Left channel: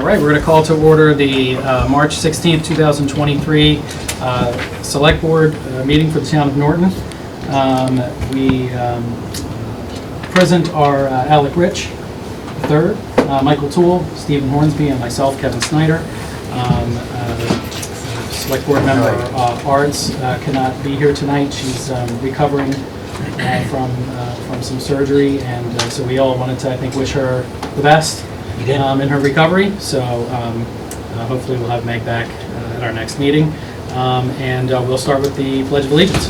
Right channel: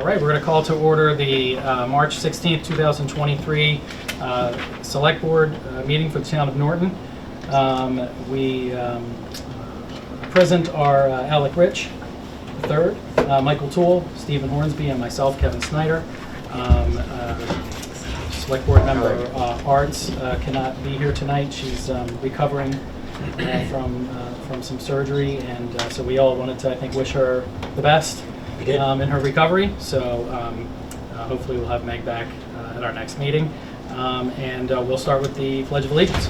All right, we're going to call to order the March 16th, 2023 Select Board meeting for the town of Norton. We present are Alec Rich, III, Michael Toole, Stephen Hornsby, and myself, Kevin Snyder. Select Board member Arts cannot be here tonight. She's recovering from some surgery, and so we all wanted to, I think, wish her the best in her recovery. So hopefully we'll have Meg back at our next meeting. And we'll start with the Pledge of Allegiance.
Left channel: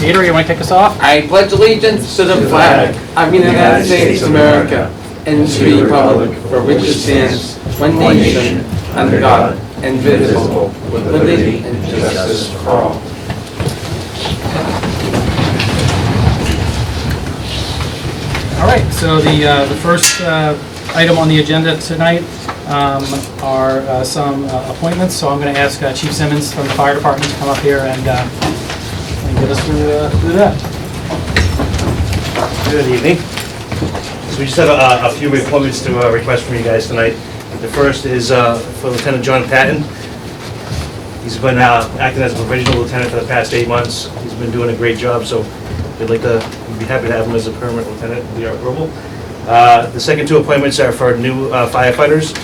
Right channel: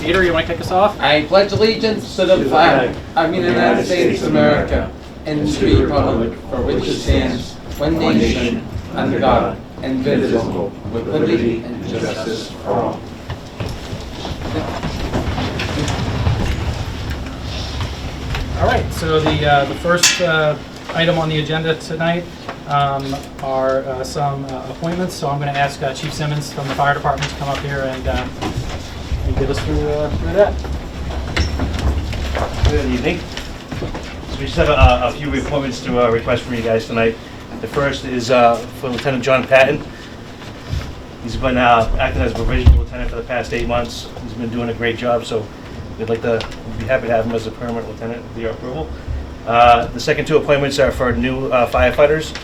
Peter, you want to kick us off? I pledge allegiance to the flag of the United States of America and to the republic for which it stands, one nation, under God, indivisible, with liberty and justice for all. All right, so the first item on the agenda tonight are some appointments. So I'm going to ask Chief Simmons from the Fire Department to come up here and get us through that. Good evening. So we just have a few appointments to request from you guys tonight. The first is for Lieutenant John Patton. He's been acting as a provisional lieutenant for the past 8 months. He's been doing a great job, so we'd be happy to have him as a permanent lieutenant with your approval. The second two appointments are for new firefighters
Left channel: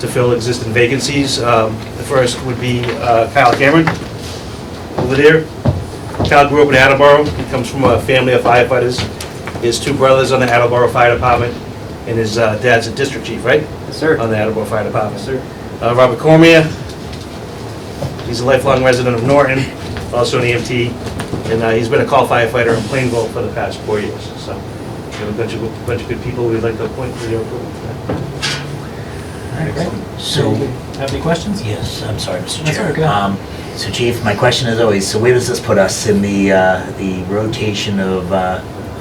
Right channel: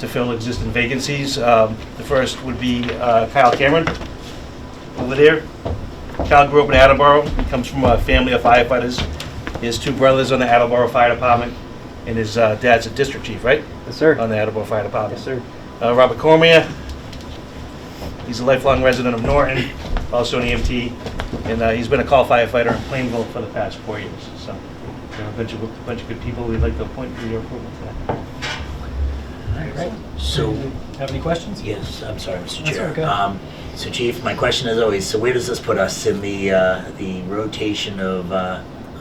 to fill existing vacancies. The first would be Kyle Cameron over there. Kyle grew up in Attleboro. He comes from a family of firefighters. He has two brothers on the Attleboro Fire Department, and his dad's a district chief, right? Yes, sir. On the Attleboro Fire Department. Yes, sir. Robert Cormier, he's a lifelong resident of Norton, also an EMT, and he's been a call firefighter in Plainville for the past 4 years. So we have a bunch of good people we'd like to appoint for your approval. All right, great. So, Have any questions? yes, I'm sorry, Mr. That's Chair. okay. So Chief, my question is always, so where does this put us in the rotation of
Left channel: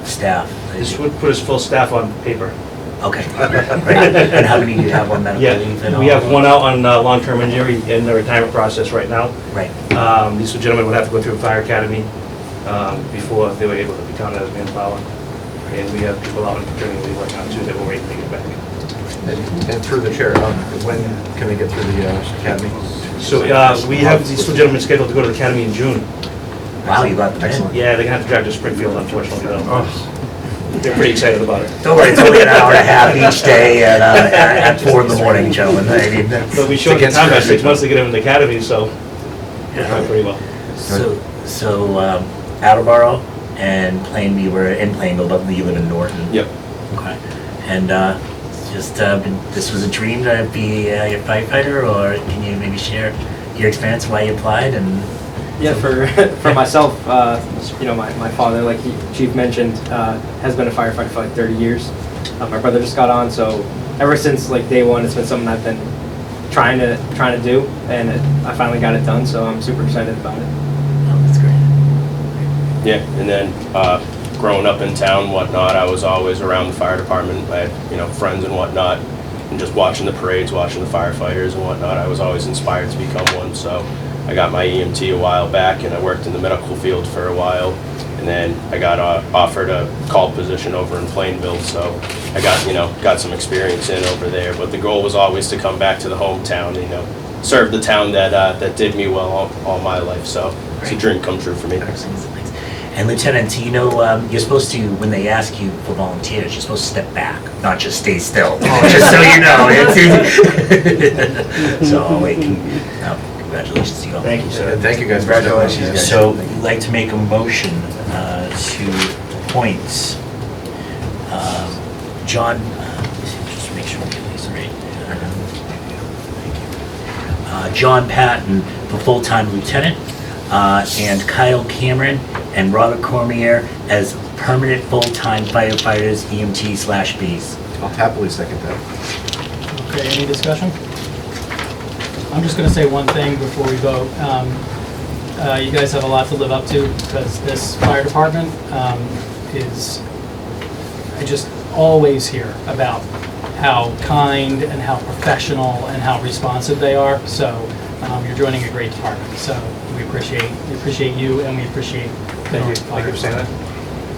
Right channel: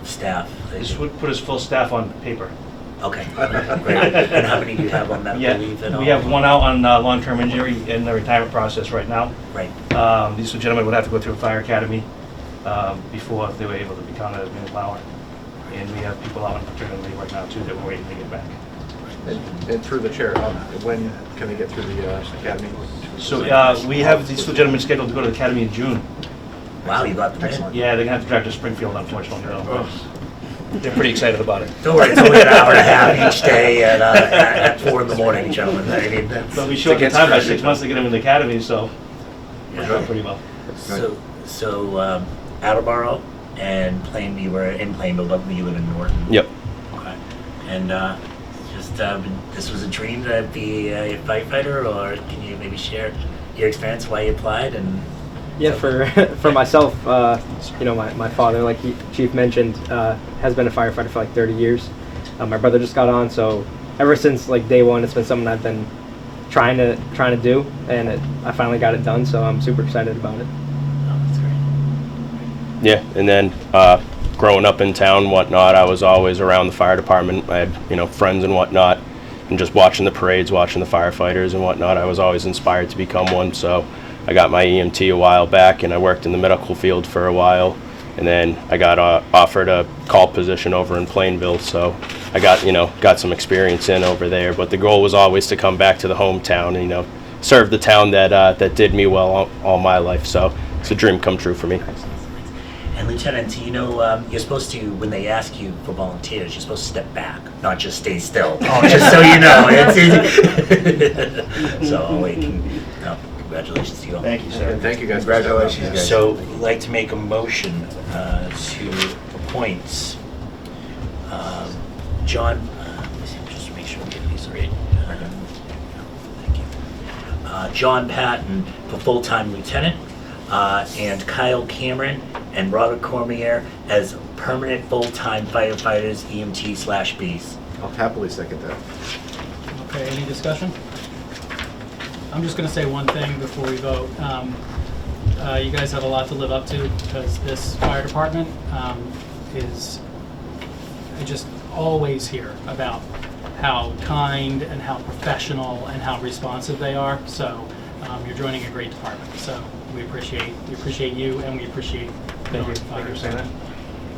staff? This would put us full staff on paper. Okay, right. And how many do you have on medical Yeah, leave? And we all? have one out on long-term injury in the retirement process right now. Right, These two gentlemen would have to go through fire academy before they were able to be counted as manpower. And we have people out on paternity leave right now too that we're waiting to get back. And through the chair, when can they get through the academy? So we have these two gentlemen scheduled to go to the academy in June. wow, you got them in. Yeah, they're gonna have to drive to Springfield, unfortunately, though. They're pretty excited about it. Don't worry, it's only an hour and a half each day at 4 in the morning, gentlemen. I mean, But we showed the time by 6 months to get them in the academy, so they're yeah. doing pretty well. So Attleboro and Plainview, you were in Plainville, but you live in Norton. Yep. Okay. And this was a dream to be a firefighter, or can you maybe share your experience, why you applied? And Yeah, for myself, my father, like Chief mentioned, has been a firefighter for like 30 years. My brother just got on, so ever since like day one, it's been something I've been trying to do, and I finally got it done. So I'm super excited about it. oh, that's great. Yeah, and then growing up in town and whatnot, I was always around the fire department. I had, friends and whatnot, and just watching the parades, watching the firefighters and whatnot, I was always inspired to become one. So I got my EMT a while back, and I worked in the medical field for a while, and then I got offered a call position over in Plainville. So I got some experience in over there. But the goal was always to come back to the hometown, and, serve the town that did me well all my life. So it's a dream come true for me. Excellent. Thanks. And Lieutenant, you're supposed to, when they ask you for volunteers, you're supposed to step back, not just stay still. Just so you know. So wait, congratulations to you all. Thank you, sir. And thank you guys. Congratulations, guys. So we'd like to make a motion to appoint John, just make sure we get these right. John Patton for full-time lieutenant, and Kyle Cameron and Robert Cormier as permanent full-time firefighters, EMT/Bs. I'll happily second that. Okay, any discussion? I'm just going to say one thing before we vote. You guys have a lot to live up to, because this fire department I just always hear about how kind and how professional and how responsive they are. So you're joining a great department. So we appreciate you, and we appreciate the Norton Fire Thank you for saying that. Department.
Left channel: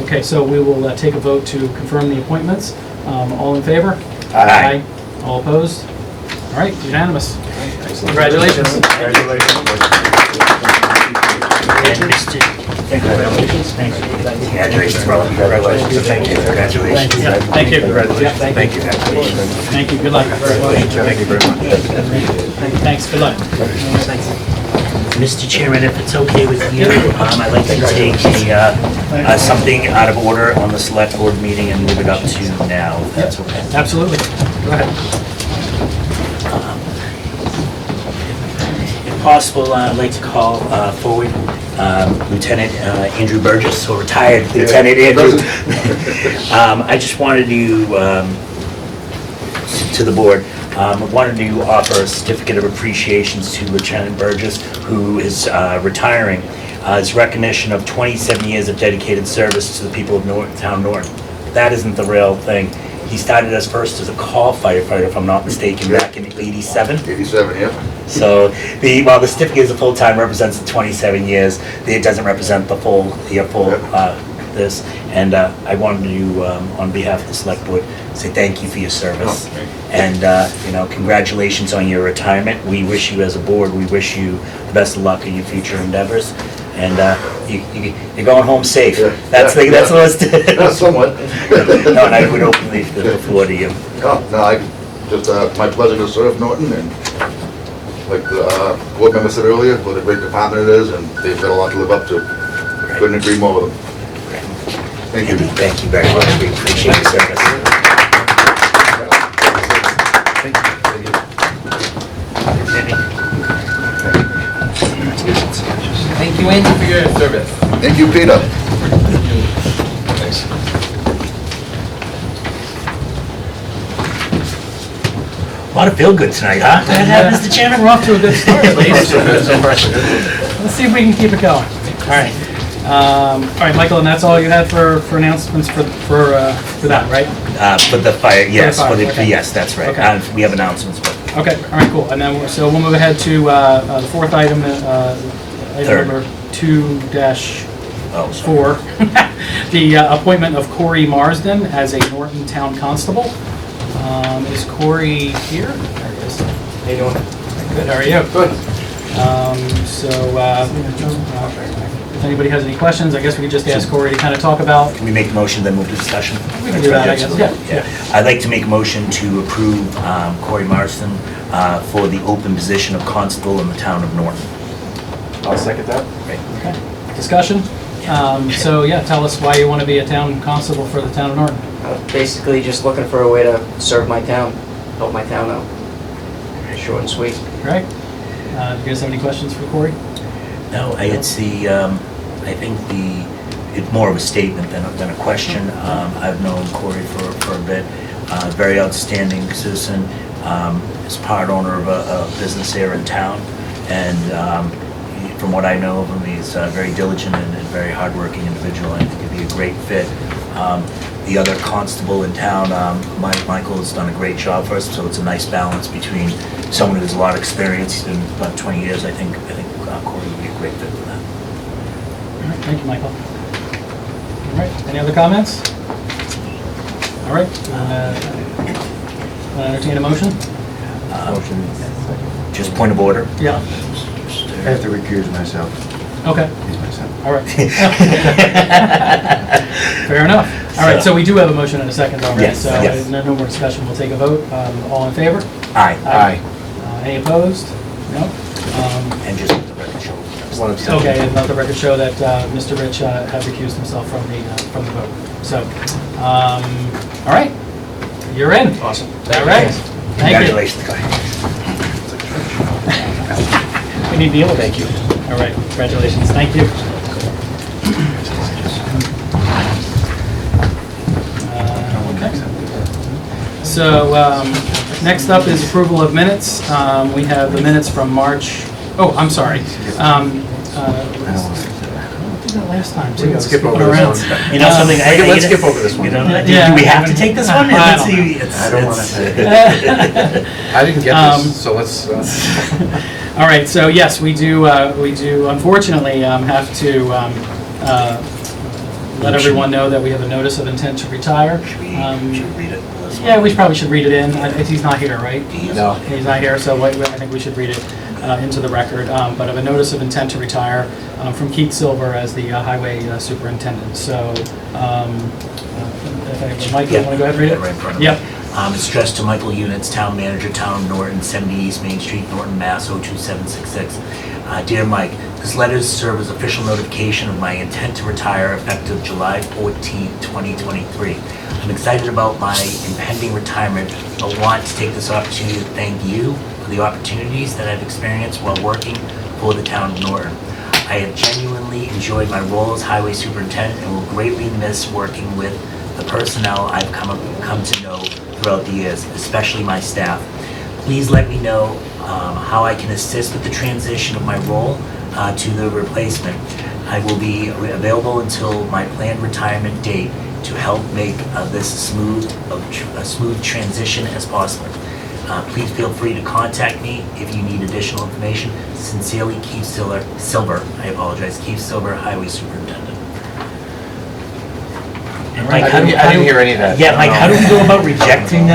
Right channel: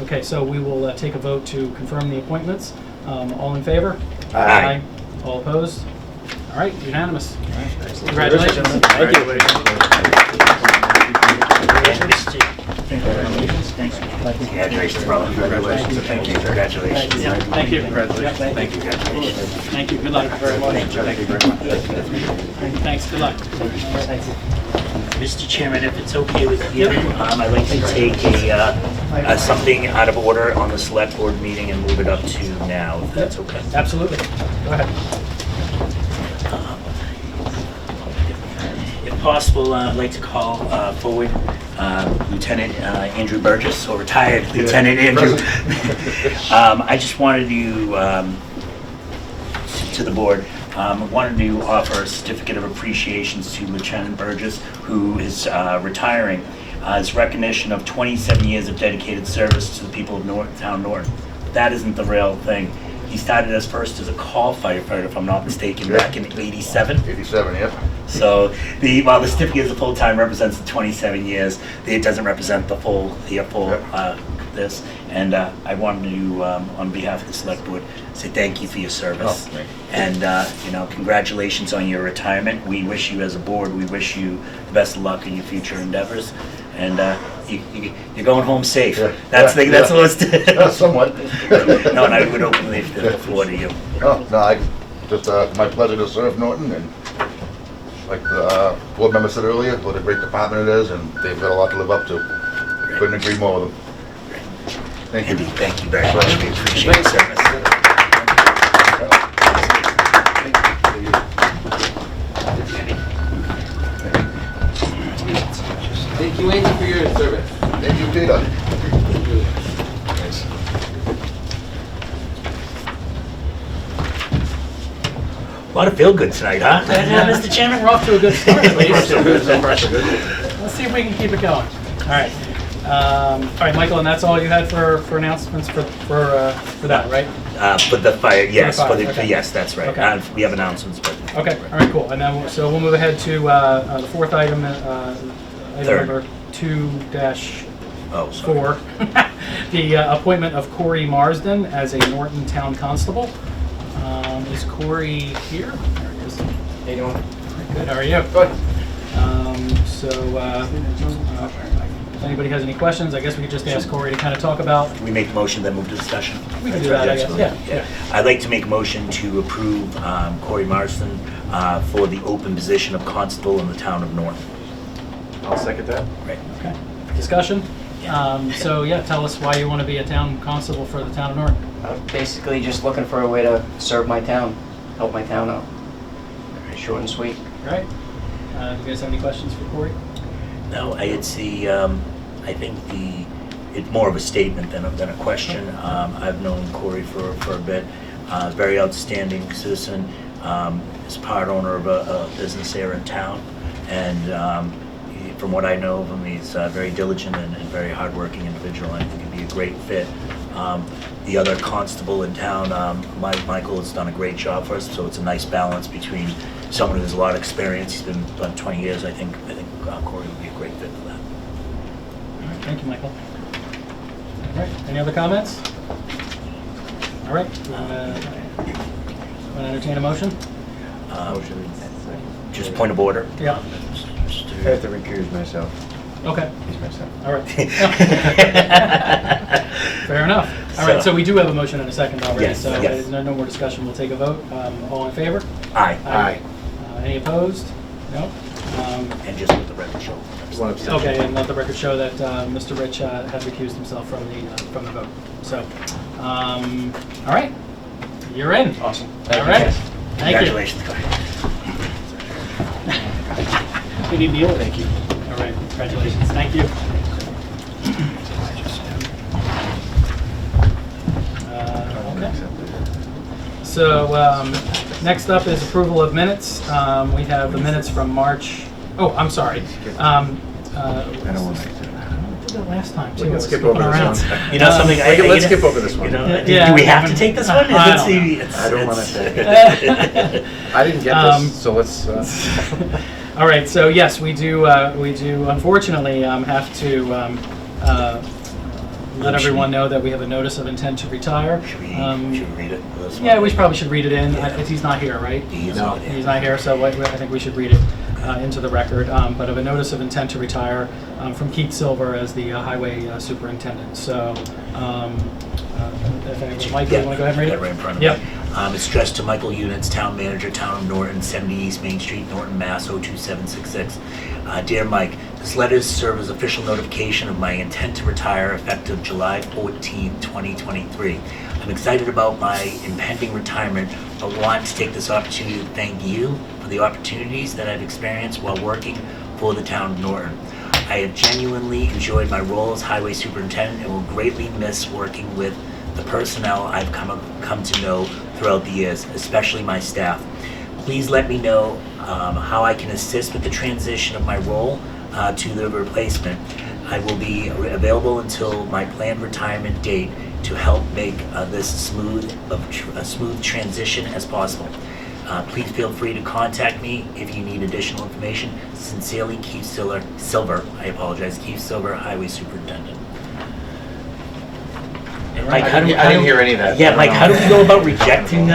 Okay, so we will take a vote to confirm the appointments. All in favor? Aye. All opposed? All right, unanimous. Congratulations. Thank you. And Mr. Thank you. Congratulations, brother. Congratulations. Thank you. Congratulations. Yeah, thank you. Congratulations. Yeah, Thank you. Congratulations. Thank you, good luck. Thank you very much. Thanks, good luck. Mr. Chairman, if it's okay with you, I'd like to take something out of order on the select board meeting and move it up to now, if that's okay. Absolutely. Go ahead. If possible, I'd like to call forward Lieutenant Andrew Burgess, or retired Lieutenant Andrew. I just wanted to the board, wanted to offer a certificate of appreciation to Lieutenant Burgess, who is retiring, as recognition of 27 years of dedicated service to the people of Town Norton. That isn't the real thing. He started as first as a call firefighter, if I'm not mistaken, back in '87. 87, yeah. So while the certificate is a full-time represents the 27 years, it doesn't represent the full this. And I wanted to, on behalf of the select board, say thank you for your service. Oh, okay. And congratulations on your retirement. We wish you, as a board, we wish you the best of luck in your future endeavors. And you're going home safe. Yeah. That's Yeah. the what's Somewhat. No, and I would openly the floor to you. Oh, no, my pleasure to serve Norton, and like the board member said earlier, what a great department it is, and they've got a lot to live up to. Couldn't agree more with them. Thank you. Andy, thank you very much. We appreciate your service. Thank you, Andy, for your service. Thank you, Peter. A lot of feel-good tonight, huh? Mr. Chairman? We're off to a good start at least. Let's see if we can keep it going. All right. All right, Michael, and that's all you had for announcements for that, right? For the fire, yes, For the fire, okay. yes, that's right. Okay. We have announcements, but. Okay, all right, cool. And then, so we'll move ahead to the fourth item, item Third. number 2-4. Oh, sorry. The appointment of Corey Marsden as a Norton Town Constable. Is Corey here? There he is. How you doing? Good, how are you? Good. If anybody has any questions, I guess we could just ask Corey to kind of talk about. Can we make a motion, then move to discussion? We can do that, I guess, yeah. I'd like to make a motion to approve Corey Marston for the open position of constable in the town of Norton. I'll second that. Right. Okay, discussion? So yeah, tell us why you want to be a town constable for the town of Norton. Basically, just looking for a way to serve my town, help my town out. Short and sweet. Right? Do you guys have any questions for Corey? No, it's I think it's more of a statement than a question. I've known Corey for a bit. Very outstanding citizen. Is part owner of a business here in town, and from what I know of him, he's a very diligent and very hardworking individual. I think he'd be a great fit. The other constable in town, Michael, has done a great job for us, so it's a nice balance between someone who has a lot of experience. He's been about 20 years. I think Corey would be a great fit for that. All right, thank you, Michael. All right, any other comments? All right, want to entertain a motion? Motion. Just point of order. Yeah. I have to recuse myself. Okay, Excuse myself. all right. Fair enough. All right, so we do have a motion and a second already, Yes, so yes. no more discussion. We'll take a vote. All in favor? Aye. Aye. Any opposed? No? And just let the record show. One abstention. Okay, and let the record show that Mr. Rich had recused himself from the vote. So, all right, you're in. Awesome. All right, thank you. Congratulations, guys. We need Neil, thank you. All right, congratulations, thank you. Okay. So, next up is approval of minutes. We have the minutes from March, oh, I'm sorry. We did that last time, too. We can I was skip over skipping this around. one. You know something? Let's skip over this one. You know, Yeah. do we have to take this one? I don't know. I don't want to. I didn't get this, so let's. All right, so yes, we do unfortunately have to let everyone know that we have a notice of intent to retire. Should we read it? Yeah, we probably should read it in. He's not here, right? No. He's not here, so I think we should read it into the record. But of a notice of intent to retire from Keith Silver as the highway superintendent. So, if Mike, you want to go ahead and read it? Right in front of me. Yep. It's addressed to Michael Units, Town Manager, Town of Norton, 70 East Main Street, Norton, Mass. 02766. Dear Mike, this letter serves as official notification of my intent to retire effective July 14, 2023. I'm excited about my impending retirement, but want to take this opportunity to thank you for the opportunities that I've experienced while working for the Town of Norton. I have genuinely enjoyed my role as Highway Superintendent and will greatly miss working with the personnel I've come to know throughout the years, especially my staff. Please let me know how I can assist with the transition of my role to the replacement. I will be available until my planned retirement date to help make this a smooth transition as possible. Please feel free to contact me if you need additional information. Sincerely, Keith Silver. I apologize, Keith Silver, Highway Superintendent. And Mike, I didn't hear any of that. Yeah, Mike, how do we go about rejecting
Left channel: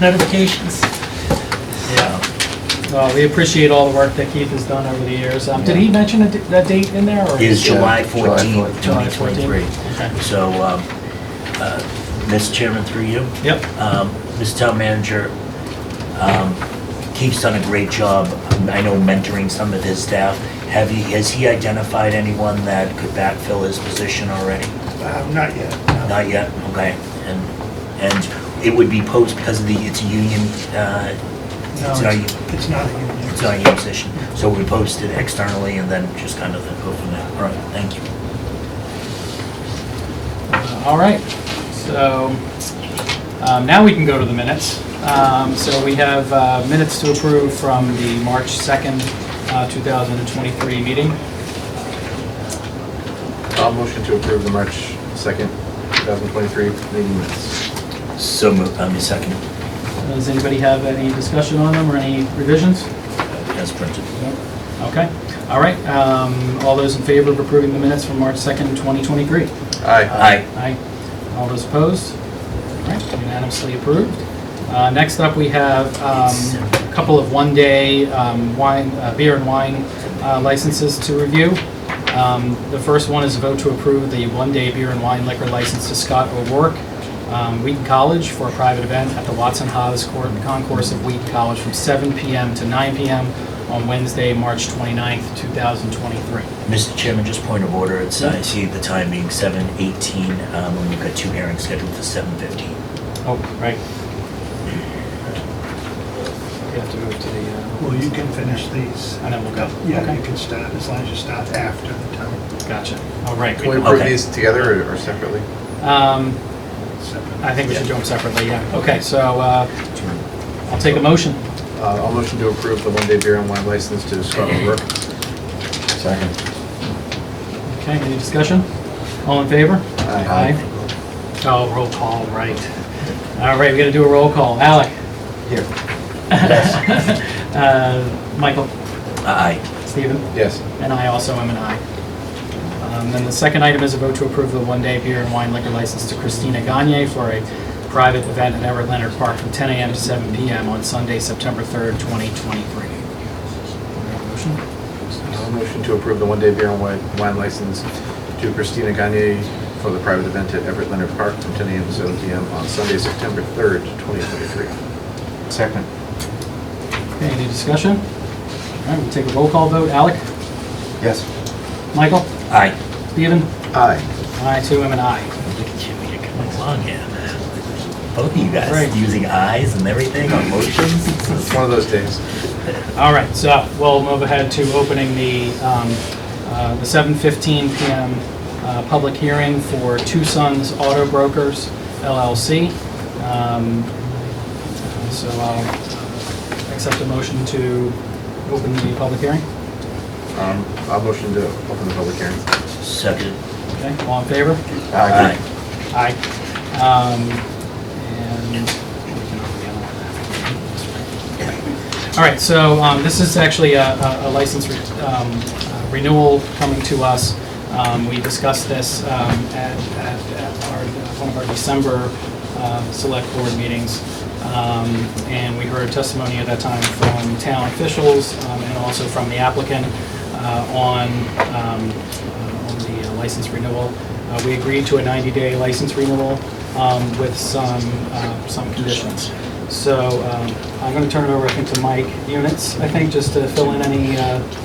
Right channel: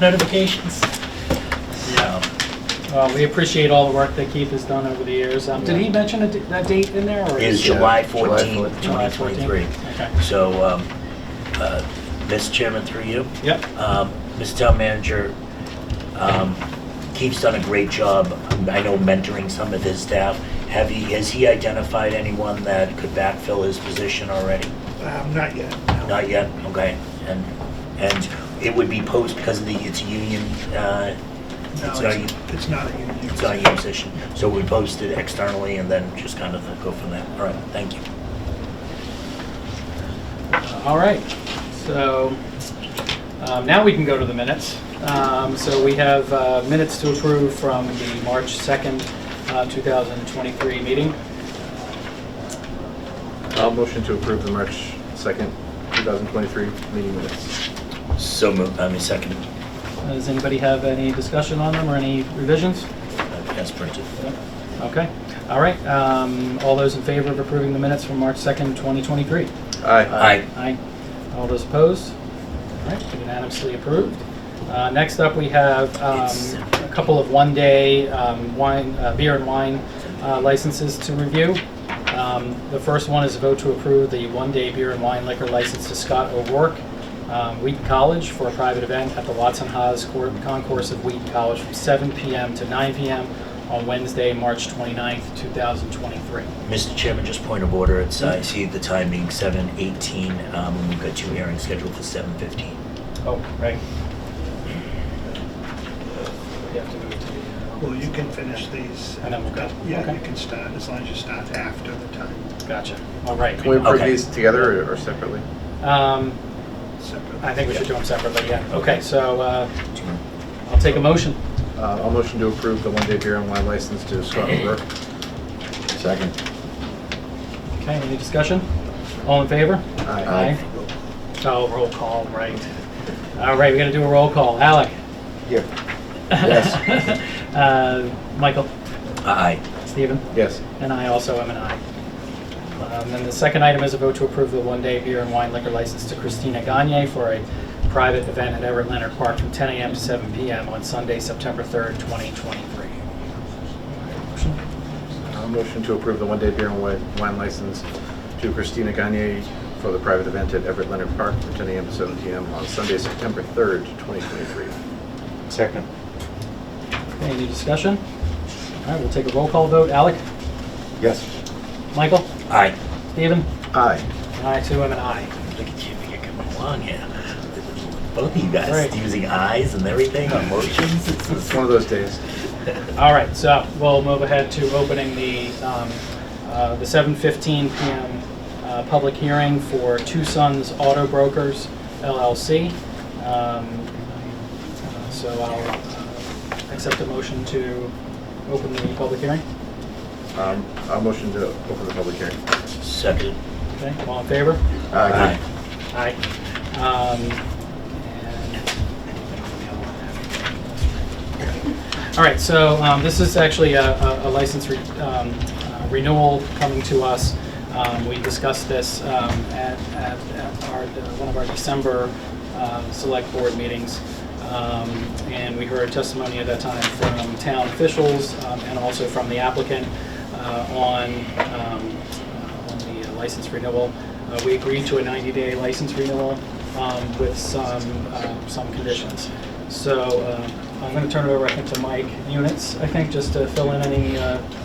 notifications? Yeah. Well, we appreciate all the work that Keith has done over the years. Did he mention that date in there? Or It is July July 14th, 14th. 2023. Okay. So, Mr. Chairman, through you. Yep. Mr. Town Manager, Keith's done a great job, I know, mentoring some of his staff. Has he identified anyone that could backfill his position already? Not yet. No. Not yet, okay. And it would be post because of it's a union, No, it's not, it's not a union. it's not a union position. So we post it externally and then just kind of go from there. All right, thank you. All right. So now we can go to the minutes. So we have minutes to approve from the March 2nd, 2023 meeting. I'll motion to approve the March 2nd, 2023 meeting minutes. So moved, second, Does anybody have any discussion on them or any revisions? as printed. Okay. All right. All those in favor of approving the minutes from March 2nd, 2023? Aye. Aye. Aye. All those opposed? All right, unanimously approved. Next up, we have a couple of one-day beer and wine licenses to review. The first one is a vote to approve the one-day beer and wine liquor license to Scott O'Rourke, Wheaton College, for a private event at the Watson Haas Concourse of Wheaton College from 7 p.m. to 9 p.m. on Wednesday, March 29th, 2023. Mr. Chairman, just point of order, it's, I see the time being 7:18, when we've got two hearings scheduled for 7:15. Oh, right. You have to move to the... Well, you can finish these. And then we'll go. Yeah, Okay. you can start, as long as you start after the time. Gotcha. All right. Can we approve Okay. these together or separately? I think we should do them separately, yeah. Okay, so I'll take a motion. I'll motion to approve the one-day beer and wine license to Scott O'Rourke. Second. Okay, any discussion? All in favor? Aye. Oh, roll call, right. All right, we gotta do a roll call. Alec? Here. Michael? Aye. Stephen? Yes. And I also am an aye. Then the second item is a vote to approve the one-day beer and wine liquor license to Christina Gagne for a private event at Everett Leonard Park from 10 a.m. to 7 p.m. on Sunday, September 3rd, 2023. Motion? I'll motion to approve the one-day beer and wine license to Christina Gagne for the private event at Everett Leonard Park from 10 a.m. to 7 p.m. on Sunday, September 3rd, 2023. Second. Okay, any discussion? All right, we'll take a roll call vote. Alec? Yes. Michael? Aye. Stephen? Aye. I too am an aye. Look at you, you're coming along here. Both of you guys Right. using ayes and everything on motions. It's one of those days. All right, so we'll move ahead to opening the 7:15 p.m. Public hearing for Two Sons Auto Brokers, LLC. So I'll accept a motion to open the public hearing. I'll motion to open the public hearing. Second. Okay, all in favor? Aye. Aye. And we can open the other one. All right, so this is actually a license renewal coming to us We discussed this at our, one of our December select board meetings. And we heard testimony at that time from town officials and also from the applicant on the license renewal. We agreed to a 90-day license renewal with some conditions. So I'm going to turn it over, I think, to Mike Units, I think, just to fill in any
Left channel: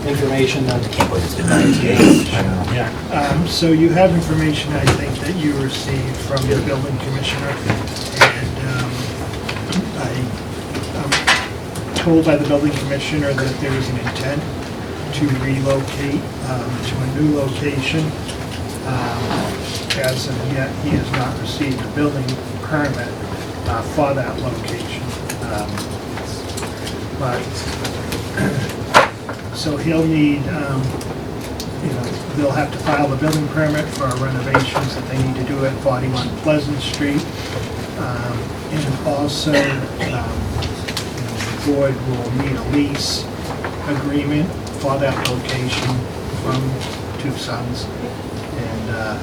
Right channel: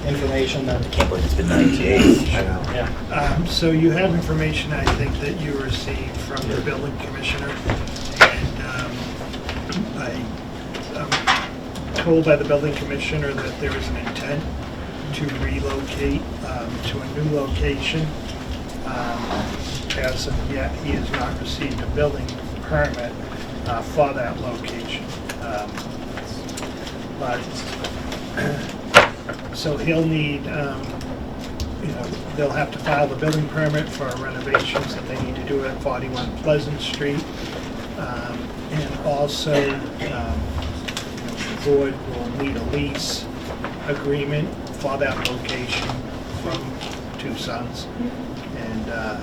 information that. I can't believe it's been 90 days. Yeah. So you have information, I think, that you received from the building commissioner. And I'm told by the building commissioner that there is an intent to relocate to a new location. As of yet, he has not received a building permit for that location. But, so he'll need, they'll have to file the building permit for renovations that they need to do at 41 Pleasant Street. And also, the board will need a lease agreement for that location from Two Sons. And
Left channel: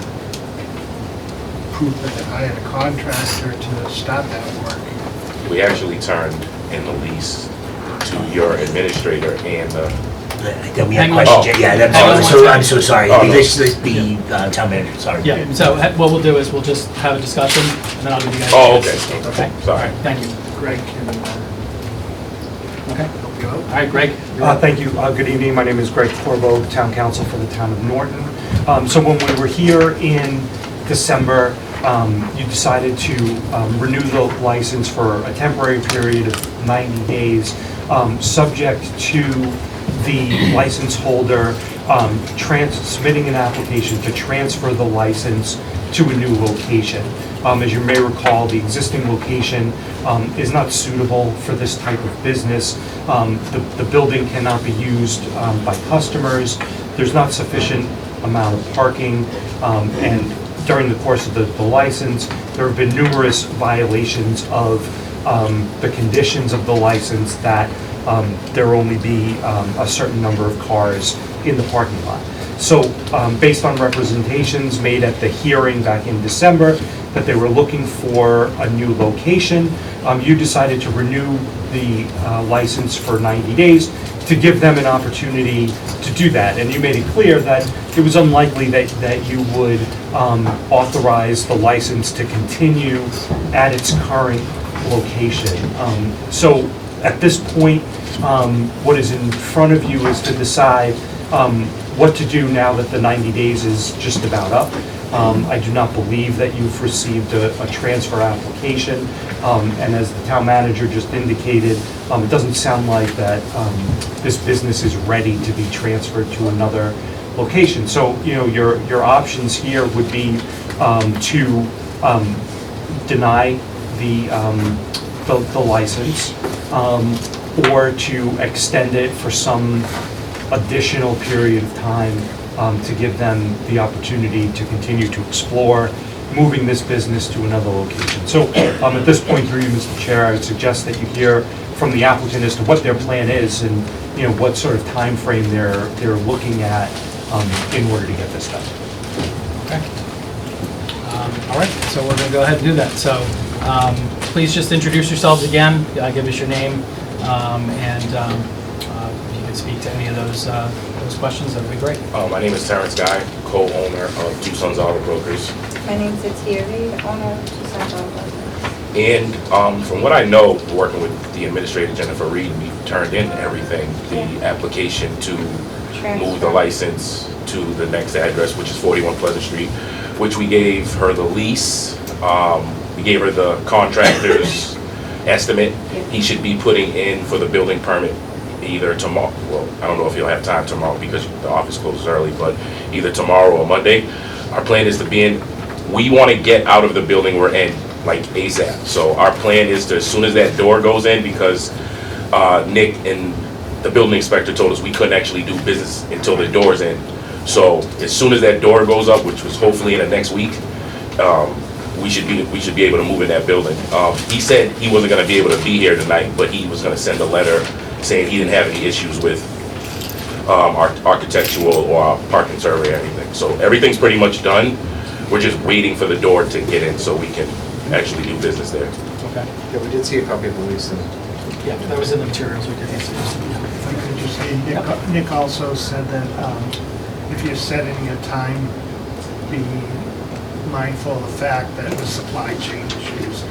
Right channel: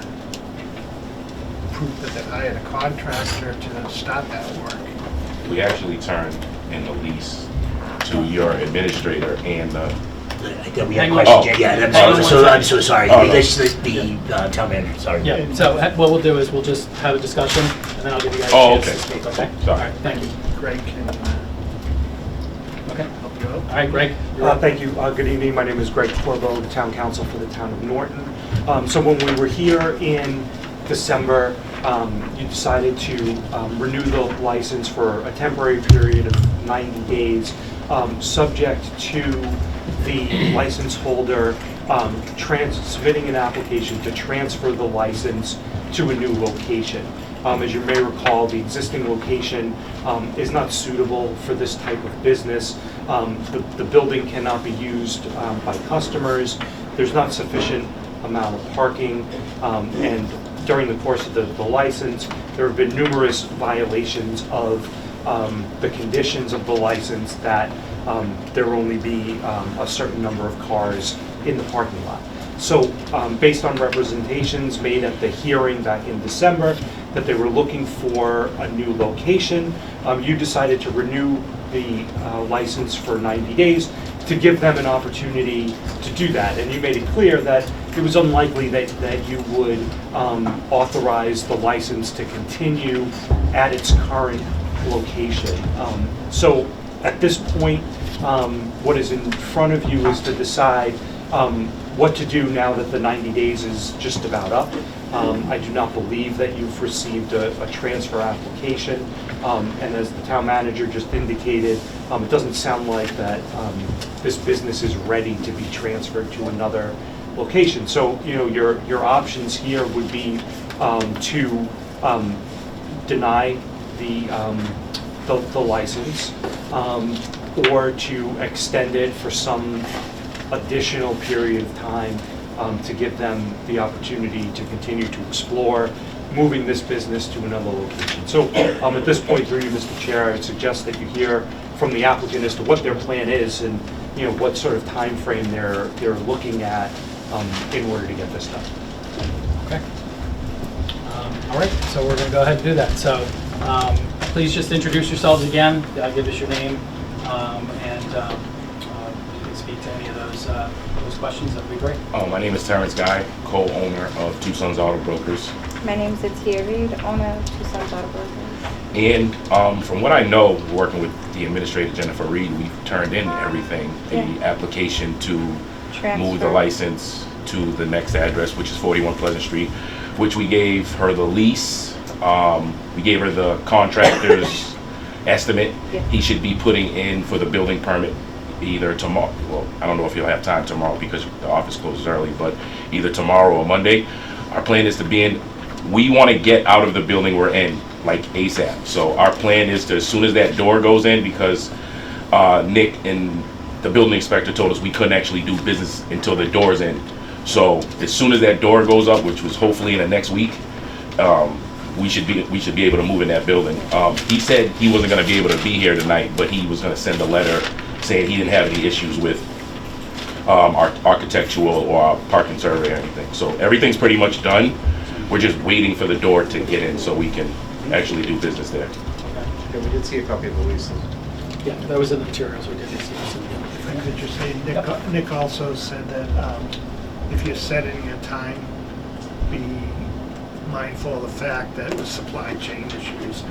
proof that they hired a contractor to start that work. We actually turned in the lease to your administrator and We had Hang on. questions, Oh. I'm so sorry. Oh, no. The town manager, sorry. Yeah, so what we'll do is we'll just have a discussion, and then I'll give you guys a Oh, chance to okay. speak, okay? Sorry. Thank you. Greg can Okay. help you out. All right, Greg. you're up. Thank you. Good evening. My name is Greg Corbo, Town Council for the Town of Norton. So when we were here in December, you decided to renew the license for a temporary period of 90 days, subject to the license holder submitting an application to transfer the license to a new location. As you may recall, the existing location is not suitable for this type of business. The building cannot be used by customers. There's not sufficient amount of parking, and during the course of the license, there have been numerous violations of the conditions of the license that there will only be a certain number of cars in the parking lot. So based on representations made at the hearing back in December, that they were looking for a new location, you decided to renew the license for 90 days to give them an opportunity to do that. And you made it clear that it was unlikely that you would authorize the license to continue at its current location. So at this point, what is in front of you is to decide what to do now that the 90 days is just about up. I do not believe that you've received a transfer application, and as the town manager just indicated, it doesn't sound like that this business is ready to be transferred to another location. So, your options here would be to deny the license, or to extend it for some additional period of time to give them the opportunity to continue to explore moving this business to another location. So at this point, through you, Mr. Chair, I would suggest that you hear from the applicant as to what their plan is and what sort of time frame they're looking at in order to get this done. Okay. All right, so we're going to go ahead and do that. So please just introduce yourselves again, give us your name, and if you can speak to any of those questions, that would be great. my name is Terrence Guy, co-owner of Two Sons Auto Brokers. My name is Atia Reed, owner of Two Sons Auto Brokers. And from what I know, working with the administrator, Jennifer Reed, we've turned in everything, the application to move the license to the next address, which is 41 Pleasant Street, which we gave her the lease. We gave her the contractor's estimate. He should be putting in for the building permit either tomorrow, well, I don't know if he'll have time tomorrow because the office closes early, but either tomorrow or Monday. Our plan is to be in, we want to get out of the building we're in, like ASAP. So our plan is to, as soon as that door goes in, because Nick and the building inspector told us we couldn't actually do business until the door's in. So as soon as that door goes up, which was hopefully in the next week, we should be able to move in that building. He said he wasn't going to be able to be here tonight, but he was going to send a letter saying he didn't have any issues with our architectural or our parking survey or anything. So everything's pretty much done. We're just waiting for the door to get in so we can actually do business there. Okay. Yeah, we did see a copy of the lease and Yeah, that was in the materials, we did see. If I could just say, Nick also said that if you're setting your time, be mindful of the fact that with supply chain issues,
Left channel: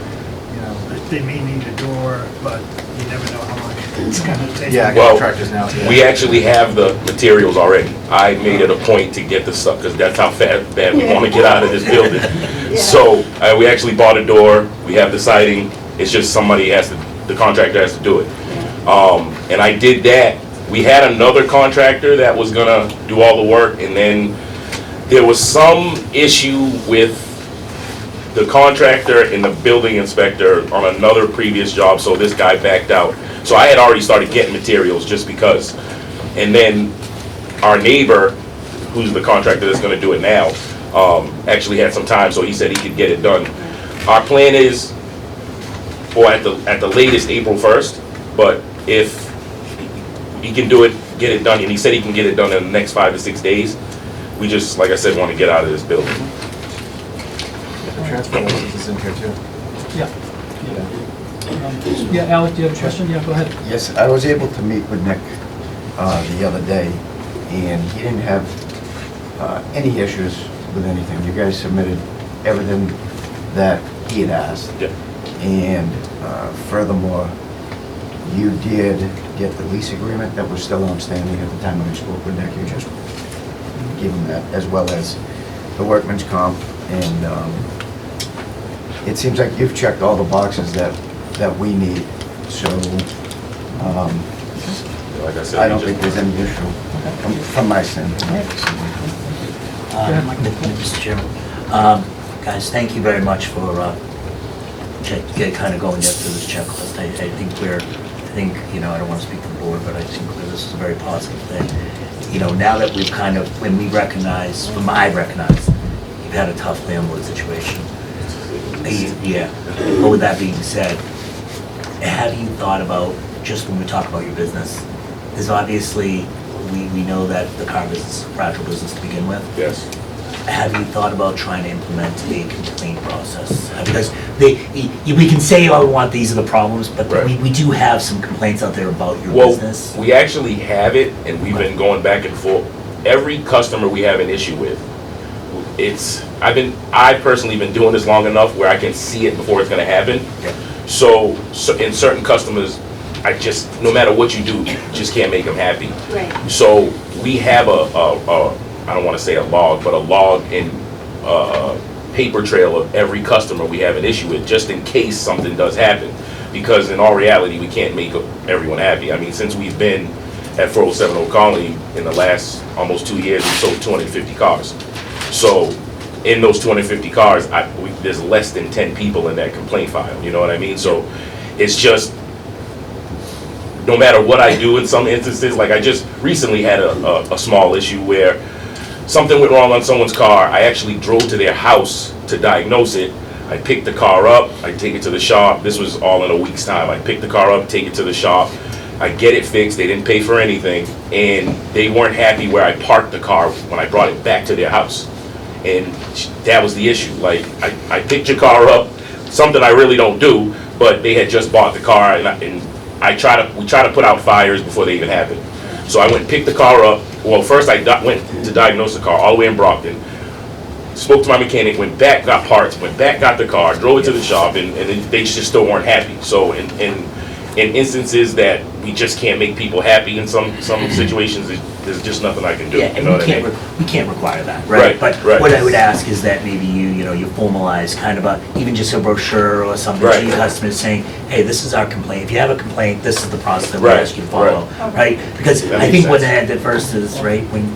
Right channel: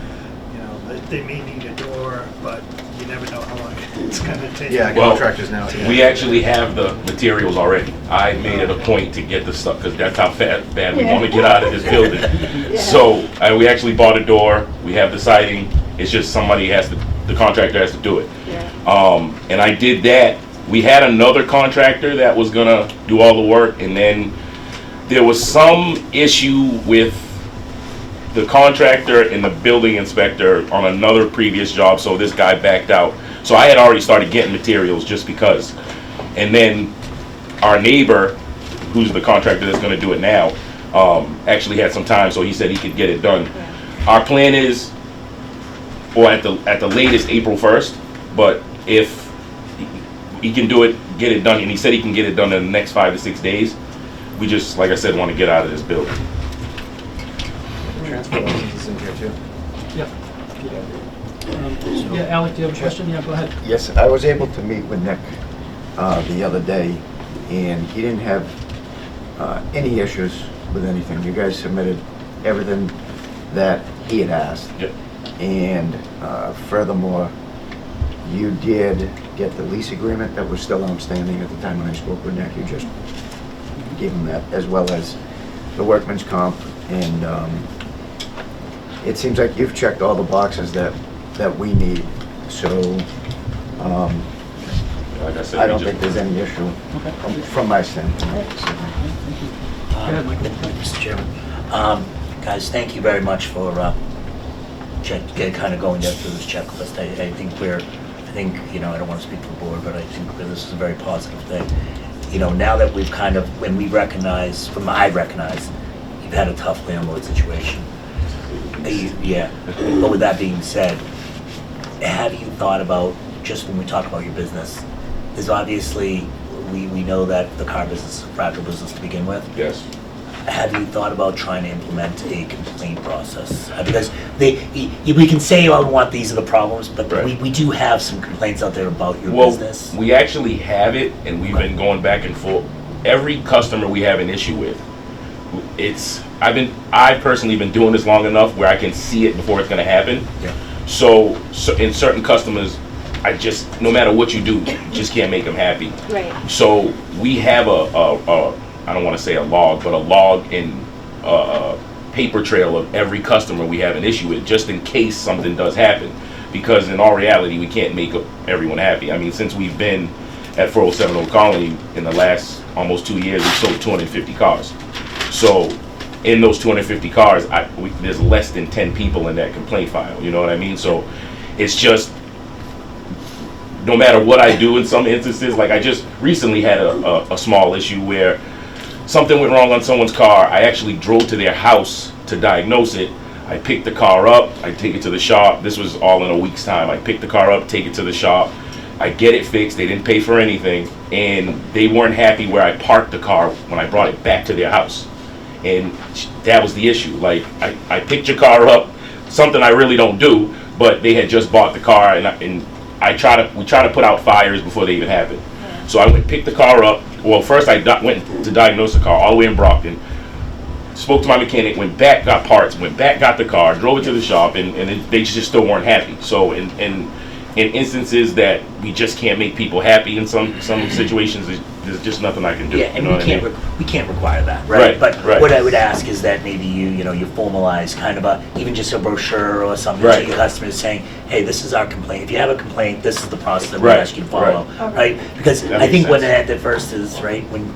you know, that they may need a door, but you never know how long it's gonna take. yeah, Well, contractors now. We actually have the materials already. I made it a point to get the stuff, because that's how bad we want to get out of this building. So, we actually bought a door, we have the siding, it's just somebody has to, the contractor has to do it. And I did that. We had another contractor that was gonna do all the work, and then there was some issue with the contractor and the building inspector on another previous job, so this guy backed out. So I had already started getting materials just because. And then our neighbor, who's the contractor that's gonna do it now, actually had some time, so he said he could get it done. Our plan is, or at the latest, April 1st, but if he can do it, get it done, and he said he can get it done in the next 5 to 6 days, we just, like I said, want to get out of this building. The transfer license is in here too. Yeah. Yeah, Alec, do you have a question? Yeah, go ahead. Yes, I was able to meet with Nick the other day, and he didn't have any issues with anything. You guys submitted everything that he had asked. Yeah. And furthermore, you did get the lease agreement that was still outstanding at the time when I spoke with Nick. You just gave him that, as well as the workman's comp. And it seems like you've checked all the boxes that we need. So Like I said, I don't think there's any issue from my standpoint. Go ahead, Michael. Mr. Chairman, guys, thank you very much for kind of going through this checklist. I think, you know, I don't want to speak for the board, but I think that this is a very positive thing. You know, now that we've kind of, when we recognize, I recognize, you've had a tough landlord situation. Yeah, but with that being said, have you thought about, just when we talk about your business, is obviously, we know that the car business is a fragile business to begin with. Yes. Have you thought about trying to implement a complaint process? Because we can say, oh, we want these are the problems, but Right. we do have some complaints out there about your Well, business. we actually have it, and we've been going back and forth. Every customer we have an issue with, I've personally been doing this long enough where I can see it before it's gonna happen. Yeah. So in certain customers, no matter what you do, just can't make them happy. Right. So we have I don't want to say a log, but a log and paper trail of every customer we have an issue with, just in case something does happen. Because in all reality, we can't make everyone happy. I mean, since we've been at 407 Old Colony in the last almost 2 years, we've sold 250 cars. So in those 250 cars, there's less than 10 people in that complaint file, you know what I mean? So it's just, no matter what I do in some instances, like I just recently had a small issue where something went wrong on someone's car. I actually drove to their house to diagnose it. I picked the car up, I take it to the shop. This was all in a week's time. I picked the car up, take it to the shop. I get it fixed, they didn't pay for anything, and they weren't happy where I parked the car when I brought it back to their house. And that was the issue. Like, I picked your car up, something I really don't do, but they had just bought the car, and we try to put out fires before they even happen. So I went and picked the car up. Well, first I went to diagnose the car all the way in Brockton. Spoke to my mechanic, went back, got parts, went back, got the car, drove it to the shop, and they just still weren't happy. So in instances that we just can't make people happy in some situations, there's just nothing I can do. Yeah, You and know what I mean? we can't require that, Right, right? But right. what I would ask is that maybe you formalize kind of even just a brochure or something Right. to your customers saying, hey, this is our complaint. If you have a complaint, this is the process that we Right, ask you to follow, right. right? Because That I makes think what sense. at first is, right, when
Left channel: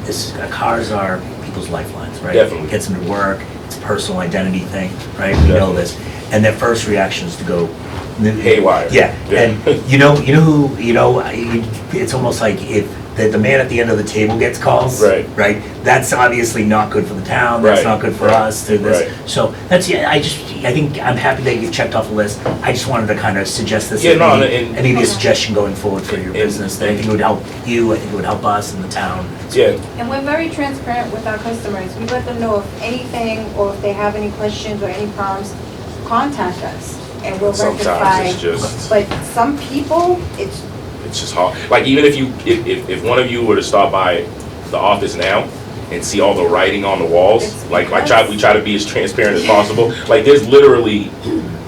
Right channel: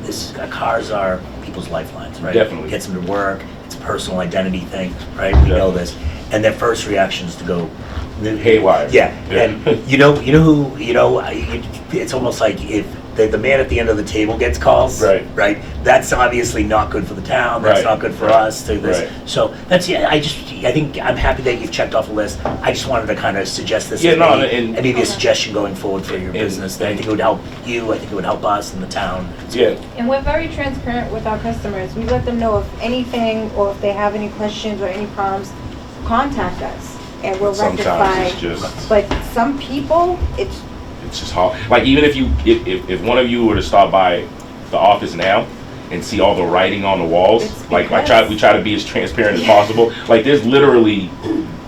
cars are people's lifelines, right? Definitely. Gets them to work, it's a personal identity thing, right? We know Definitely. this. And their first reaction is to go, Haywire. yeah, Yeah. and it's almost like if the man at the end of the table gets calls. Right. That's obviously not good for the town, that's Right, not good for right, us, to this. right. So, I think, I'm happy that you've checked off the list. I just wanted to kind of suggest this Yeah, as no, maybe, and- and maybe a suggestion going forward for your And- business, that I think it would help you, I think it would help us and the town. Yeah, And we're very transparent with our customers. We let them know if anything, or if they have any questions or any problems, contact us, and we'll rectify. sometimes it's just, But some people, it's, it's just hard. Like, even if one of you were to stop by the office now and see all the writing on the walls, It's like because- we try to be as transparent as possible. Like, there's literally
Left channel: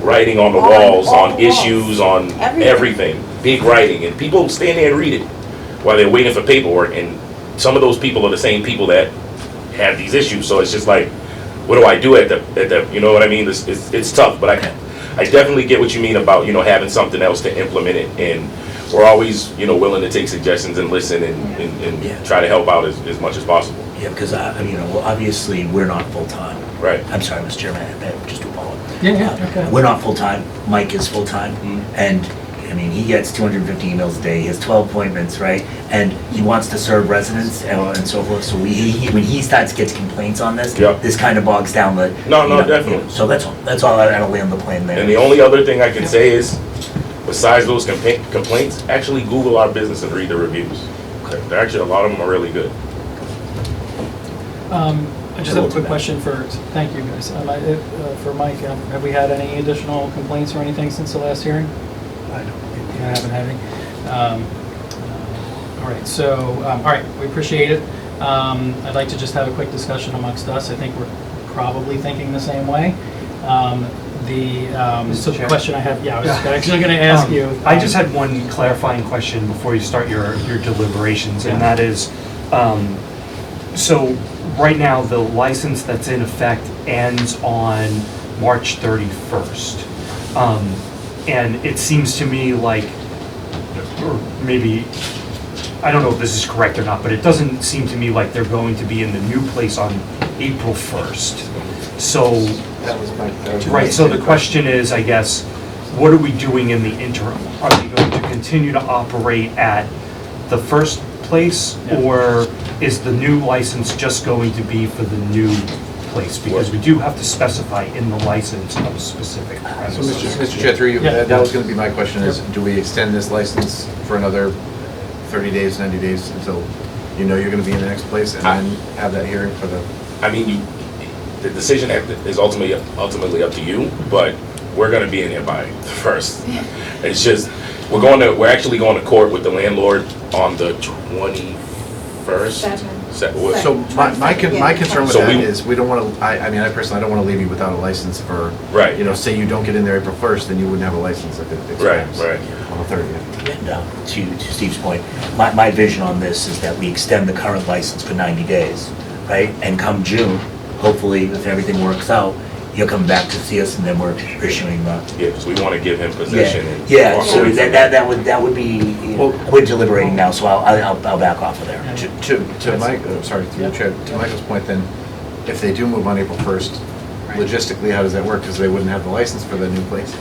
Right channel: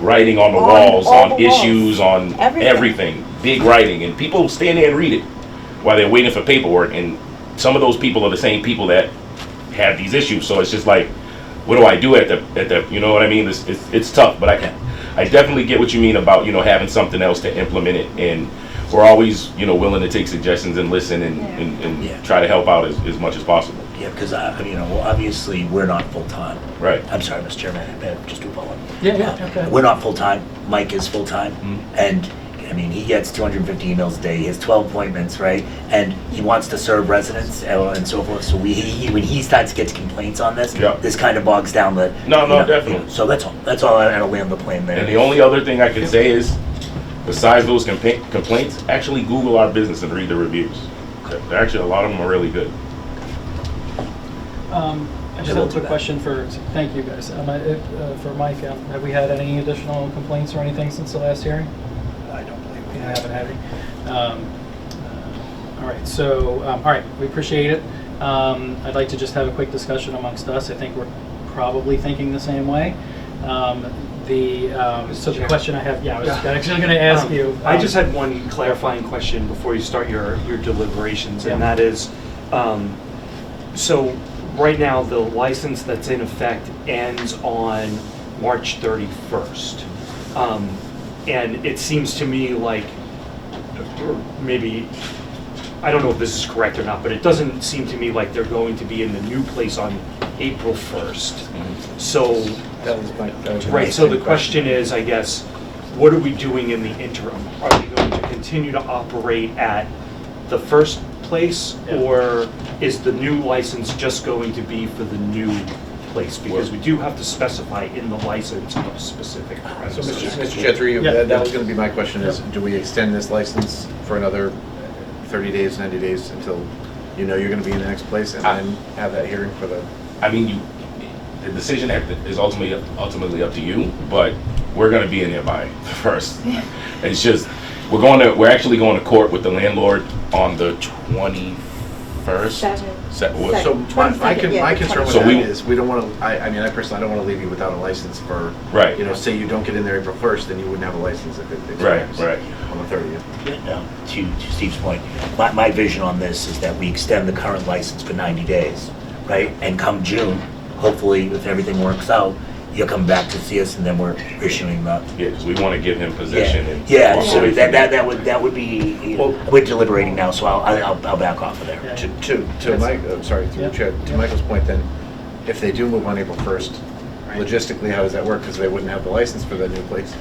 writing on the On walls, all on the walls. issues, on everything, big writing, and people stand there and read it while they're waiting for paperwork, and some of those people are the same people that have these issues, so it's just like, what do I do at the, you know what I mean? It's tough, but I definitely get what you mean about, having something else to implement it, and we're always, willing to take suggestions and listen and Yeah. try to help out as much as possible. Yeah, because, obviously, we're not full-time. Right. I'm sorry, Mr. Chairman, just to follow up. Yeah, okay. We're not full-time, Mike is full-time, and, he gets 250 emails a day, he has 12 appointments, right? And he wants to serve residents and so forth, so when he gets complaints on this, Yeah. this kind of bogs down the. No, definitely. So that's all, I'll lay on the plane there. And the only other thing I can say is, besides those complaints, actually Google our business and read the reviews. Actually, a lot of them are really good. I just have a quick question thank you guys. For Mike, have we had any additional complaints or anything since the last hearing? I don't believe I haven't had any. All right, so, all right, we appreciate it. I'd like to just have a quick discussion amongst us. I think we're probably thinking the same way. So the Chair. question I have, I was actually going to ask you. I just had one clarifying question before you start your deliberations, and that is, so right now, the license that's in effect ends on March 31st. And it seems to me like, or maybe, I don't know if this is correct or not, but it doesn't seem to me like they're going to be in the new place on April 1st. So, That was right, so the question is, I guess, what are we doing in the interim? Are we going to continue to operate at the first place? Yeah. Or is the new license just going to be for the new place? Because we do have to specify in the license of specific So, premises. Mr. Chetri, Yeah. that was gonna be my question is, do we extend this license for another 30 days, 90 days until you're gonna be in the next place and then have that hearing for the? I mean, the decision is ultimately up to you, but we're gonna be in there by the first. It's just, we're actually going to court with the landlord on the 21st. So my concern with So that we- is, we don't wanna, I personally, I don't wanna leave you without a license for, Right. say you don't get in there April 1st, then you wouldn't have a license if it expires. Right. On the 30th. Yeah, no, to Steve's point, my vision on this is that we extend the current license for 90 days, right? And come June, hopefully, if everything works out, you'll come back to see us and then we're issuing the. Yeah, because we want to give him possession and. Yeah, walk so away from it. that would be, we're deliberating now, so I'll back off of there. Yeah. To Mike, sorry, through the Yeah. chair, to Michael's point then, if they do move on April 1st, logistically, how does that work? Because they wouldn't have the license for the new place.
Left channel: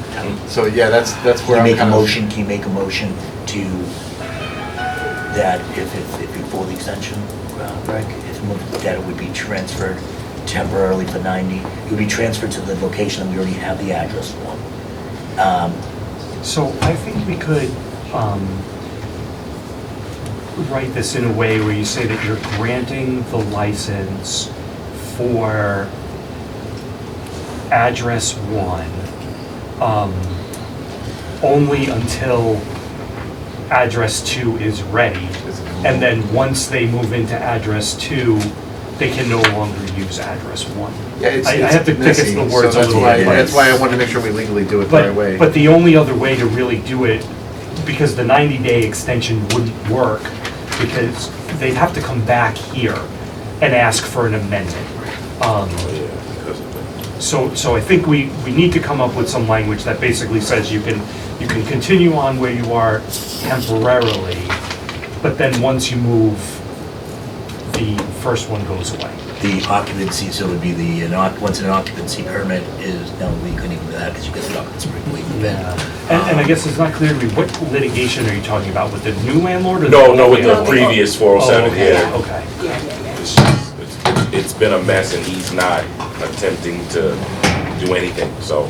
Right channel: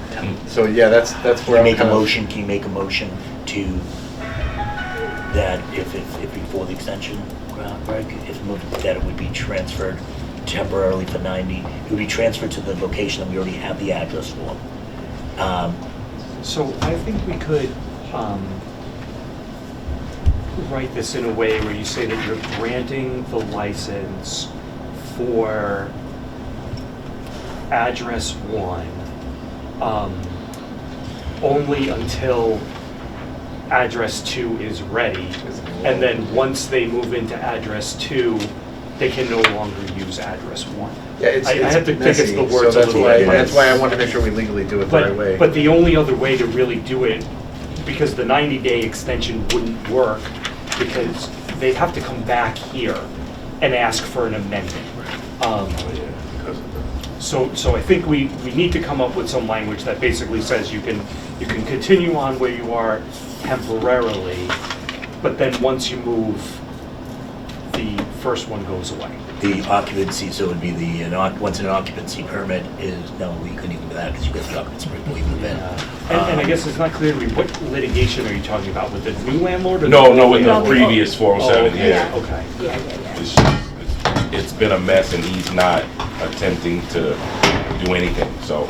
So, yeah, that's Can where you I'm make a kind of. motion, can you make a motion to, that if you pull the extension, Greg, that it would be transferred temporarily for 90, it would be transferred to the location that we already have the address for. So I think we could write this in a way where you say that you're granting the license for address 1 only until address 2 is ready. And then once they move into address 2, they can no longer use address 1. Yeah, it's I have to think it's messy, the so words a little bit. that's why I wanted to make sure we legally do it the right way. But the only other way to really do it, because the 90-day extension wouldn't work, because they'd have to come back here and ask for an amendment. So I think we need to come up with some language that basically says you can continue on where you are temporarily, but then once you move, the first one goes away. The occupancy, so it would be once an occupancy permit is, no, we couldn't even do that because you get the occupancy permit when we move in. And I guess it's not clear to me, what litigation are you talking about, with the new landlord or? No, with the previous 407, yeah. Okay. It's been a mess and he's not attempting to do anything, so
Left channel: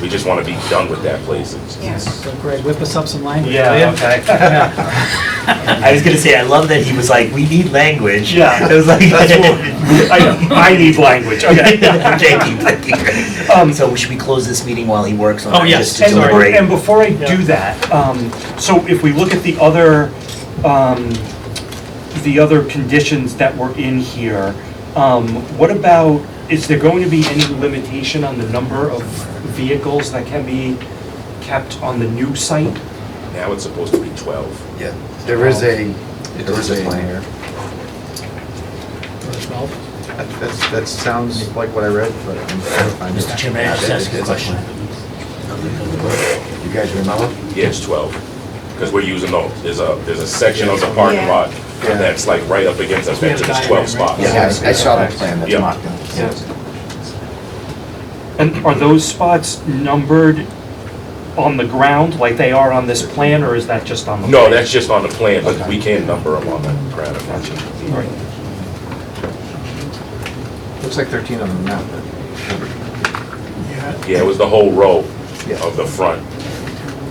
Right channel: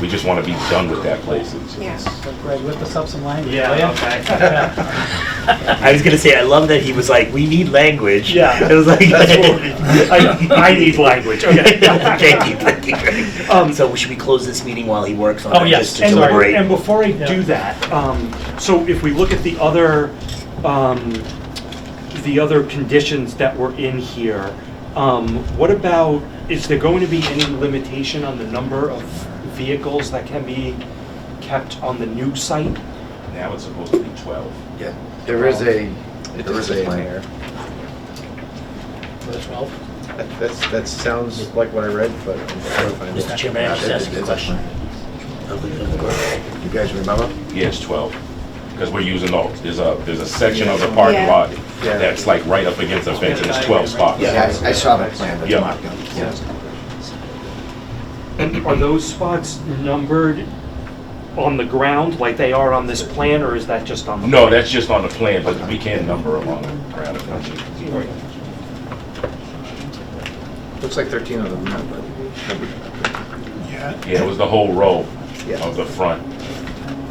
we just want to be done with that place. So Greg, whip us up some language. Yeah, will ya? okay. I was gonna say, I love that he was like, we need language. Yeah. I was like. I need language, okay. Thank you. So should we close this meeting while he works on that? Oh, yes. Just to deliberate? And before I do that, so if we look at the other conditions that were in here, what about, is there going to be any limitation on the number of vehicles that can be kept on the new site? Now it's supposed to be 12. Yeah, there is a plan here. Verse 12. That sounds like what I read, but I'm trying to find it. Mr. Chairman, I just ask you a question. You guys remember? Yeah, it's 12. Because we're using there's a section of the parking lot and that's like right up against the fence and there's 12 spots. Yeah, I saw that plan that's Yeah. marked out. Yeah. And are those spots numbered on the ground like they are on this plan, or is that just on the? No, plan? that's just on the plan, but we can number them on the plan. Right. Looks like 13 on the map, but. Yeah, it was the whole row Yeah. of the front.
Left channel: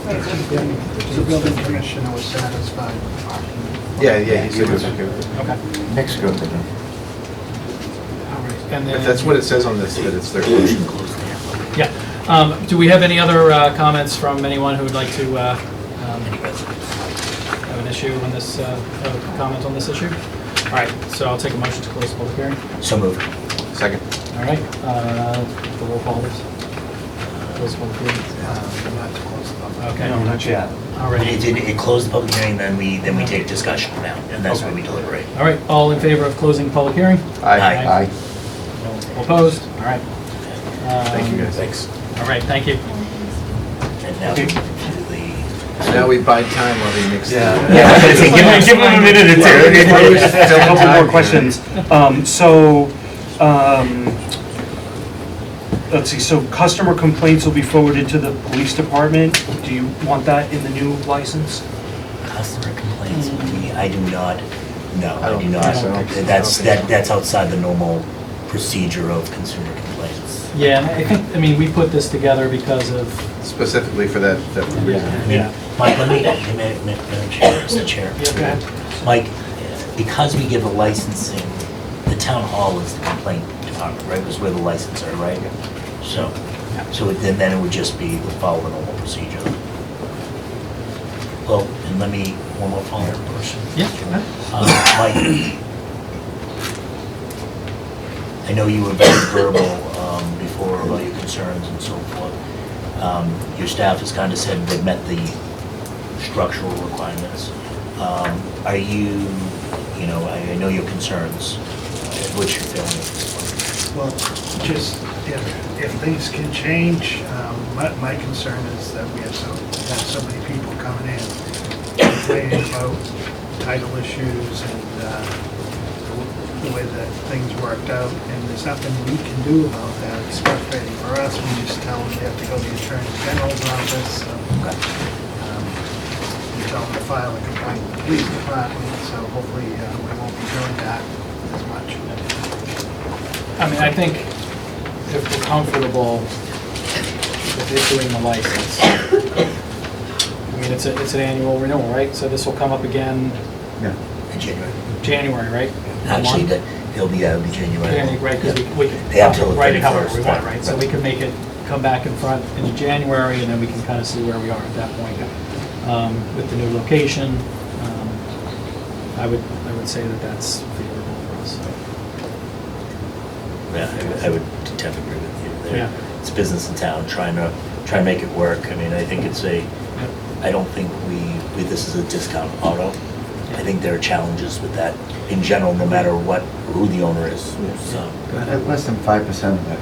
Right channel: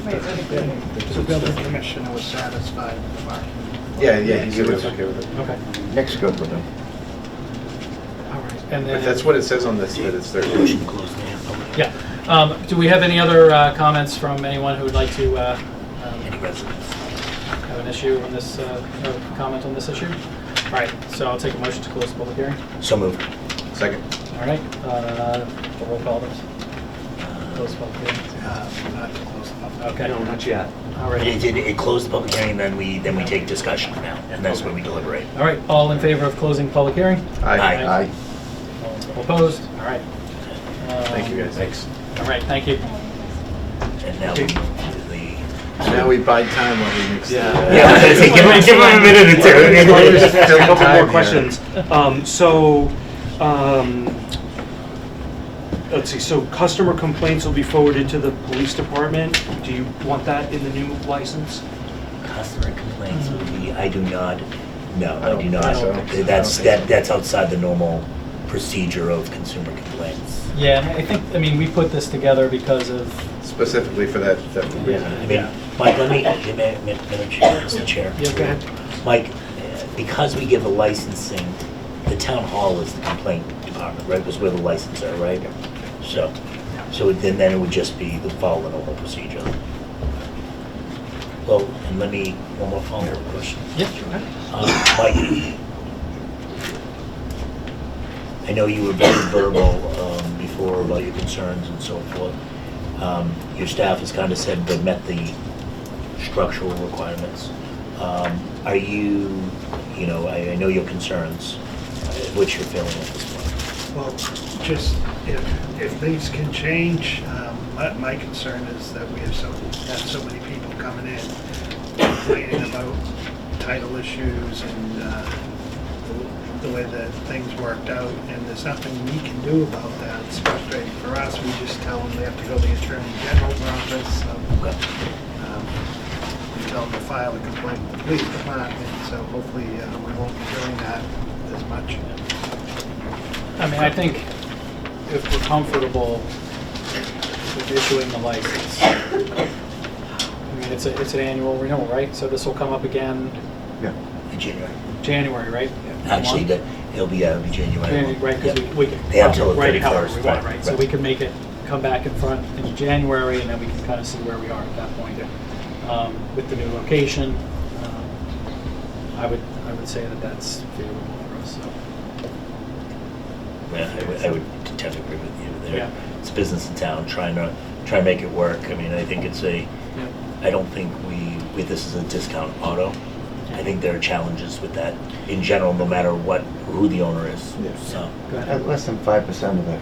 The building commissioner was satisfied with the parking. Yeah, he's good. Okay. Next good with it. All right. And then. If that's what it says on this, that it's 13. Yeah. Do we have any other comments from anyone who would like to have an issue on this, comment on this issue? All right, so I'll take a motion to close the public hearing. So moved. Second. All right, the roll call, please. Close the public hearing. Not to close the public. Okay. No, not yet. All right. It closed the public hearing, then we take discussion now, and that's where we deliberate. All right, all in favor of closing the public hearing? Aye. Aye. All opposed? All right. Thank you, guys. Thanks. All right, thank you. And now we move to the. Now we bide time while we mix. Yeah, I was gonna say, give him a minute or two. Just ask a couple more questions. Let's see, so customer complaints will be forwarded to the police department. Do you want that in the new license? Customer complaints would be, I do not, no, I I don't do not. think so. That's outside the normal procedure of consumer complaints. Yeah, and I think, I mean, we put this together because of, Specifically for that. yeah. Mike, let me, Madam Chair, Mr. Chair. Yeah, go ahead. Mike, because we give the licensing, the town hall is the complaint department, right? Because we're the licensor, right? So then it would just be, would follow the normal procedure. Oh, and let me, one more follow-up question. Yeah, go ahead. Mike, I know you were very verbal before about your concerns and so forth. Your staff has kind of said they've met the structural requirements. Are you, I know your concerns. What's your feeling at this point? Well, just if things can change, my concern is that we have so many people coming in complaining about title issues and the way that things worked out, and there's nothing we can do about that. It's frustrating for us. We just tell them they have to go to the Attorney General's office. So, we tell them to file a complaint with the police department, so hopefully we won't be doing that as much. I mean, I think if we're comfortable with issuing the license, I mean, it's an annual renewal, right? So this will come up again Yeah. In January. January, right? Actually, it'll be January. January, right, because we can They have till the write it however 31st, we want, right? So we can make it come back in front in January, and then we can kind of see where we are at that point. With the new location, I would say that that's favorable for us, so. Yeah, I would tend to agree with you there. Yeah. It's a business in town, trying to make it work. I mean, I think I don't think this is a discount auto. I think there are challenges with that in general, no matter who the owner is. So. Go ahead. Less than 5% of the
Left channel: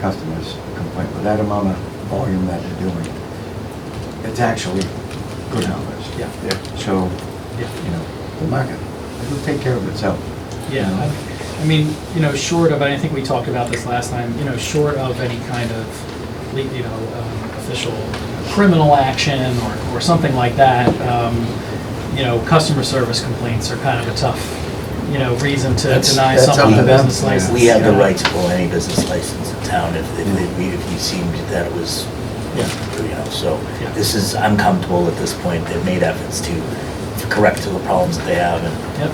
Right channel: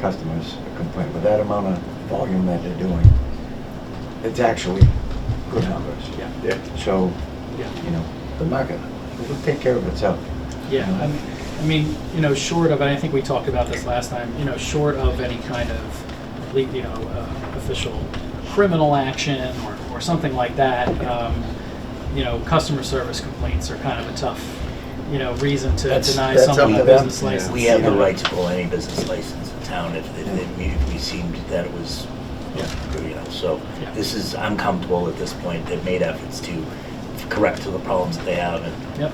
customers complain. With that amount of volume that they're doing, it's actually good numbers. Yeah. So, Yeah. the market, it'll take care of itself. Yeah, I mean, I mean, short of, and I think we talked about this last time, short of any kind of, official criminal action or something like that, customer service complaints are kind of a tough, reason to deny someone a business license. We have the right to pull any business license in town if we seemed that it was, so Yeah. this is, I'm comfortable at this point. They've made efforts to correct to the problems that they have, and, Yep.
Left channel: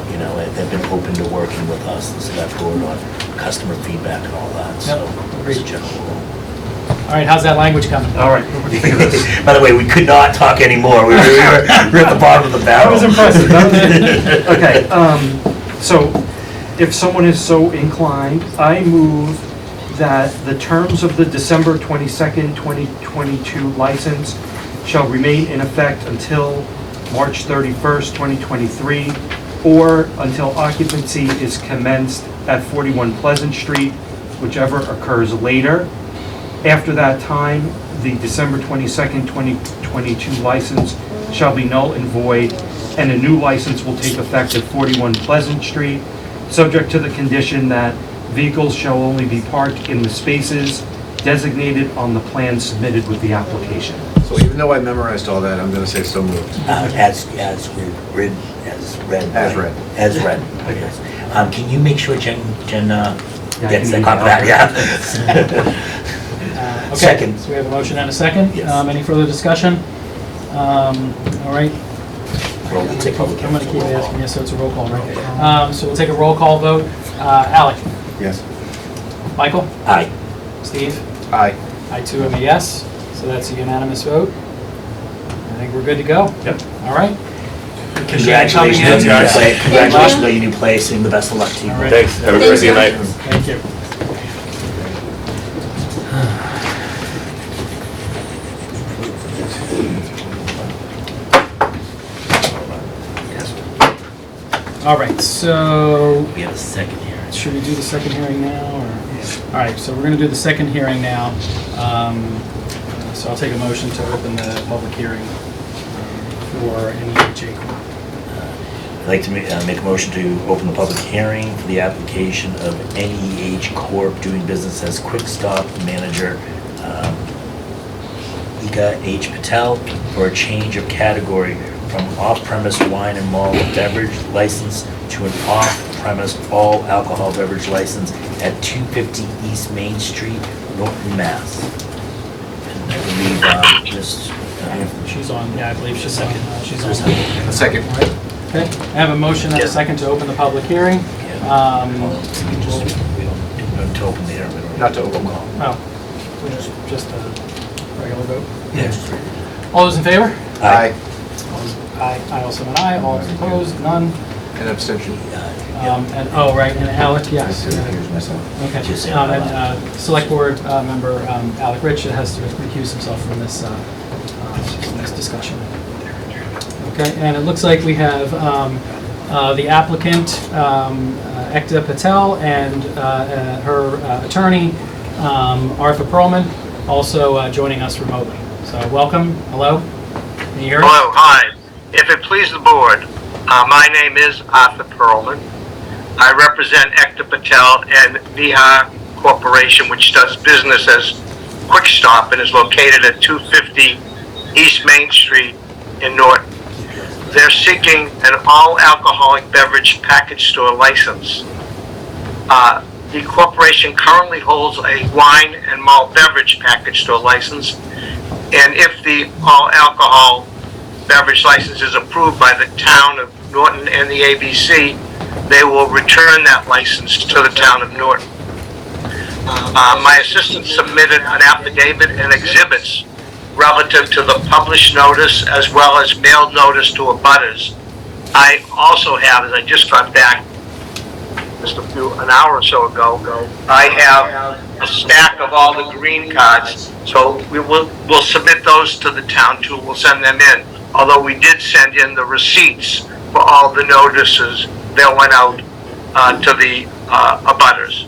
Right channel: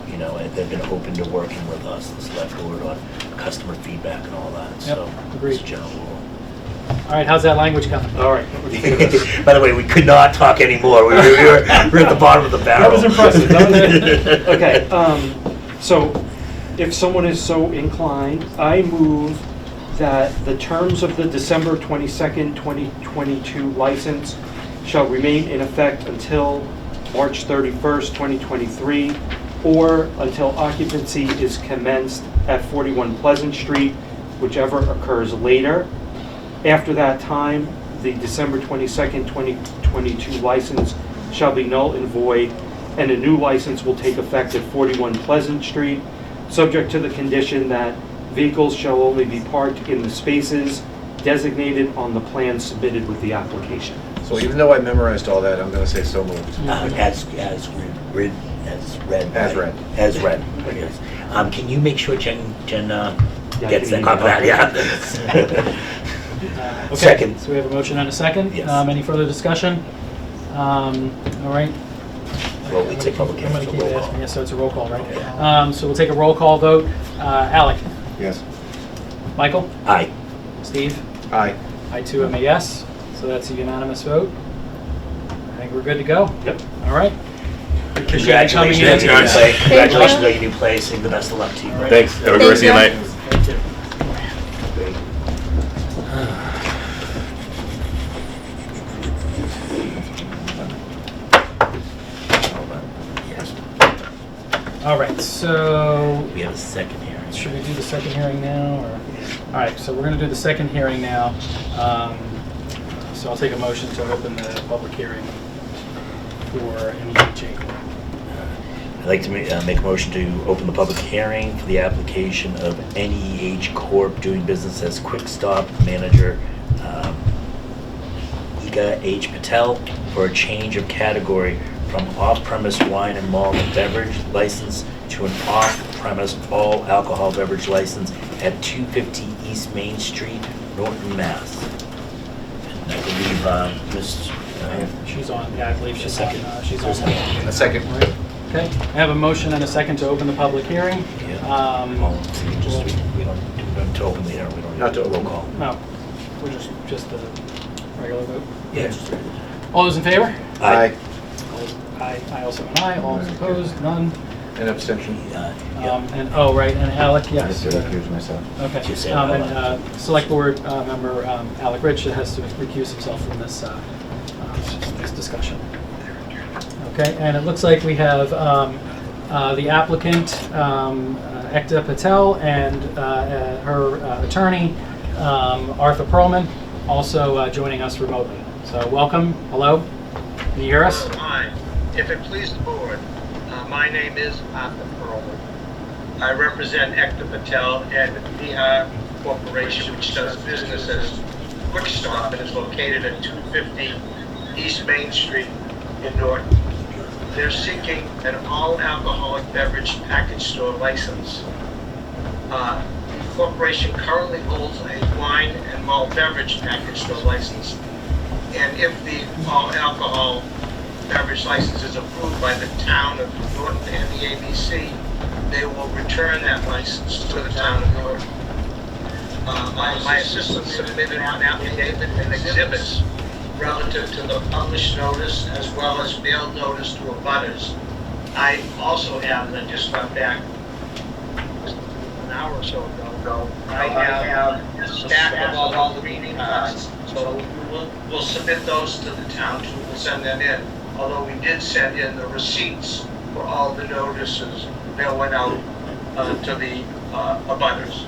they've been open to working with us, the select board, on customer feedback and all that, so. agreed. It's a general rule. All right, how's that language coming? All right. By the way, we could not talk anymore. We're at the bottom of the barrel. That was impressive. Okay, so if someone is so inclined, I move that the terms of the December 22nd, 2022 license shall remain in effect until March 31st, 2023, or until occupancy is commenced at 41 Pleasant Street, whichever occurs later. After that time, the December 22nd, 2022 license shall be null and void, and a new license will take effect at 41 Pleasant Street, subject to the condition that vehicles shall only be parked in the spaces designated on the plan submitted with the application. So even though I memorized all that, I'm gonna say so moved. As read. As read. As read, yes. Can you make sure Jen I gets can that copy of that, yeah? Okay, Second. so we have a motion and a second. Yes. Any further discussion? All right. Well, we'll take public I'm going to keep roll call. asking, so it's a roll call, right? So we'll take a roll call vote. Alec? Yes. Michael? Aye. Steve? Aye. I too am a yes, so that's a unanimous vote. I think we're good to go. Yep. All right. Congratulations on your new guys. place. Congratulations on your new place, and the best of luck to you. All right. Thanks. Have a good rest of your night. Thank you. All right, so We have a second hearing. should we do the second hearing now, or? All right, so we're gonna do the second hearing now. So I'll take a motion to open the public hearing for NEHA Corp. I'd like to make a motion to open the public hearing for the application of NEH Corp. doing business as Quick Stop Manager, Ika H. Patel, for a change of category from off-premise wine and malt beverage license to an off-premise all alcohol beverage license at 250 East Main Street, Norton, Mass. And I believe Ms. She's on, yeah, I believe she's on, she's on. A second. All right. Okay, I have a motion and a Yeah. second to open the public hearing. Well, we don't to open the hearing, we don't. Not to open. Roll call. No, we just a regular vote. Yeah. All those in favor? Aye. Aye. I also an aye. All opposed? None. An abstention. And, oh, right, and Alec, yes. I recuse myself. Okay. Just say And aye. Select Board member Alec Rich has to recuse himself from this discussion. Okay, and it looks like we have the applicant, Ekta Patel, and her attorney, Arthur Perlman, also joining us remotely. So welcome, hello, can you hear us? Hello, hi. If it please the board, my name is Arthur Perlman. I represent Ekta Patel and Nihar Corporation, which does business as Quick Stop and is located at 250 East Main Street in Norton. They're seeking an all-alcoholic beverage package store license. The corporation currently holds a wine and malt beverage package store license, and if the all-alcohol beverage license is approved by the town of Norton and the ABC, they will return that license to the town of Norton. My assistant submitted an affidavit and exhibits relative to the published notice as well as mailed notice to abutters. I also have, as I just got back just an hour or so ago, I have a stack of all the green cards. So we'll submit those to the town too. We'll send them in. Although we did send in the receipts for all the notices that went out to the abutters.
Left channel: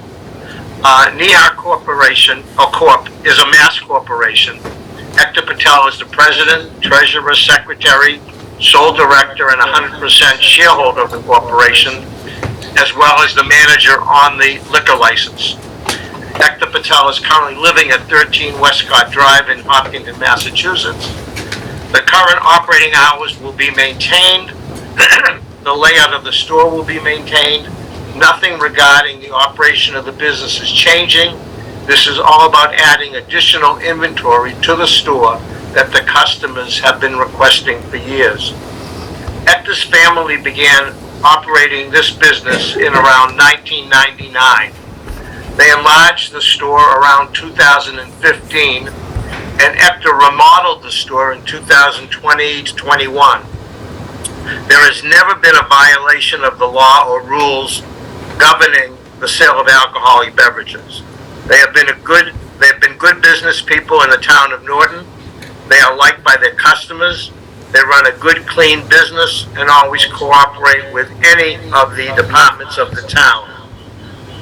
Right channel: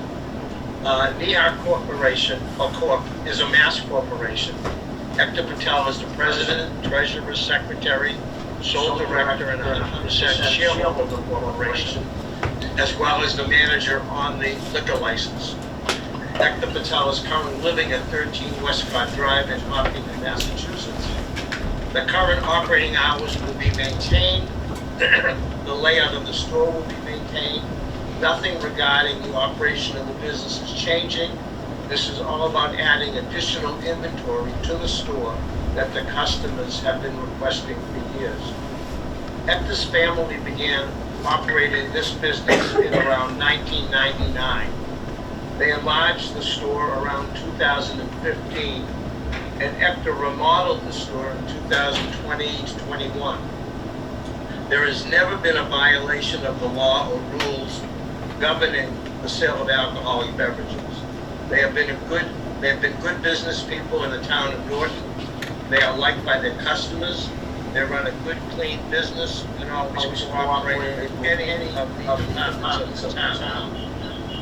Nihar Corporation, or Corp, is a mass corporation. Ekta Patel is the president, treasurer, secretary, sole director, and 100% shareholder of the corporation. as well as the manager on the liquor license. Hector Patel is currently living at 13 Westcott Drive in Hopkinton, Massachusetts. The current operating hours will be maintained. The layout of the store will be maintained. Nothing regarding the operation of the business is changing. This is all about adding additional inventory to the store that the customers have been requesting for years. Hector's family began operating this business in around 1999. They enlarged the store around 2015, and Hector remodeled the store in 2020 to 21. There has never been a violation of the law or rules governing the sale of alcoholic beverages. They have been good business people in the town of Norton. They are liked by their customers. They run a good, clean business and always cooperate with any of the departments of the town.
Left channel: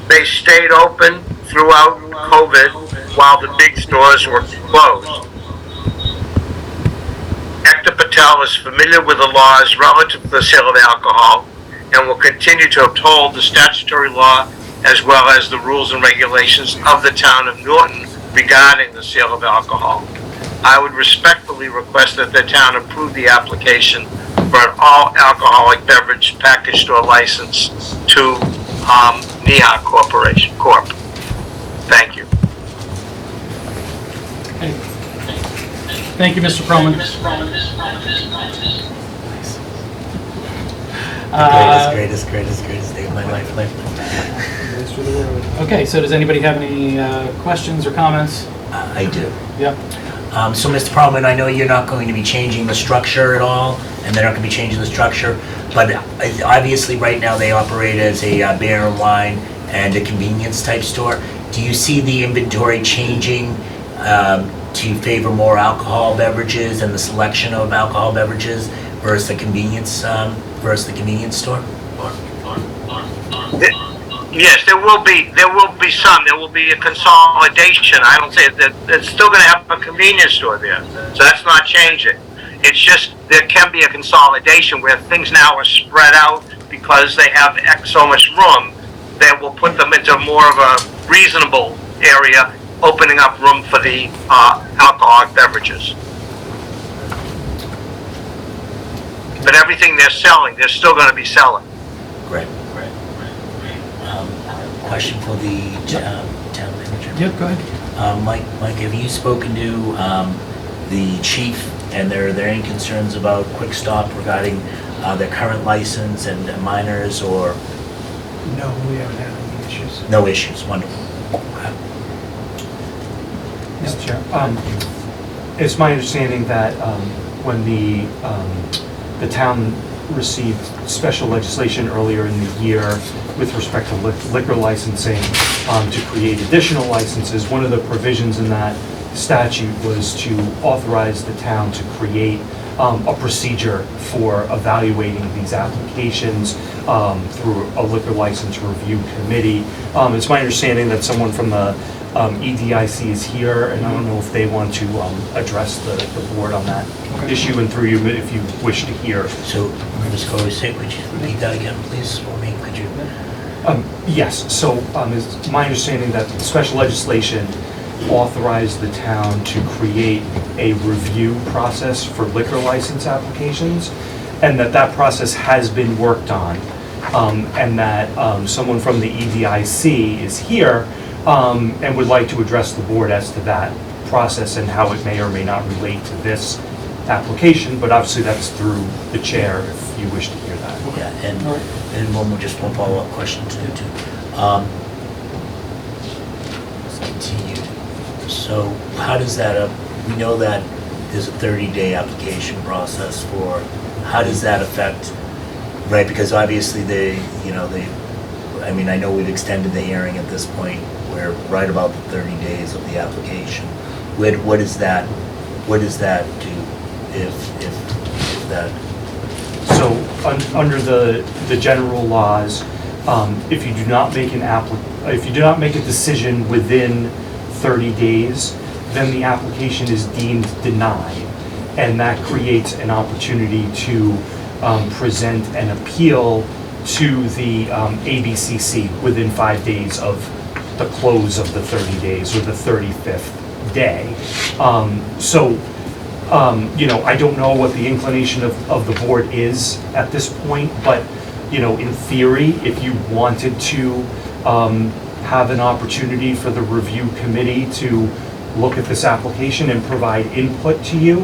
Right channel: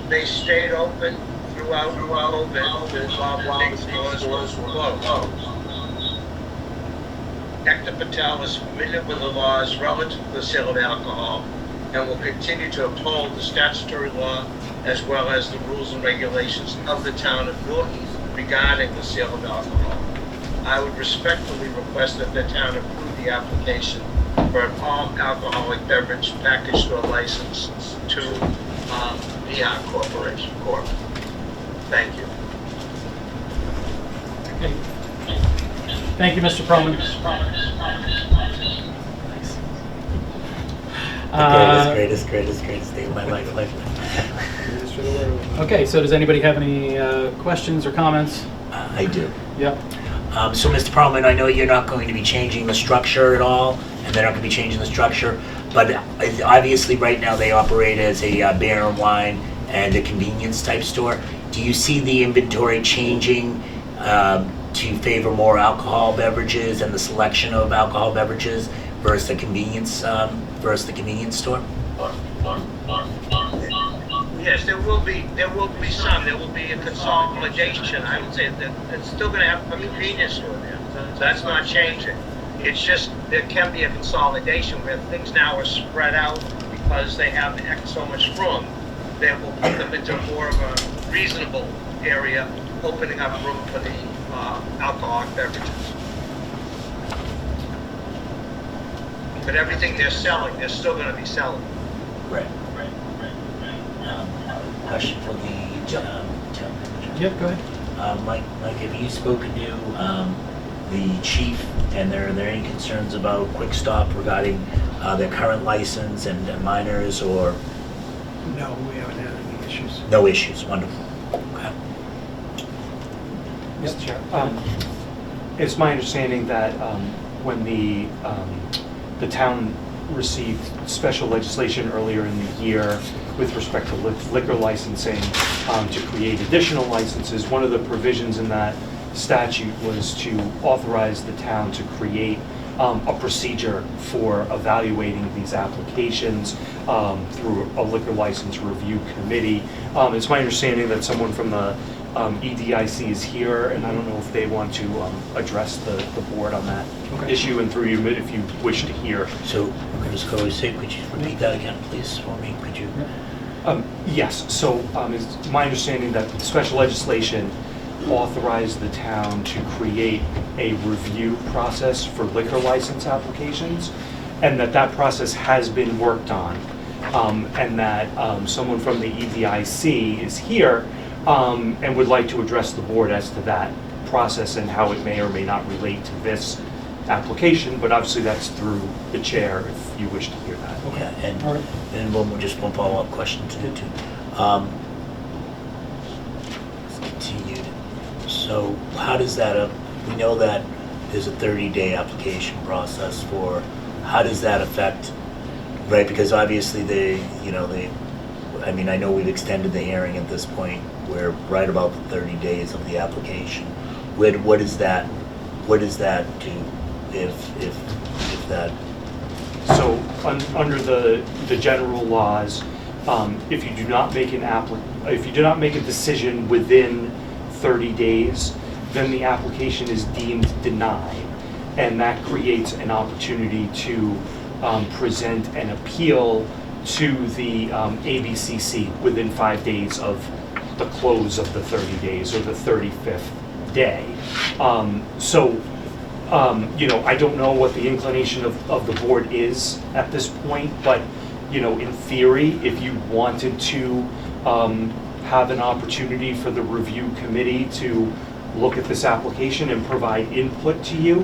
They stayed open throughout COVID while the big stores were closed. Hector Patel is familiar with the laws relative to the sale of alcohol and will continue to uphold the statutory law as well as the rules and regulations of the town of Norton regarding the sale of alcohol. I would respectfully request that the town approve the application for an all alcoholic beverage package store license to Neha Corporation Corp. Thank you. Thank you, Mr. Perlman. Greatest day of my life. Okay, so does anybody have any questions or comments? I do. Yep. So, Mr. Perlman, I know you're not going to be changing the structure at all, and they're not going to be changing the structure, but obviously right now they operate as a beer and wine and a convenience type store. Do you see the inventory changing to favor more alcohol beverages and the selection of alcohol beverages versus the convenience store? Yes, there will be some. There will be a consolidation. I don't say that it's still going to have a convenience store there, so that's not changing. It's just there can be a consolidation where things now are spread out because they have so much room that will put them into more of a reasonable area, opening up room for the alcoholic beverages. But everything they're selling, they're still going to be selling. Great. Question for the town manager. Yep, go ahead. Mike, have you spoken to the chief, and are there any concerns about Quick Stop regarding their current license and minors, or? No, we haven't had any issues. No issues, wonderful. Okay. Mr. Chair, it's my understanding that when the town received special legislation earlier in the year with respect to liquor licensing to create additional licenses, one of the provisions in that statute was to authorize the town to create a procedure for evaluating these applications through a liquor license review committee. It's my understanding that someone from the EDIC is here, and I don't know if they want to address the board on that issue, and through you if you wish to hear. So, Ms. Corey, could you repeat that again, please, for me? Could you? Yes, so it's my understanding that special legislation authorized the town to create a review process for liquor license applications, and that process has been worked on, and that someone from the EDIC is here and would like to address the board as to that process and how it may or may not relate to this application, but obviously that's through the chair if you wish to hear that. Okay, and one follow-up question too. Let's continue. So how does that, we know that there's a 30-day application process for, how does that affect, right, because obviously I mean, I know we've extended the hearing at this point, we're right about the 30 days of the application. What does that do if that? So under the general laws, if you do not make a decision within 30 days, then the application is deemed denied, and that creates an opportunity to present an appeal to the ABCC within 5 days of the close of the 30 days or the 35th day. I don't know what the inclination of the board is at this point, but, in theory, if you wanted to have an opportunity for the review committee to look at this application and provide input to you,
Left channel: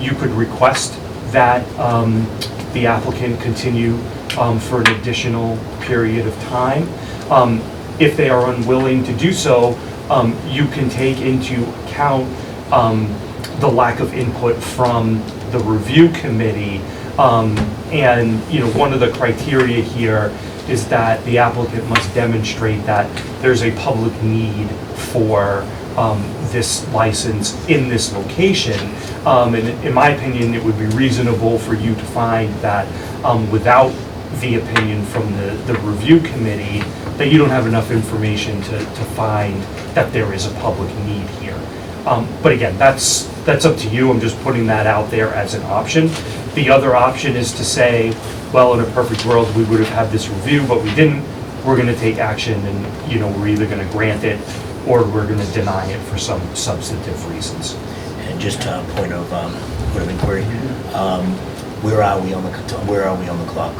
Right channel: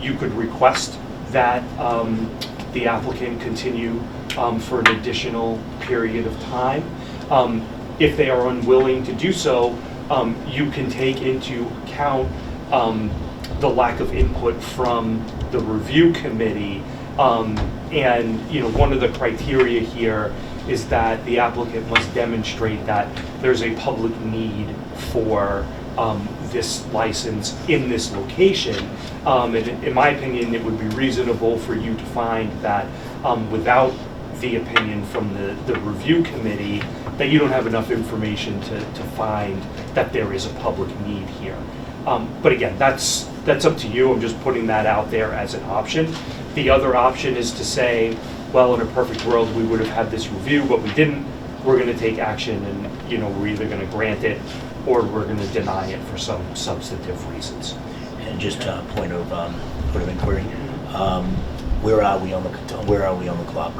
you could request that the applicant continue for an additional period of time. If they are unwilling to do so, you can take into account the lack of input from the review committee. One of the criteria here is that the applicant must demonstrate that there's a public need for this license in this location. And in my opinion, it would be reasonable for you to find that without the opinion from the review committee, that you don't have enough information to find that there is a public need here. But again, that's up to you. I'm just putting that out there as an option. The other option is to say, well, in a perfect world, we would have had this review, but we didn't. We're going to take action, and we're either going to grant it or we're going to deny it for some substantive reasons. And just a point of inquiry, where are we on the clock?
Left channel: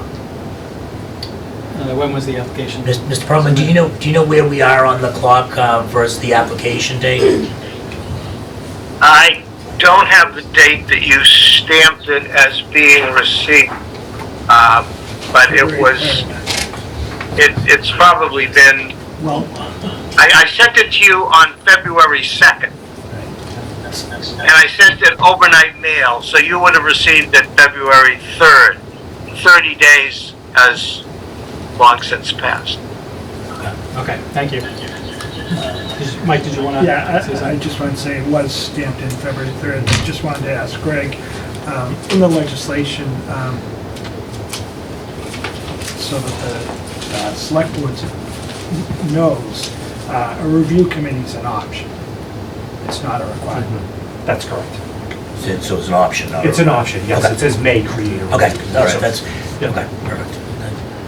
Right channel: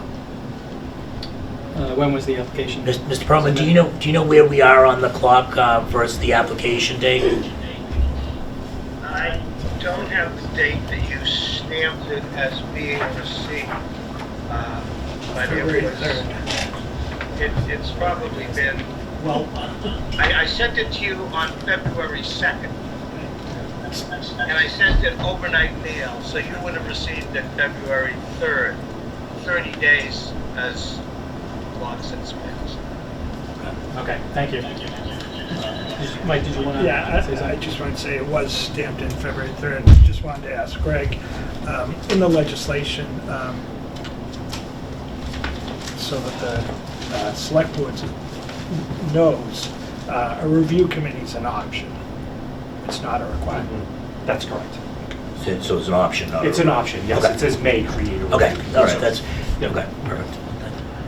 When was the application? Mr. Perlman, do you know where we are on the clock versus the application date? I don't have the date that you stamped it as being received, but it's probably been, I sent it to you on February 2nd. And I sent it overnight mail, so you would have received it February 3rd. 30 days has long since passed. Okay, thank you. Mike, did you want to say something? I just want to say it was stamped in February 3rd. Just wanted to ask Greg, in the legislation, so that the select board knows, a review committee is an option. It's not a requirement. That's correct. So it's an option, not It's an option, yes. Okay. It says may create a Okay, review. all right, that's, Yep. okay, perfect.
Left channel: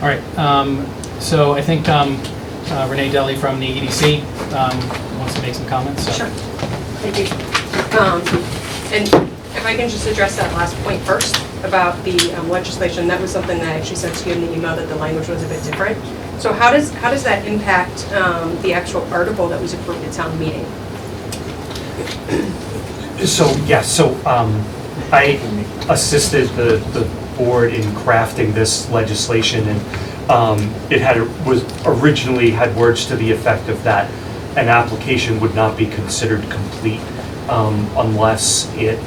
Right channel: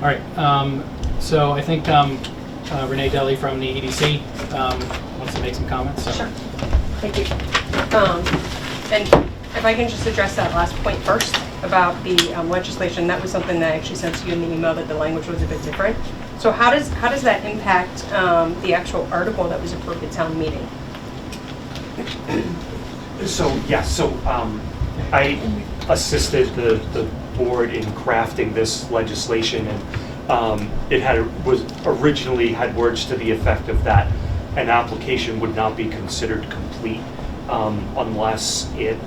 All right, so I think Renee Deli from the EDC wants to make some comments. So. Sure. Thank you. And if I can just address that last point first about the legislation, that was something that I actually sent to you in the email, that the language was a bit different. So how does that impact the actual article that was approved at town meeting? I assisted the board in crafting this legislation, and it was originally had words to the effect of that an application would not be considered complete unless it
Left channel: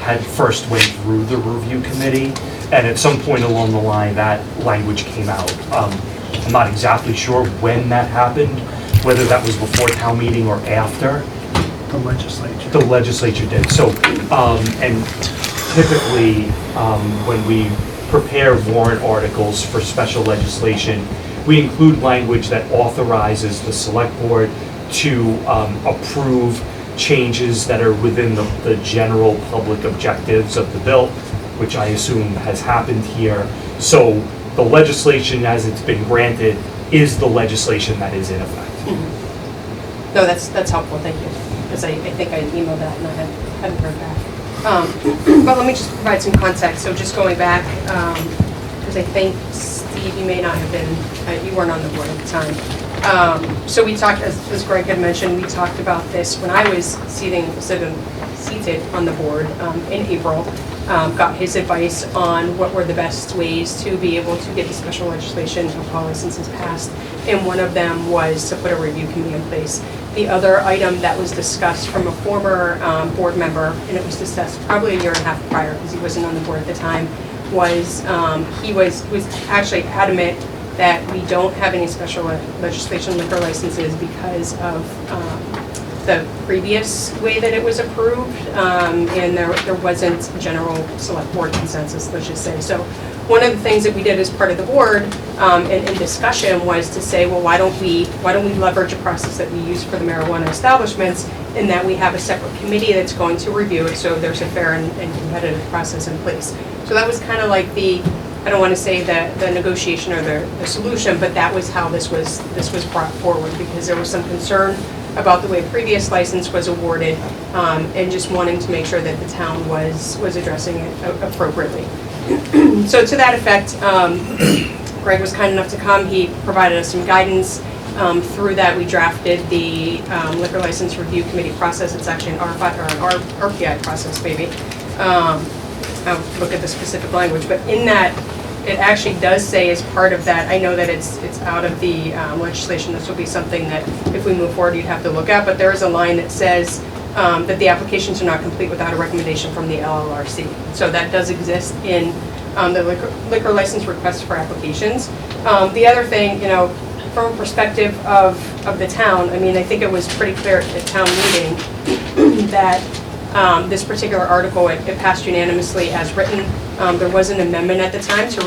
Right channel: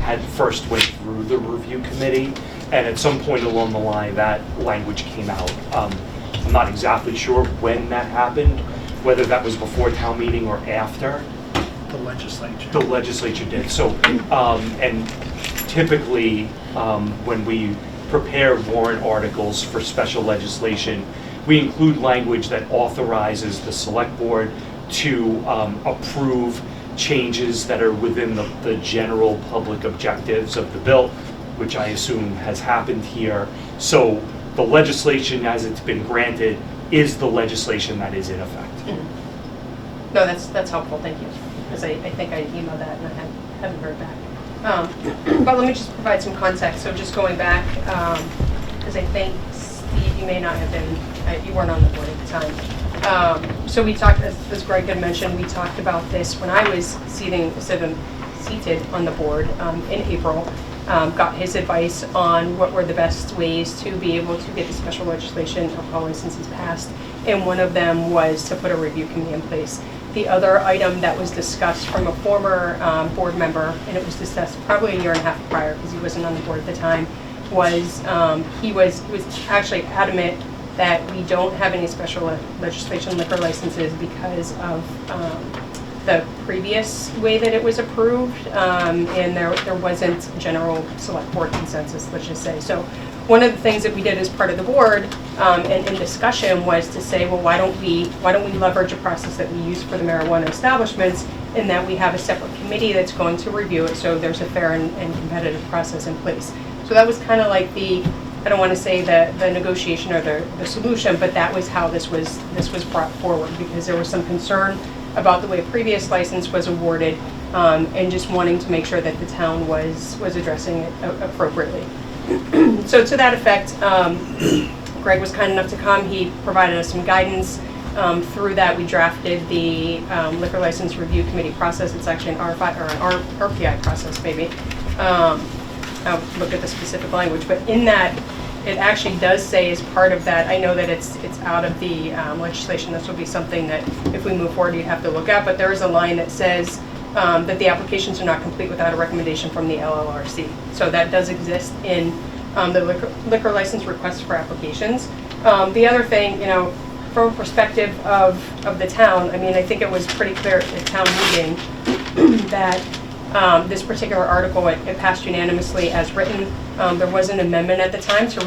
had first went through the review committee, and at some point along the line that language came out. I'm not exactly sure when that happened, whether that was before town meeting or after. The legislature. The legislature did. So, and typically, when we prepare warrant articles for special legislation, we include language that authorizes the select board to approve changes that are within the general public objectives of the bill, which I assume has happened here. So the legislation as it's been granted is the legislation that is in effect. Mm-hmm. No, that's helpful, thank you. Because I think I emailed that and I haven't heard back. But let me just provide some context. So just going back, because I think, Steve, you may not have been, you weren't on the board at the time. So we talked, as Greg had mentioned, we talked about this when I was seated on the board in April. Got his advice on what were the best ways to be able to get the special legislation alcohol licenses passed. And one of them was to put a review committee in place. The other item that was discussed from a former board member, and it was discussed probably a year and a half prior because he wasn't on the board at the time, was he was actually adamant that we don't have any special legislation on liquor licenses because of the previous way that it was approved, and there wasn't a general select board consensus, let's just say. So one of the things that we did as part of the board in discussion was to say, well, why don't we leverage a process that we use for the marijuana establishments, in that we have a separate committee that's going to review it, so there's a fair and competitive process in place. So that was kind of like the I don't want to say the negotiation or the solution, but that was how this was brought forward, because there was some concern about the way previous license was awarded, and just wanting to make sure that the town was addressing it appropriately. So to that effect, Greg was kind enough to come. He provided us some guidance. Through that, we drafted the liquor license review committee process. It's actually an R5 or an RPI process, maybe. I'll look at the specific language, but in that, it actually does say as part of that, I know that it's out of the legislation, this will be something that if we move forward, you'd have to look at, but there is a line that says that the applications are not complete without a recommendation from the LLRC. So that does exist in the liquor license requests for applications. The other thing, from a perspective of the town, I mean, I think it was pretty clear at the town meeting that this particular article, it passed unanimously as written. There was an amendment at the time to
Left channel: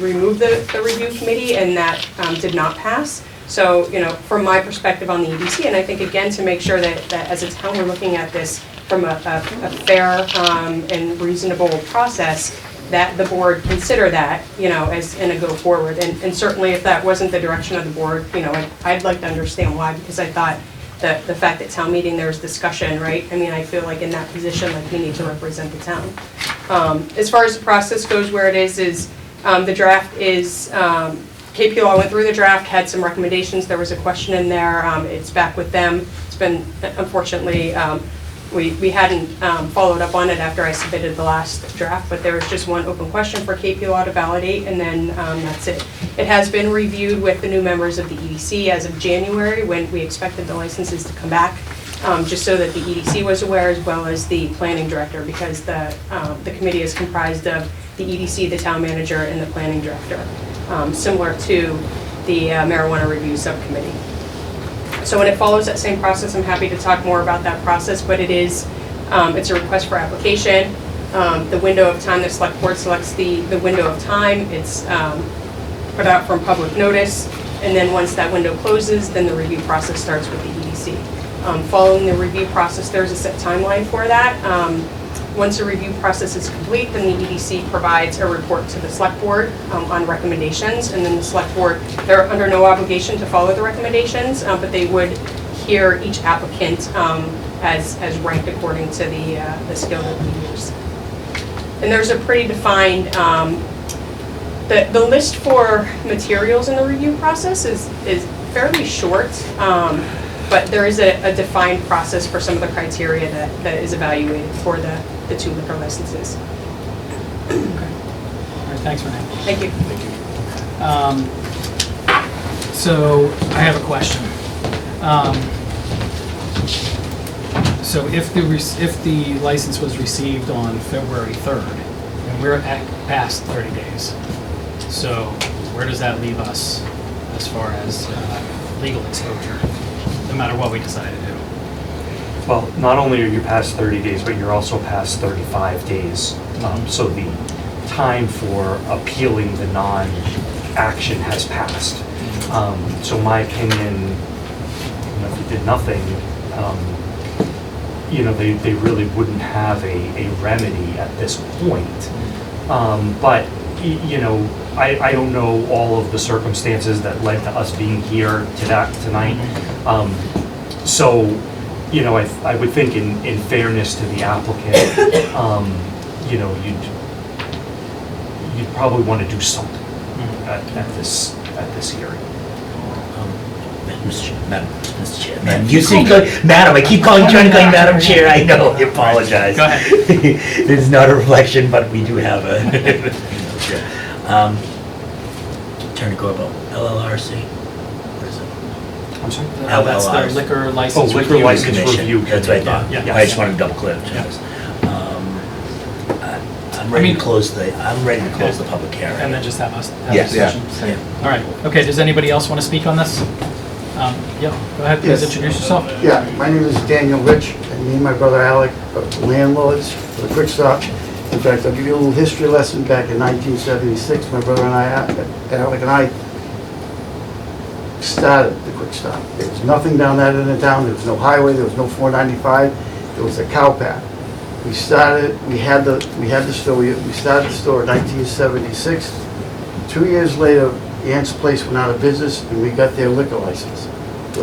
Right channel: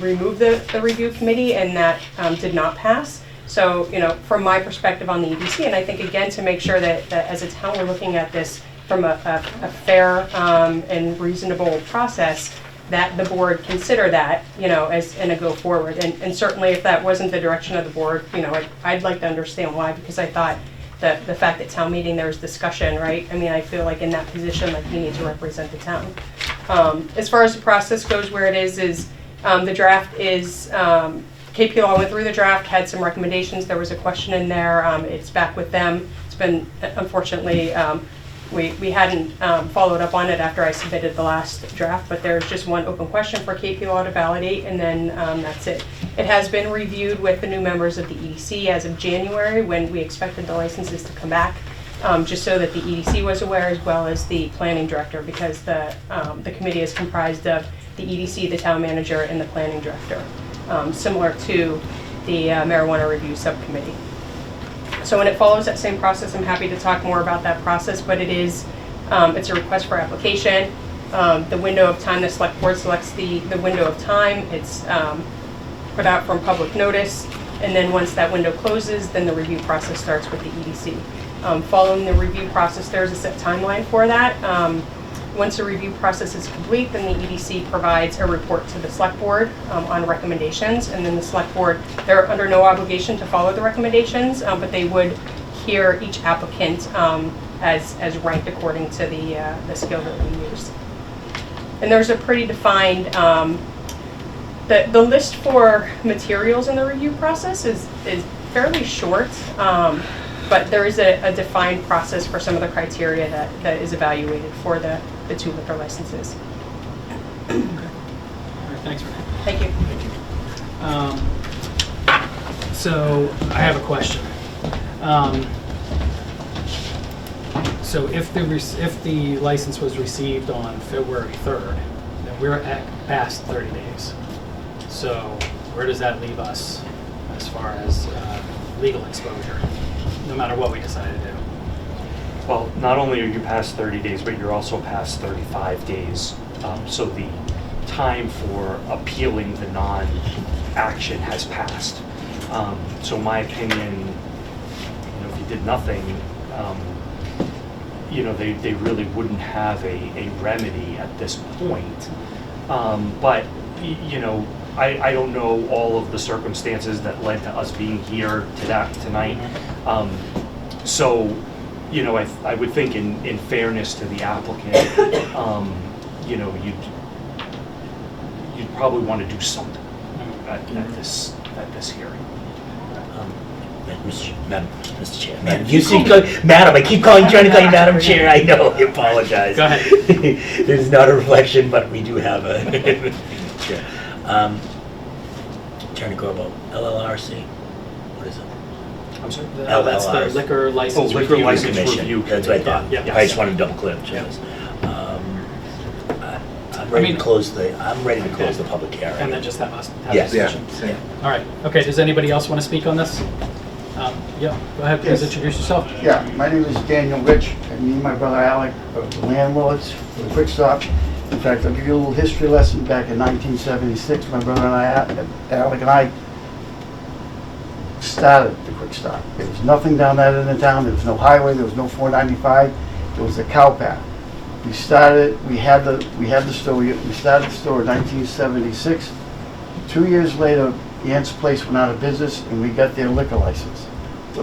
remove the review committee, and that did not pass. So, from my perspective on the EDC, and I think again to make sure that as a town we're looking at this from a fair and reasonable process, that the board consider that, as in a go forward. And certainly if that wasn't the direction of the board, I'd like to understand why, because I thought that the fact that town meeting there's discussion, right? I mean, I feel like in that position, like we need to represent the town. As far as the process goes, where it is the draft is, KP Law went through the draft, had some recommendations. There was a question in there. It's back with them. It's been, unfortunately, we hadn't followed up on it after I submitted the last draft, but there was just one open question for KP Law to validate, and then that's it. It has been reviewed with the new members of the EDC as of January, when we expected the licenses to come back, just so that the EDC was aware, as well as the planning director, because the committee is comprised of the EDC, the town manager, and the planning director, similar to the marijuana review subcommittee. So when it follows that same process, I'm happy to talk more about that process, but it's a request for application. The window of time, the select board selects the window of time. It's put out from public notice, and then once that window closes, then the review process starts with the EDC. Following the review process, there's a set timeline for that. Once the review process is complete, then the EDC provides a report to the select board on recommendations, and then the select board, they're under no obligation to follow the recommendations, but they would hear each applicant as ranked according to the scale that we use. And there's a pretty defined, the list for materials in the review process is fairly short, but there is a defined process for some of the criteria that is evaluated for the two liquor licenses. All right, thanks, Renee. Thank you. So I have a question. So if the license was received on February 3rd, and we're past 30 days, so where does that leave us as far as legal exposure, no matter what we decide to do? Well, not only are you past 30 days, but you're also past 35 days. So the time for appealing the non-action has passed. So my opinion, if you did nothing, they really wouldn't have a remedy at this point. But, I don't know all of the circumstances that led to us being here tonight. So, I would think in fairness to the applicant, you'd probably want to do something at this hearing. Mr. Chair, Madam, you keep calling, Madam, I keep trying to call you Madam Chair, I know, I apologize. Go ahead. It's not a reflection, but we do have a, Attorney Corbo, LLRC, what is it? I'm sorry? That's the liquor license liquor review license commission. review. That's what I thought. Yeah. I just wanted to double clear. Yeah. I'm ready to close the public hearing. And then just have us have Yes. a discussion. All right. Okay, does anybody else want to speak on this? Yeah, go ahead, please Yes. introduce yourself. Yeah, my name is Daniel Rich, and me and my brother Alec are landlords for the Quick Stop. In fact, I'll give you a little history lesson. Back in 1976, my brother and Alec and I started the Quick Stop. There was nothing down that end of town. There was no highway. There was no 495. There was a cow path. We had the store. We started the store in 1976. 2 years later, Ant's Place went out of business and we got their liquor license.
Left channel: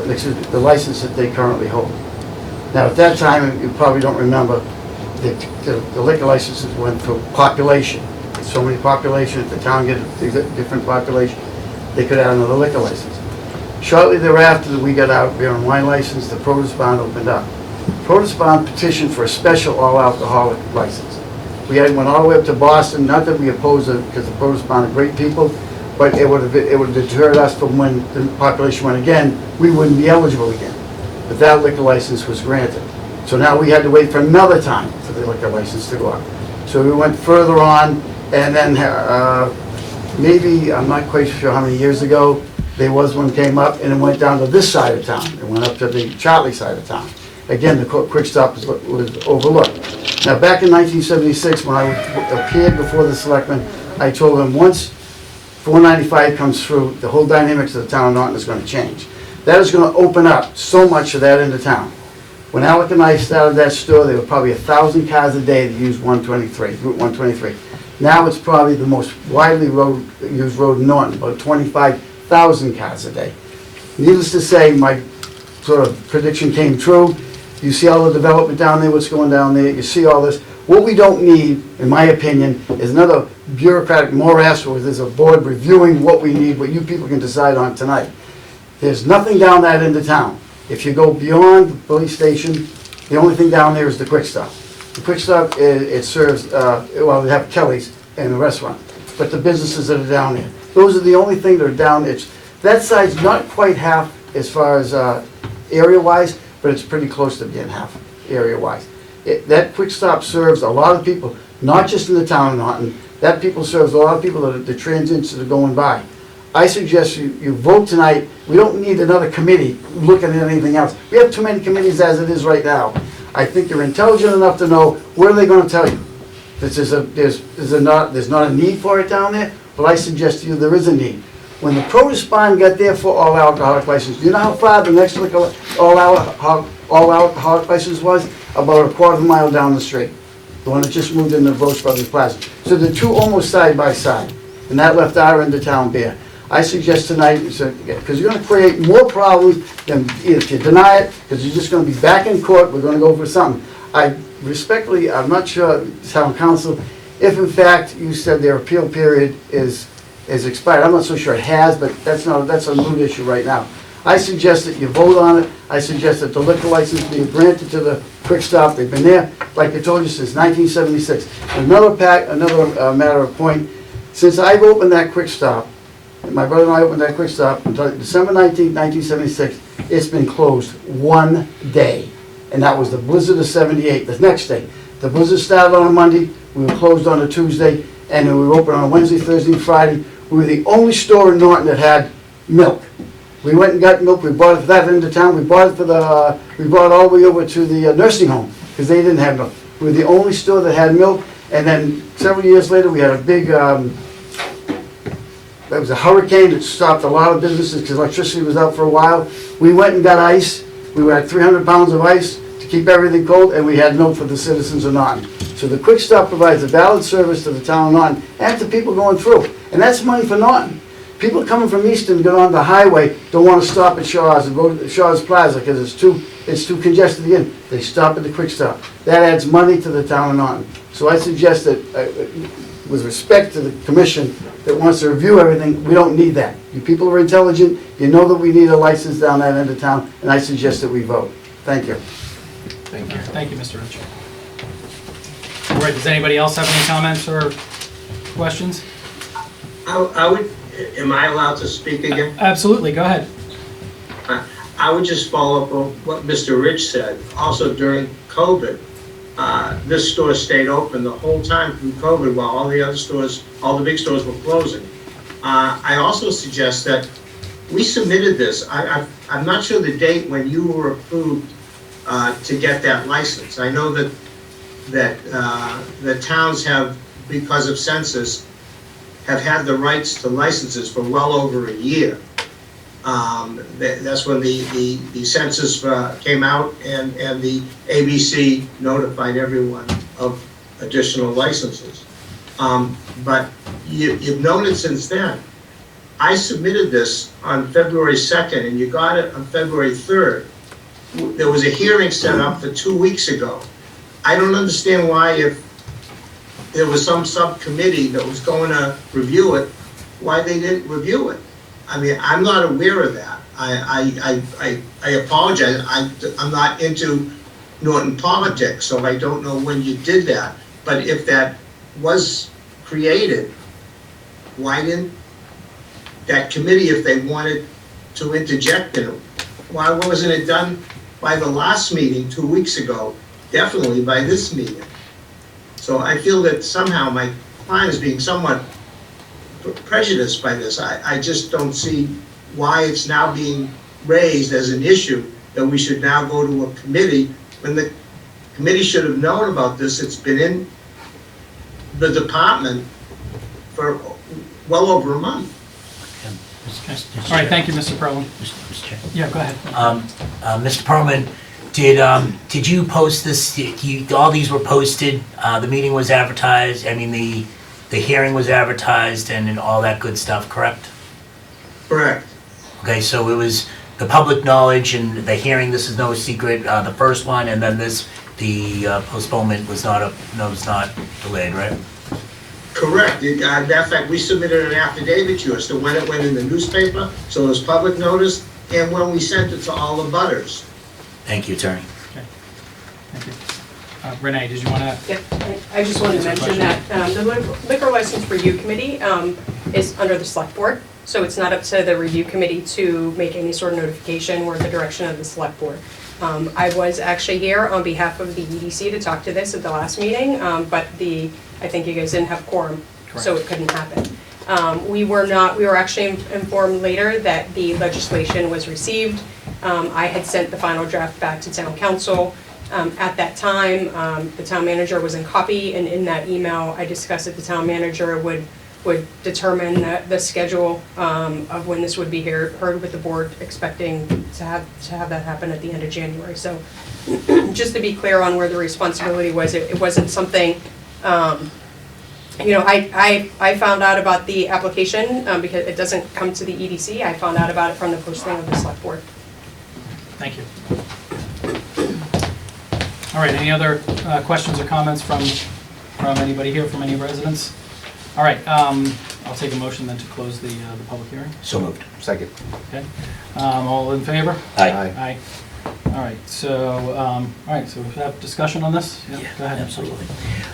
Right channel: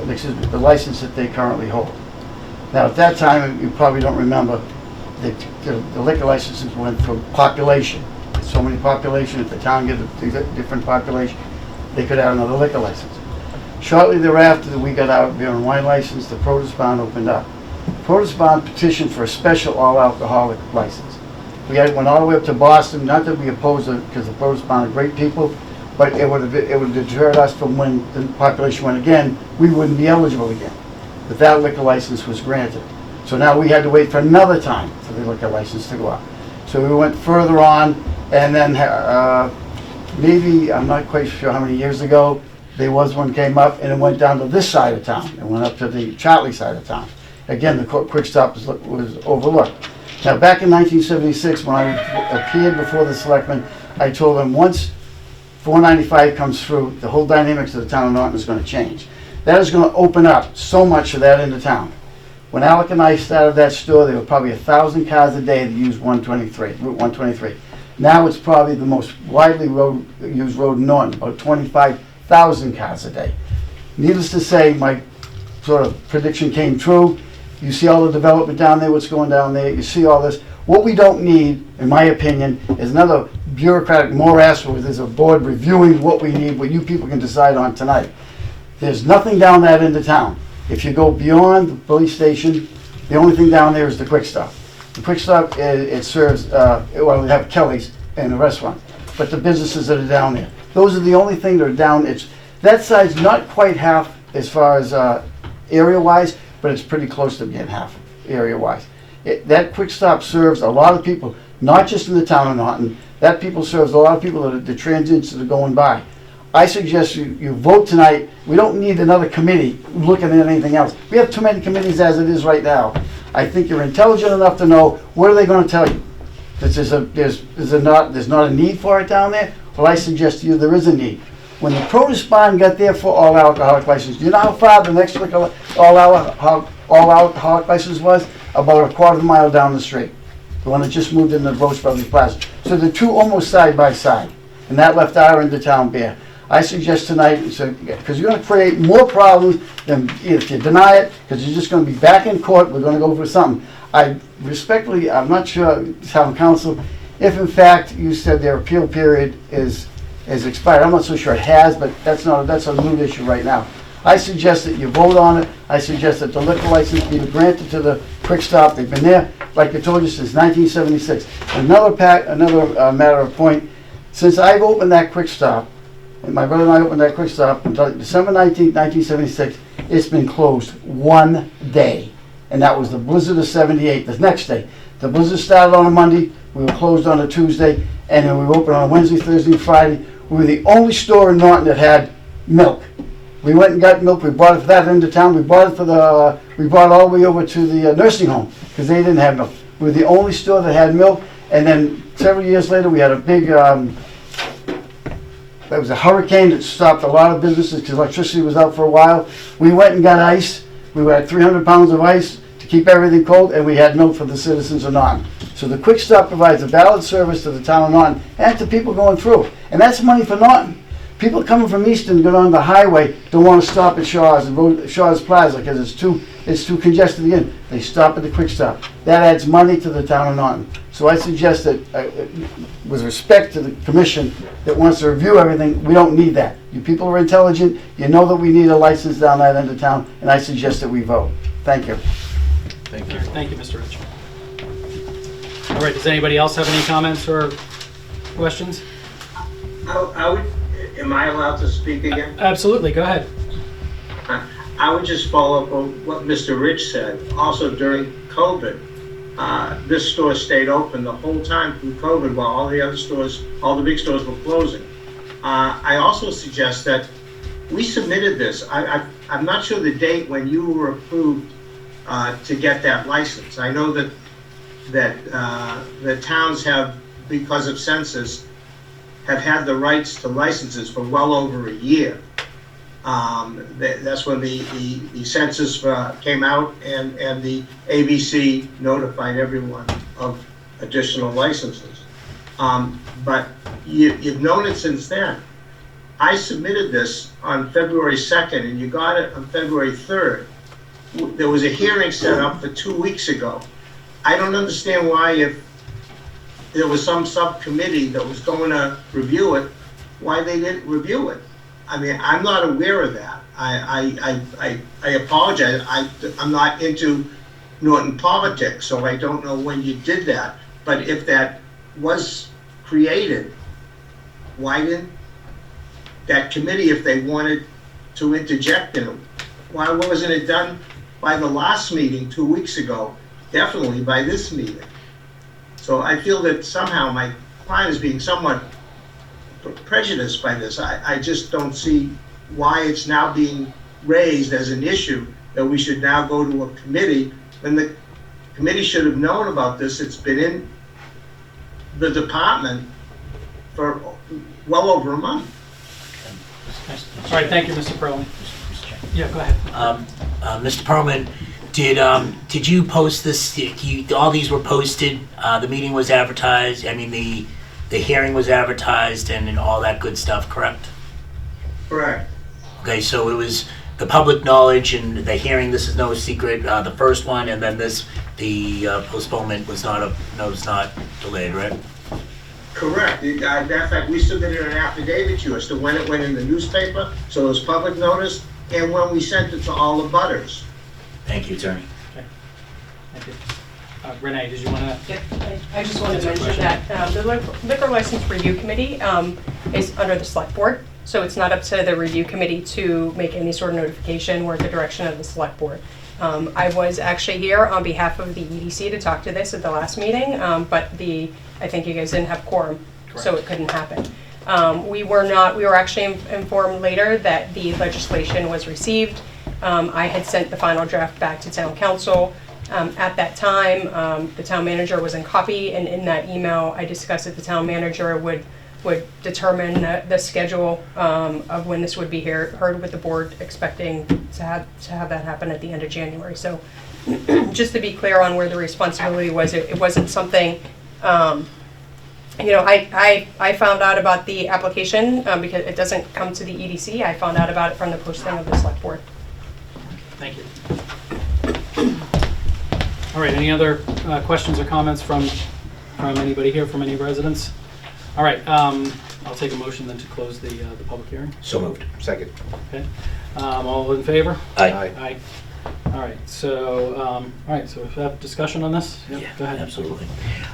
Excuse me, the license that they currently hold. Now, at that time, you probably don't remember, the liquor licenses went for population. So many population, if the town get a different population, they could add another liquor license. Shortly thereafter, we got our beer and wine license, the Produce Barn opened up. Produce Barn petitioned for a special all-alcoholic license. We went all the way up to Boston, not that we opposed it, because the Produce Barn are great people, but it would have deterred us from when the population went again, we wouldn't be eligible again. But that liquor license was granted. So now we had to wait for another time for the liquor license to go up. So we went further on, and then maybe, I'm not quite sure how many years ago, there was one came up and it went down to this side of town. It went up to the Charlie side of town. Again, the Quick Stop was overlooked. Now, back in 1976, when I appeared before the selectmen, I told them once 495 comes through, the whole dynamics of the town of Norton is going to change. That is going to open up so much of that into town. When Alec and I started that store, there were probably 1,000 cars a day that used Route 123. Now it's probably the most widely used road in Norton, about 25,000 cars a day. Needless to say, my sort of prediction came true. You see all the development down there, what's going down there, you see all this. What we don't need, in my opinion, is another bureaucratic morass where there's a board reviewing what we need, what you people can decide on tonight. There's nothing down that end of town. If you go beyond the police station, the only thing down there is the Quick Stop. The Quick Stop, it serves, well, they have Kelly's and the restaurant, but the businesses that are down there, those are the only thing that are down. That side's not quite half as far as area-wise, but it's pretty close to being half area-wise. That Quick Stop serves a lot of people, not just in the town of Norton. That people serves a lot of people that are the transients that are going by. I suggest you vote tonight. We don't need another committee looking at anything else. We have too many committees as it is right now. I think you're intelligent enough to know what are they going to tell you. There's not a need for it down there, but I suggest to you there is a need. When the Produce Barn got their for all alcoholic license, do you know how far the next all alcoholic license was? About a quarter mile down the street. The one that just moved into Rose Brothers Plaza. So the two almost side by side, and that left our end of town bare. I suggest tonight, because you're going to create more problems than if you deny it, because you're just going to be back in court, we're going to go for something. I respectfully, I'm not sure, town council, if in fact you said their appeal period is expired. I'm not so sure it has, but that's a moot issue right now. I suggest that you vote on it. I suggest that the liquor license be granted to the Quick Stop. They've been there, like I told you, since 1976. Another matter of point, since I've opened that Quick Stop, my brother and I opened that Quick Stop until December 19, 1976, it's been closed one day. And that was the blizzard of 78, the next day. The blizzard started on a Monday, we were closed on a Tuesday, and then we were open on Wednesday, Thursday, and Friday. We were the only store in Norton that had milk. We went and got milk, we bought it for that end of town, we bought all the way over to the nursing home, because they didn't have milk. We were the only store that had milk, and then several years later, we had a big, there was a hurricane that stopped a lot of businesses because electricity was out for a while. We went and got ice. We had 300 pounds of ice to keep everything cold, and we had milk for the citizens of Norton. So the Quick Stop provides a valid service to the town of Norton and to people going through. And that's money for Norton. People coming from Easton and get on the highway don't want to stop at Shaw's and go to Shaw's Plaza because it's too congested again. They stop at the Quick Stop. That adds money to the town of Norton. So I suggest that, with respect to the commission that wants to review everything, we don't need that. You people are intelligent. You know that we need a license down that end of town, and I suggest that we vote. Thank you. Thank you. Thank you, Mr. Rich. All right, does anybody else have any comments or questions? Am I allowed to speak again? Absolutely, go ahead. I would just follow up on what Mr. Rich said. Also during COVID, this store stayed open the whole time through COVID while all the other stores, all the big stores were closing. I also suggest that we submitted this. I'm not sure the date when you were approved to get that license. I know that the towns have, because of census, have had the rights to licenses for well over a year. That's when the census came out and the ABC notified everyone of additional licenses. But you've known it since then. I submitted this on February 2nd, and you got it on February 3rd. There was a hearing set up for 2 weeks ago. I don't understand why, if there was some subcommittee that was going to review it, why they didn't review it. I mean, I'm not aware of that. I apologize. I'm not into Norton politics, so I don't know when you did that. But if that was created, why didn't that committee, if they wanted to interject in it, why wasn't it done by the last meeting 2 weeks ago? Definitely by this meeting. So I feel that somehow my client is being somewhat prejudiced by this. I just don't see why it's now being raised as an issue that we should now go to a committee when the committee should have known about this. It's been in the department for well over a month. All right, thank you, Mr. Perlman. Yeah, go ahead. Mr. Perlman, did you post this? All these were posted. The meeting was advertised. I mean, the hearing was advertised and all that good stuff. Correct? Correct. Okay, so it was the public knowledge and the hearing. This is no secret. The first one, and then the postponement was not delayed, right? Correct. Matter of fact, we submitted an affidavit to us to when it went in the newspaper, so it was public notice, and when we sent it to all the butters. Thank you, Attorney. Okay. Thank you. Renee, did you want to? Yeah, I just wanted to mention that the Liquor License Review Committee is under the Select Board, so it's not up to the Review Committee to make any sort of notification or the direction of the Select Board. I was actually here on behalf of the EDC to talk to this at the last meeting, but I think you guys didn't have quorum, so it couldn't happen. We were actually informed later that the legislation was received. I had sent the final draft back to town council. At that time, the town manager was in copy, and in that email, I discussed that the town manager would determine the schedule of when this would be heard with the board, expecting to have that happen at the end of January. So just to be clear on where the responsibility was, it wasn't something, I found out about the application because it doesn't come to the EDC. I found out about it from the posting of the select board. Thank you. All right, any other questions or comments from anybody here, from any residents? All right, I'll take a motion then to close the public hearing. So moved. Second. Okay. All in favor? Aye. Aye. All right, so we have discussion on this? Yeah, go ahead. Absolutely.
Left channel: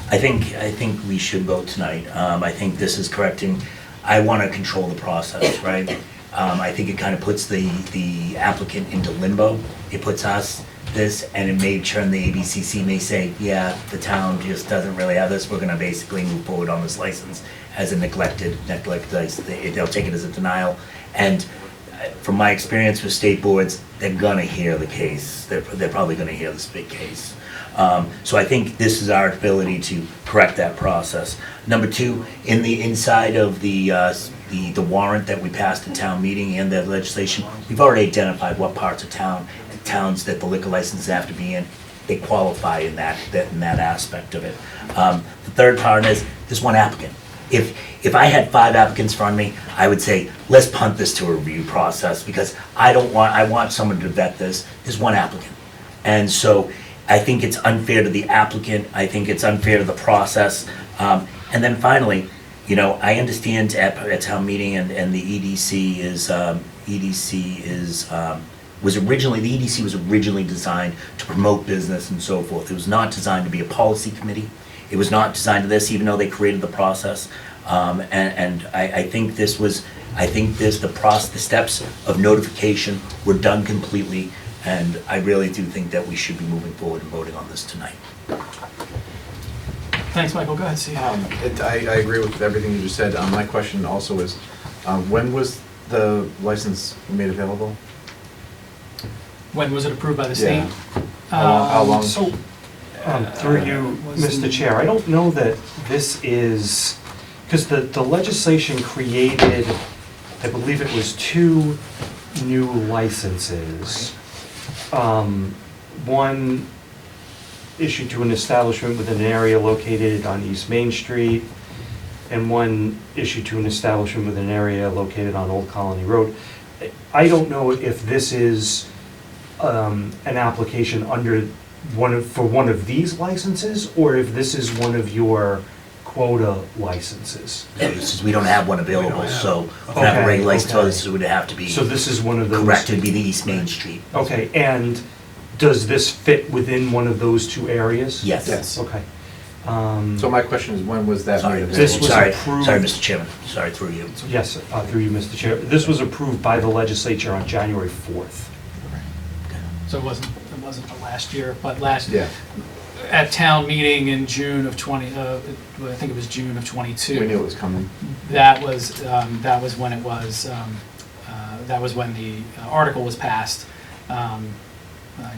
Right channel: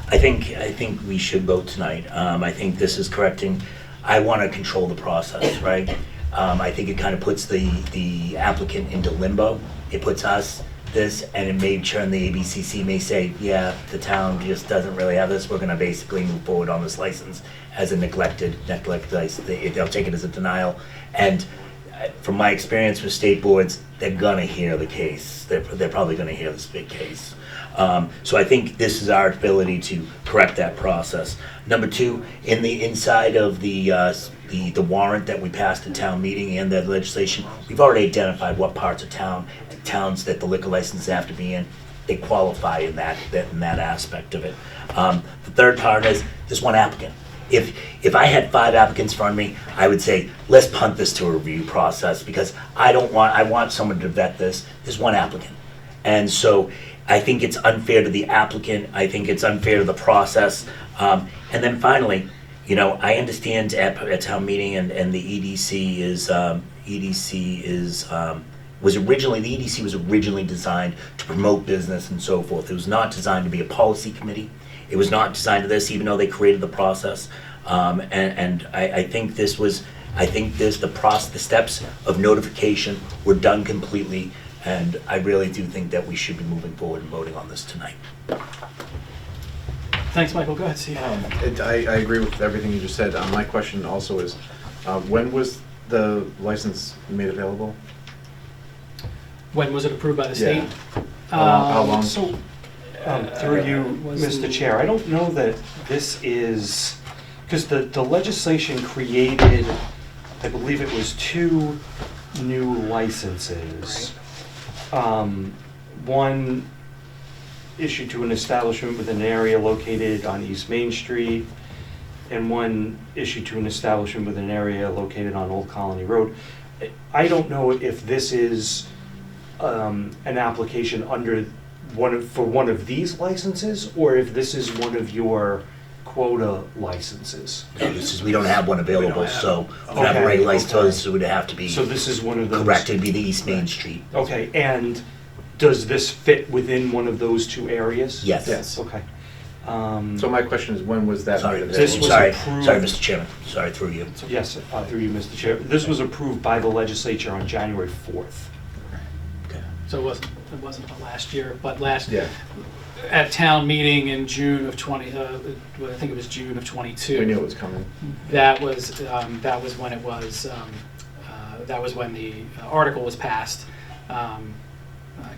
I think we should vote tonight. I think this is correcting. I want to control the process, right? I think it kind of puts the applicant into limbo. It puts us this, and it may turn the ABCC may say, yeah, the town just doesn't really have this. We're going to basically move forward on this license as a neglected. They'll take it as a denial. And from my experience with state boards, they're gonna hear the case. They're probably gonna hear this big case. So I think this is our ability to correct that process. Number two, in the inside of the warrant that we passed at town meeting and that legislation, we've already identified what parts of towns that the liquor licenses have to be in. They qualify in that aspect of it. The third part is there's one applicant. If I had 5 applicants in front of me, I would say, let's punt this to a review process because I want someone to vet this. There's one applicant. And so I think it's unfair to the applicant. I think it's unfair to the process. And then finally, I understand at town meeting and the EDC was originally designed to promote business and so forth. It was not designed to be a policy committee. It was not designed to this, even though they created the process. And I think the steps of notification were done completely, and I really do think that we should be moving forward and voting on this tonight. Thanks, Michael. Go ahead, Steve. I agree with everything you just said. My question also is, when was the license made available? When was it approved by the state? How long? Through you, Mr. Chair, I don't know that this is, because the legislation created, I believe it was 2 new licenses. One issued to an establishment within an area located on East Main Street, and one issued to an establishment within an area located on Old Colony Road. I don't know if this is an application under for one of these licenses, or if this is one of your quota licenses. Yeah, this is, we don't have one available, so for Okay, a regular license, okay. this would have to be. So this is one of those. Correct, it'd be the East Main Street. Okay, and does this fit within one of those two areas? Yes. Yes. Okay. So my question is, when was that Sorry, made This available? was sorry, approved- sorry, Mr. Chairman, sorry through you. Yes, through you, Mr. Chair. This was approved by the legislature on January 4th. So it wasn't the last year, but last, Yeah, at town meeting in June of I think it was June of we '22. knew it was coming. That was when it was, that was when the article was passed,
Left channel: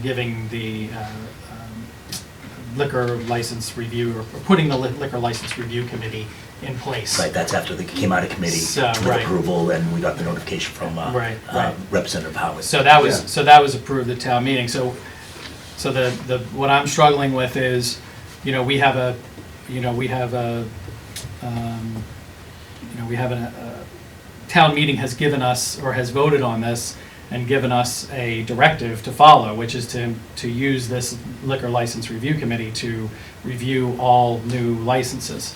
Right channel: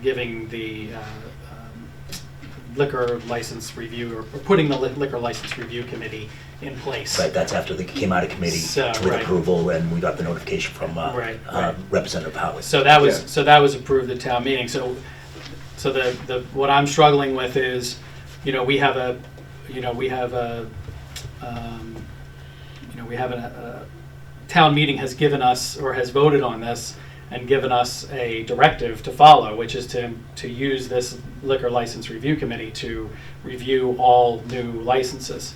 giving the liquor license review, or putting the liquor license review committee in place. Right, that's after they came out of committee So, with right. approval, and we got the notification from Right. Representative Howard. So that was, Yeah. so that was approved at town meeting. So the, what I'm struggling with is, we have a town meeting has given us, or has voted on this, and given us a directive to follow, which is to use this liquor license review committee to review all new licenses.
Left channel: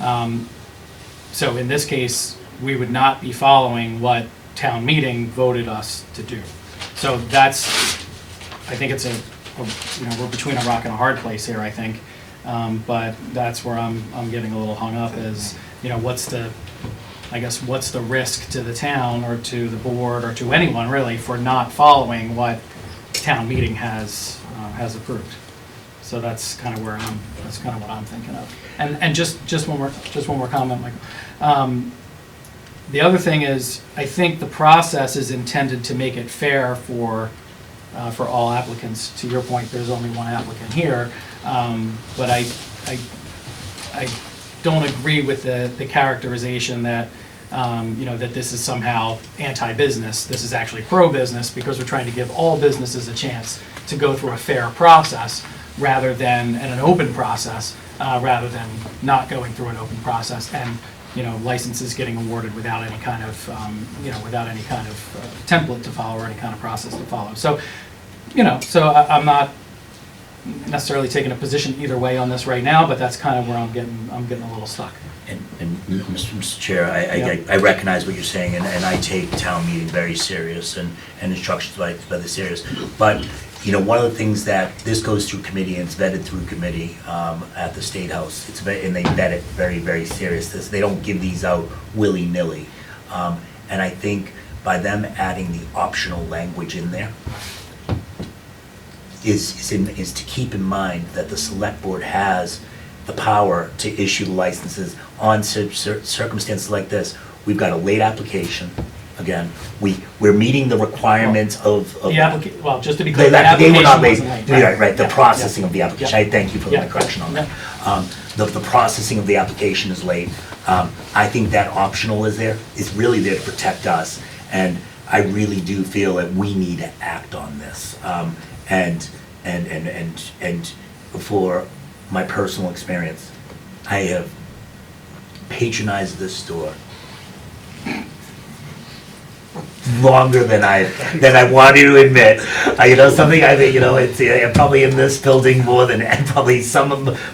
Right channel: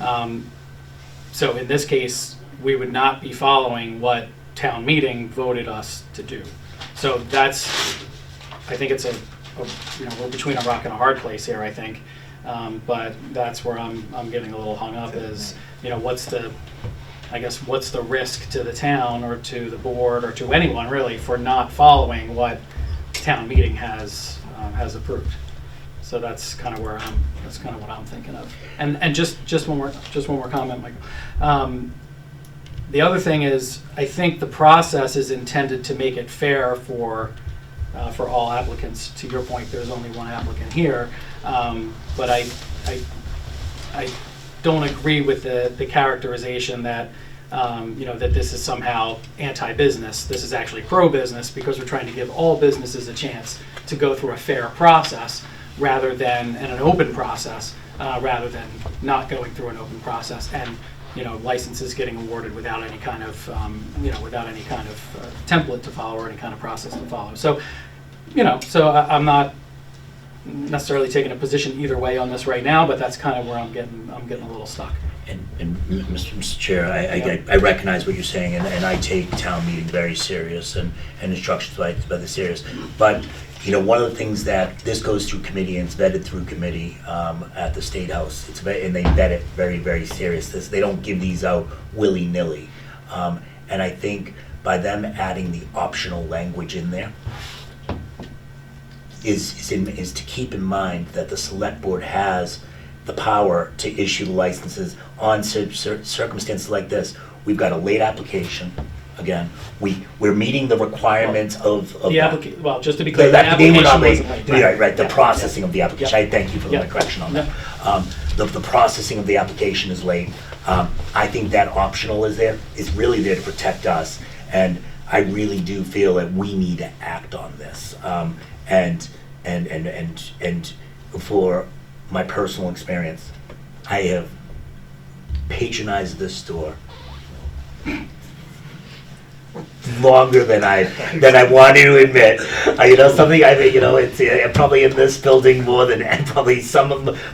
So in this case, we would not be following what town meeting voted us to do. So that's, I think it's we're between a rock and a hard place here, I think. But that's where I'm getting a little hung up is, what's the risk to the town or to the board or to anyone really for not following what town meeting has approved. So that's kind of what I'm thinking of. And just one more comment, Michael. The other thing is, I think the process is intended to make it fair for all applicants. To your point, there's only one applicant here, but I don't agree with the characterization that that this is somehow anti-business. This is actually pro-business because we're trying to give all businesses a chance to go through a fair process rather than an open process, rather than not going through an open process and licenses getting awarded without any kind of template to follow or any kind of process to follow. So I'm not necessarily taking a position either way on this right now, but that's kind of where I'm getting a little stuck. And Mr. Chair, I recognize what you're saying, and I take town meeting very serious and instructions by the serious. But, one of the things that this goes through committee and it's vetted through committee at the State House, and they vet it very, very serious. They don't give these out willy-nilly. And I think by them adding the optional language in there is to keep in mind that the select board has the power to issue licenses on circumstances like this. We've got a late application. Again, we're meeting the requirements of The application, well, just to be clear, the they application were not late. wasn't late. Right, the Yeah, processing yeah, of the application. yeah. I thank you for Yeah. the correction on that. Yeah. The processing of the application is late. I think that optional is really there to protect us, and I really do feel that we need to act on this. And for my personal experience, I have patronized this store longer than I wanted to admit. I'm probably in this building more than and probably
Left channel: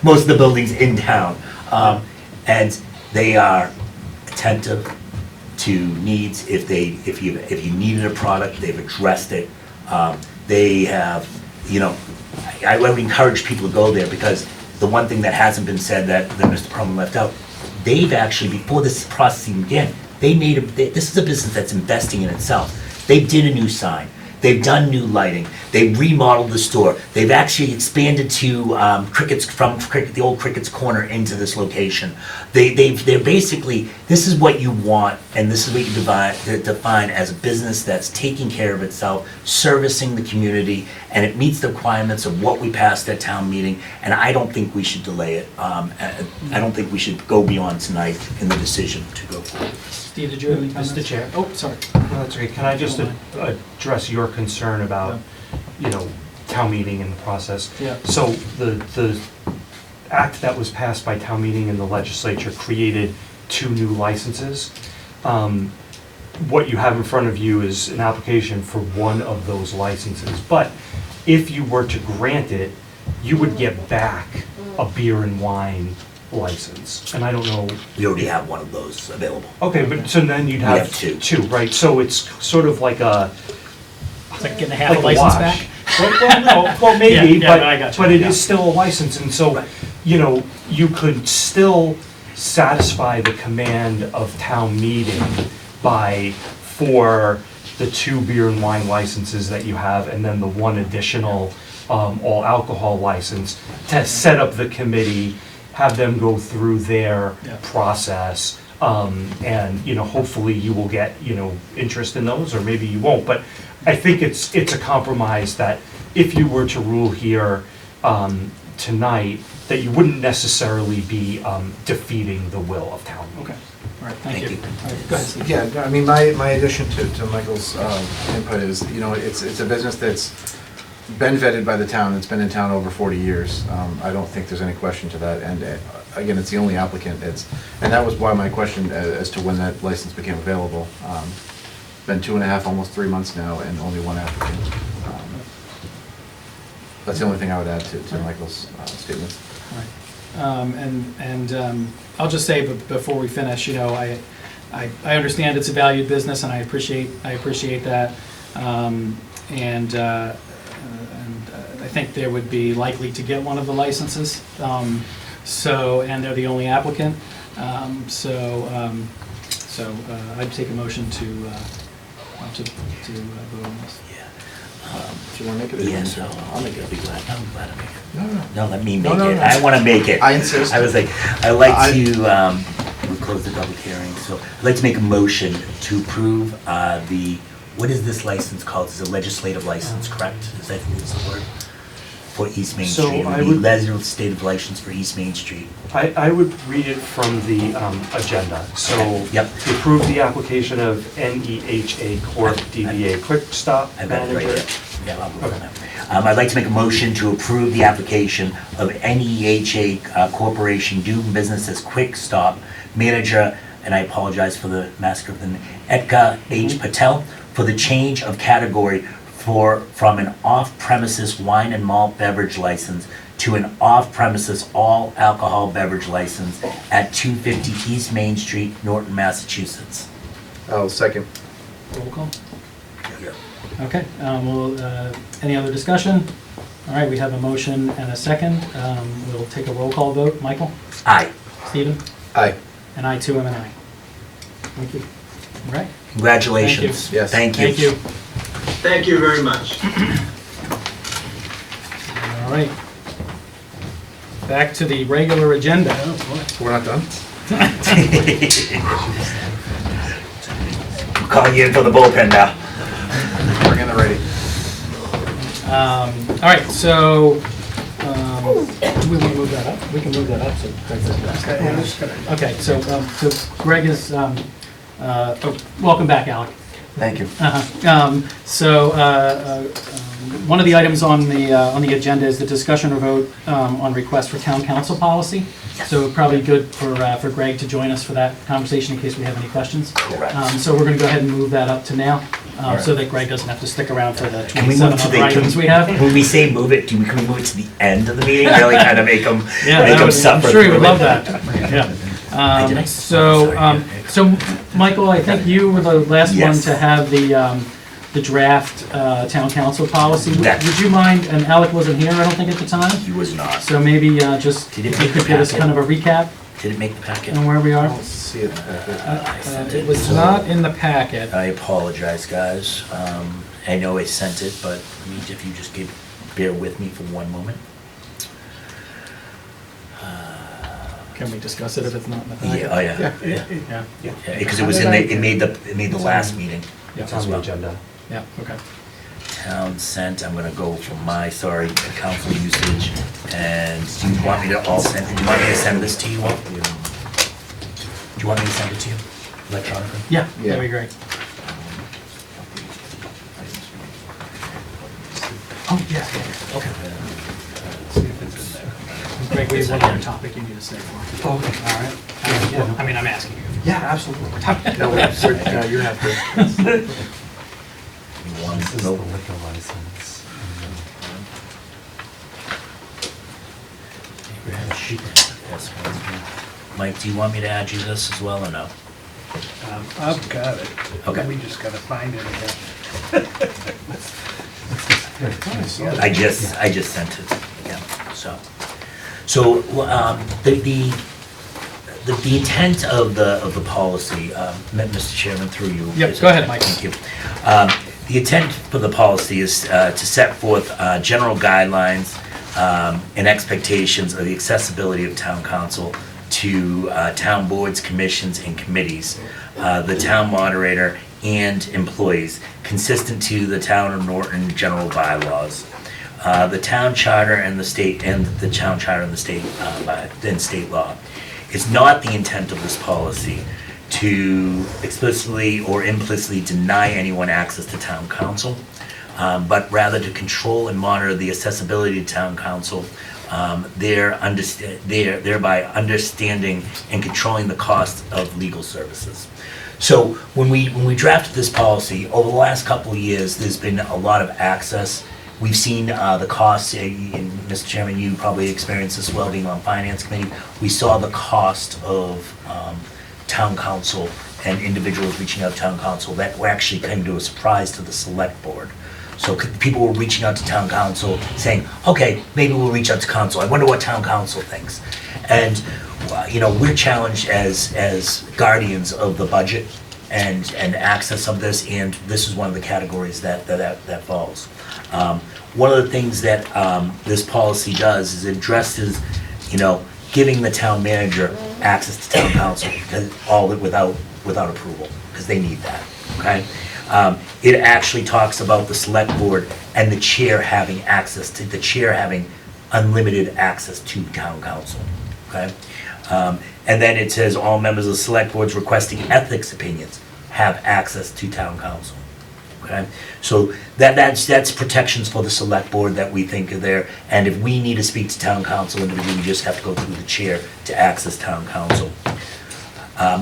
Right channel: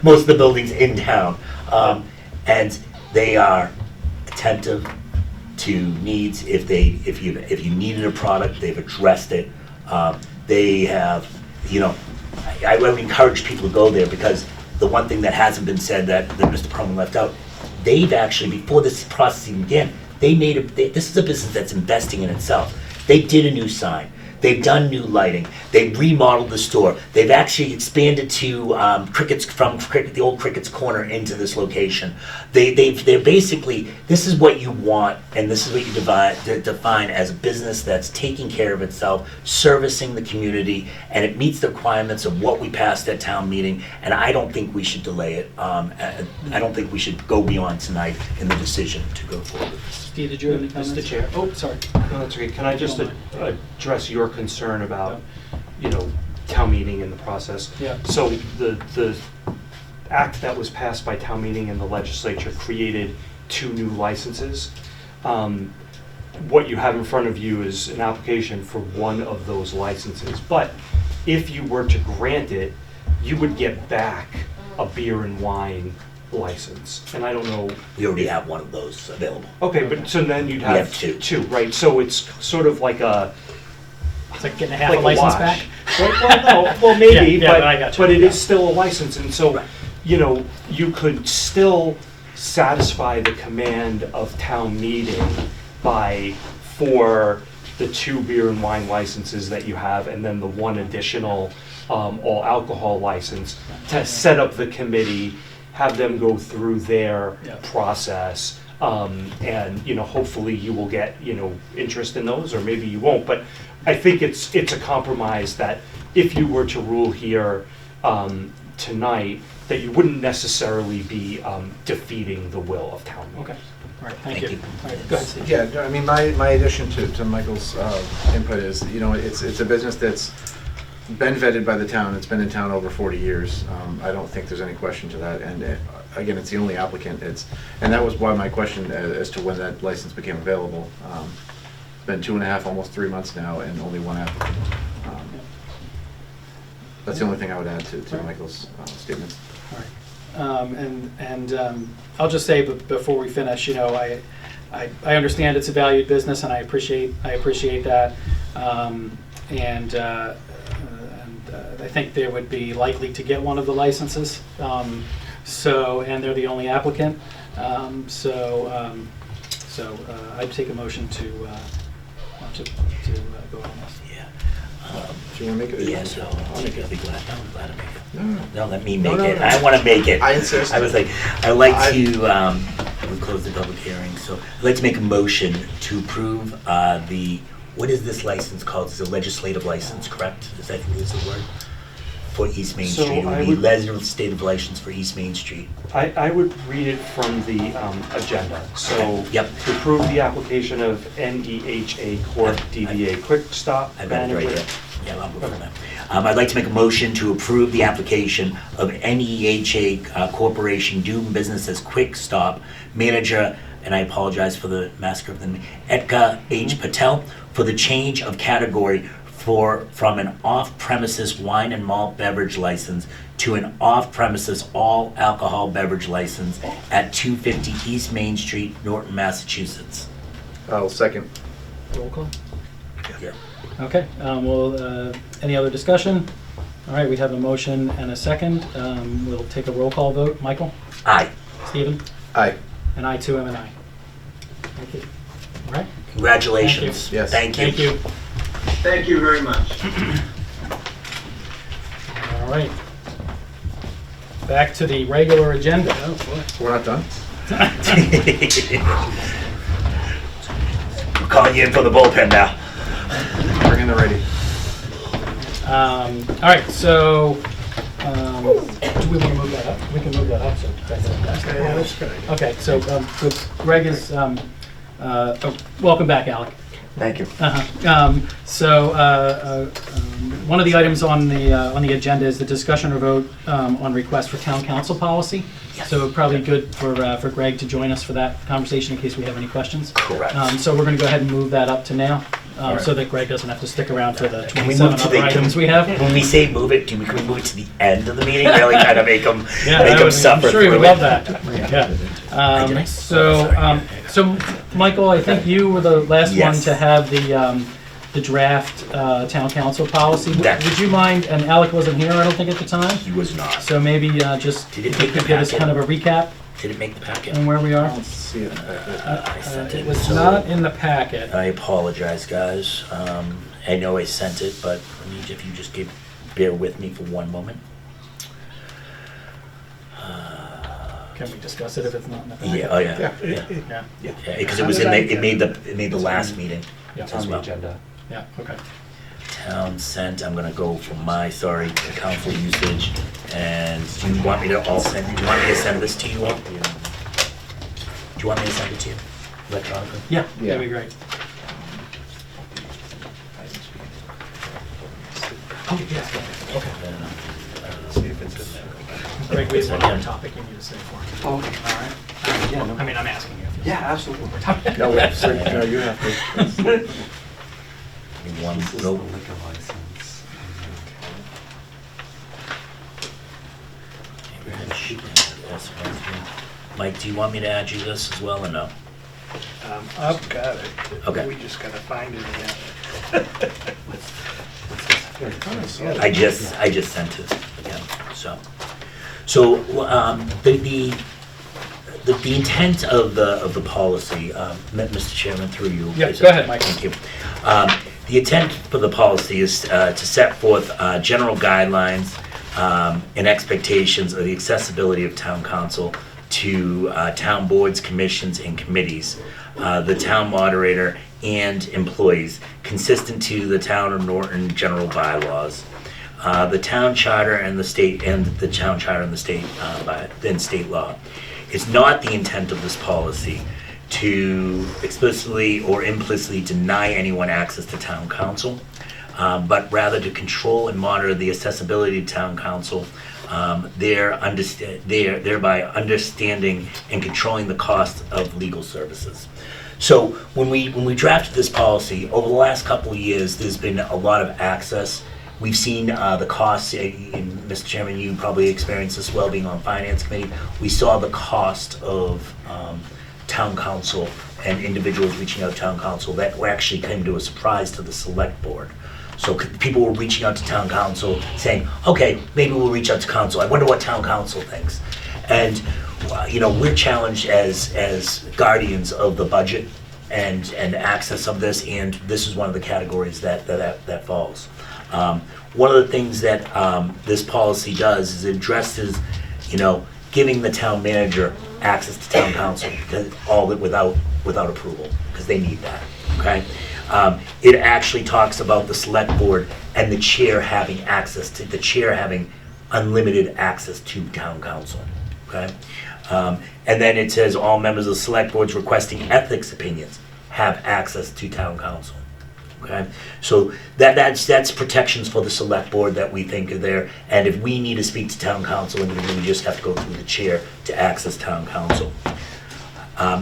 most of the buildings in town, and they are attentive to needs. If you needed a product, they've addressed it. They have, I would encourage people to go there, because the one thing that hasn't been said that Mr. Perlman left out, they've actually, before this process even began, this is a business that's investing in itself. They did a new sign. They've done new lighting. They've remodeled the store. They've actually expanded to the old Crickett's Corner into this location. They're basically, this is what you want, and this is what you define as a business that's taking care of itself, servicing the community, and it meets the requirements of what we passed at town meeting, and I don't think we should delay it. I don't think we should go beyond tonight in the decision to go forward. Steve, did you have any comments? Mr. Chair. Oh, sorry. No, that's okay. Can I just address your concern about, town meeting and the process? Yeah. So the act that was passed by town meeting and the legislature created 2 new licenses. What you have in front of you is an application for one of those licenses. But if you were to grant it, you would get back a beer and wine license. And I don't know. We already have one of those available. Okay, but so then you'd We have have two. two, right? So it's sort of like a. It's like getting a half like a license wash. back? Well, maybe, Yeah, I got you. but it Yeah. is still a license, and so, you know, you could still satisfy the command of town meeting for the 2 beer and wine licenses that you have, and then the 1 additional all alcohol license, to set up the committee, have them go through their process, and, you know, hopefully you will get, you know, interest in those, or maybe you won't, but I think it's a compromise that if you were to rule here tonight, that you wouldn't necessarily be defeating the will of town. Okay, all right, thank you. All right, go ahead, Steve. Yeah, I mean, my addition to Michael's input is, you know, it's a business that's been vetted by the town, that's been in town over 40 years. I don't think there's any question to that, and again, it's the only applicant. And that was why my question as to when that license became available. Been 2.5, almost 3 months now, and only 1 applicant. That's the only thing I would add to Michael's statements. All right. I'll just say, but before we finish, you know, I understand it's a valued business, and I appreciate that. And I think they would be likely to get one of the licenses. And they're the only applicant. So I'd take a motion to vote on this. Do you want to make it a Yes, I'll make it. be glad. No, I'm glad to make it. No. No, let me make No, it. no. I want to make it. I insist. I was like, I'd like to, we close the public hearing, so I'd like to make a motion to approve what is this license called? It's a legislative license, correct? Is that the word? For East Main So Street. It I would be would- legislative license for East Main Street. I would read it from the agenda. So Yep. to approve the application of NEHA Corp. DBA Quick Stop I've got it right Manager. there. Yeah, I'll move on that. I'd like to make a motion to approve the application of NEHA Corporation doing business as Quick Stop Manager, and I apologize for the massacre of the name, Etka H. Patel, for the change of category from an off-premises wine and malt beverage license to an off-premises all alcohol beverage license at 250 East Main Street, Norton, Massachusetts. I'll second. Roll call? Yeah. Okay, any other discussion? All right, we have a motion and a second. We'll take a roll call vote. Michael? Aye. Stephen? Aye. And I too am an aye. Thank you. All right? Congratulations. Thank you. Yes. Thank you. Thank you. Thank you very much. All right. Back to the regular agenda. We're not done? I'm calling you in for the bullpen now. Bring in the ready. All right, so, do we want to move that up? We can move that up, so Greg doesn't. Okay, so Greg is, welcome back, Alec. Thank you. One of the items on the agenda is the discussion or vote on request for town council policy. So probably good for Greg to join us for that conversation in case we have any questions. Correct. So we're going to go ahead and move that up to now, so that Greg doesn't have to stick around for the Can we 27 move to other items we have. When we say move it, can we move it to the end of the meeting? Really kind of make them I'm suffer. sure he would through love it. that. Yeah. So Michael, I think you were the last one Yes. to have the draft town council policy. That- Would you mind, and Alec wasn't here, I don't think, at the time, He was not. so maybe just Did it if you make could the give us packet? kind of a recap Did it make the packet? on where we I are? don't see it. I sent It was so not in the packet. I apologize, guys. I know I sent it, but if you just bear with me for one moment. Can we discuss it if it's not in the packet? Yeah, oh yeah, Yeah. yeah, because it was in the, it made the last meeting Yeah. It's as on the well. agenda. Yeah, okay. Town sent, I'm gonna go from my, sorry, council usage, and do you want me to send this to you all? Do you want me to send it to you electronically? Yeah, Yeah. that'd be great. Oh, yeah, okay. See if it's in there. Greg, we have one Second. other topic you need to say for. Okay. All right. I mean, I'm asking you. Yeah, absolutely. No, no, you have to. One, This is the no. liquor license. That's one. Mike, do you want me to add you this as well or no? I've got it. Okay. We just gotta find it again. I just sent it again, so. So, the intent of the policy, Mr. Chairman, through you. Yep, is- go ahead, Mike. Thank you. The intent for the policy is to set forth general guidelines and expectations of the accessibility of town council to town boards, commissions, and committees, the town moderator, and employees, consistent to the town of Norton general bylaws, the town charter and the state, and the town charter and the state, and state law. It's not the intent of this policy to explicitly or implicitly deny anyone access to town council, but rather to control and monitor the accessibility to town council, thereby understanding and controlling the cost of legal services. So when we drafted this policy, over the last couple of years, there's been a lot of access. We've seen the costs, and Mr. Chairman, you probably experienced this well being on Finance Committee. We saw the cost of town council and individuals reaching out to town council that actually came to a surprise to the select board. So people were reaching out to town council saying, okay, maybe we'll reach out to council. I wonder what town council thinks. And we're challenged as guardians of the budget and access of this, and this is one of the categories that falls. One of the things that this policy does is it addresses, giving the town manager access to town council, because without approval, because they need that, okay? It actually talks about the select board and the chair having unlimited access to town council, okay? And then it says all members of the select boards requesting ethics opinions have access to town council. Okay, so that's protections for the select board that we think are there, and if we need to speak to town council individually, we just have to go through the chair to access town council.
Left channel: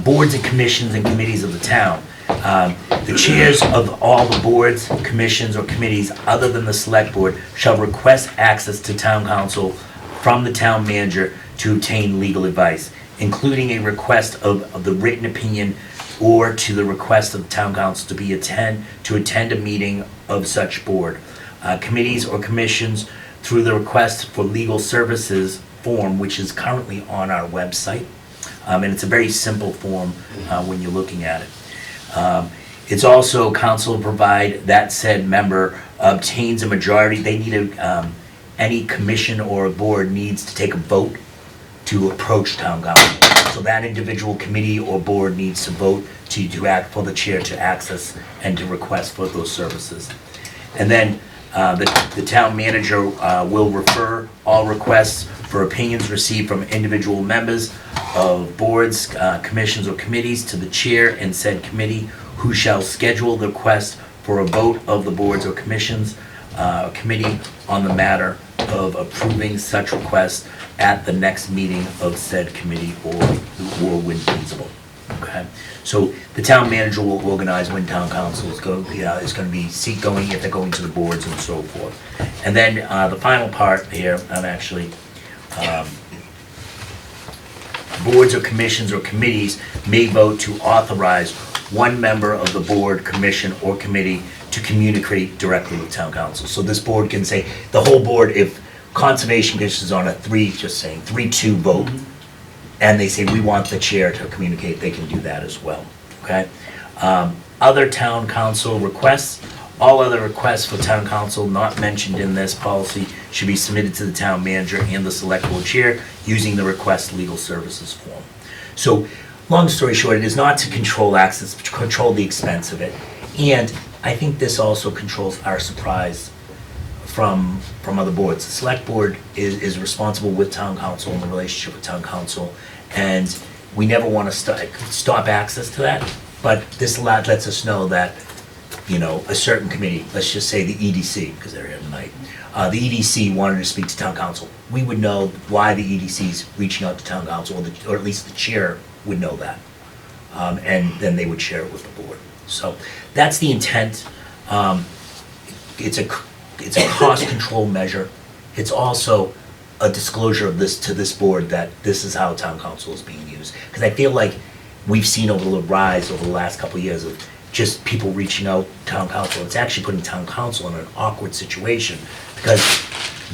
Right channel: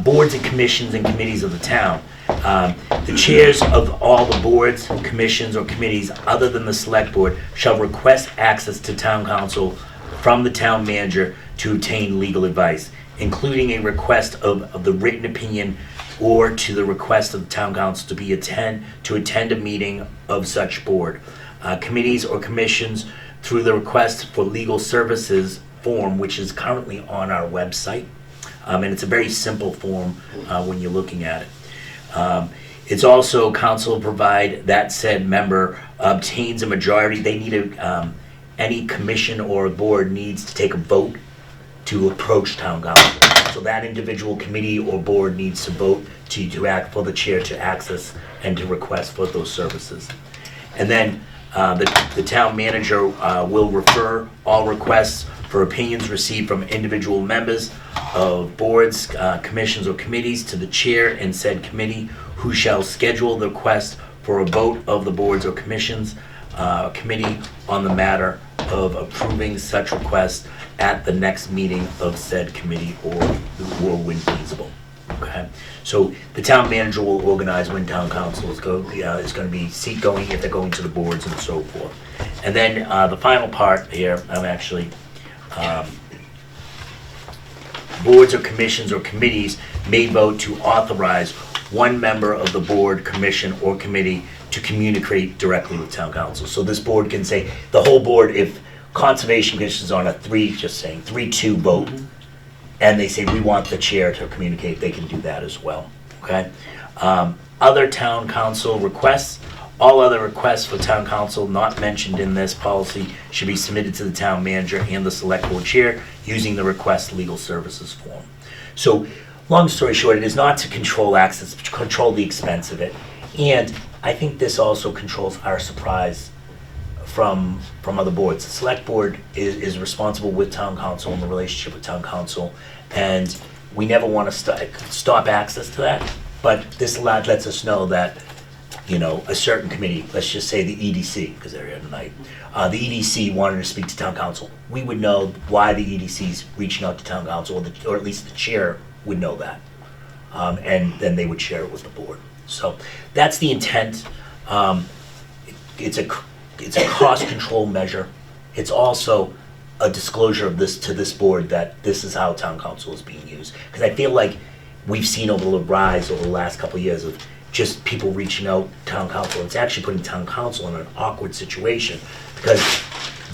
Boards and commissions and committees of the town. The chairs of all the boards, commissions, or committees other than the select board shall request access to town council from the town manager to obtain legal advice, including a request of the written opinion or to the request of the town council to attend a meeting of such board. Committees or commissions through the request for legal services form, which is currently on our website. And it's a very simple form when you're looking at it. It's also council provide that said member obtains a majority. They need any commission or a board needs to take a vote to approach town council. So that individual committee or board needs to vote to act for the chair to access and to request for those services. And then the town manager will refer all requests for opinions received from individual members of boards, commissions, or committees to the chair and said committee, who shall schedule the request for a vote of the boards or commissions committee on the matter of approving such request at the next meeting of said committee or when feasible. Okay, so the town manager will organize when town council is going to be seat going, if they're going to the boards and so forth. And then the final part here, I'm actually boards or commissions or committees may vote to authorize one member of the board, commission, or committee to communicate directly with town council. So this board can say, the whole board, if Conservation Commission is on a 3-2 vote, and they say, we want the chair to communicate, they can do that as well, okay? Other town council requests, all other requests for town council not mentioned in this policy should be submitted to the town manager and the select board chair using the request legal services form. So, long story short, it is not to control access, but to control the expense of it. And I think this also controls our surprise from other boards. The select board is responsible with town council in the relationship with town council, and we never want to stop access to that, but this lets us know that, a certain committee, let's just say the EDC, because they're here tonight, the EDC wanted to speak to town council. We would know why the EDC's reaching out to town council, or at least the chair would know that. And then they would share it with the board. So that's the intent. It's a cost control measure. It's also a disclosure of this to this board that this is how town council is being used. Because I feel like we've seen over the rise over the last couple of years of just people reaching out to town council. It's actually putting town council in an awkward situation because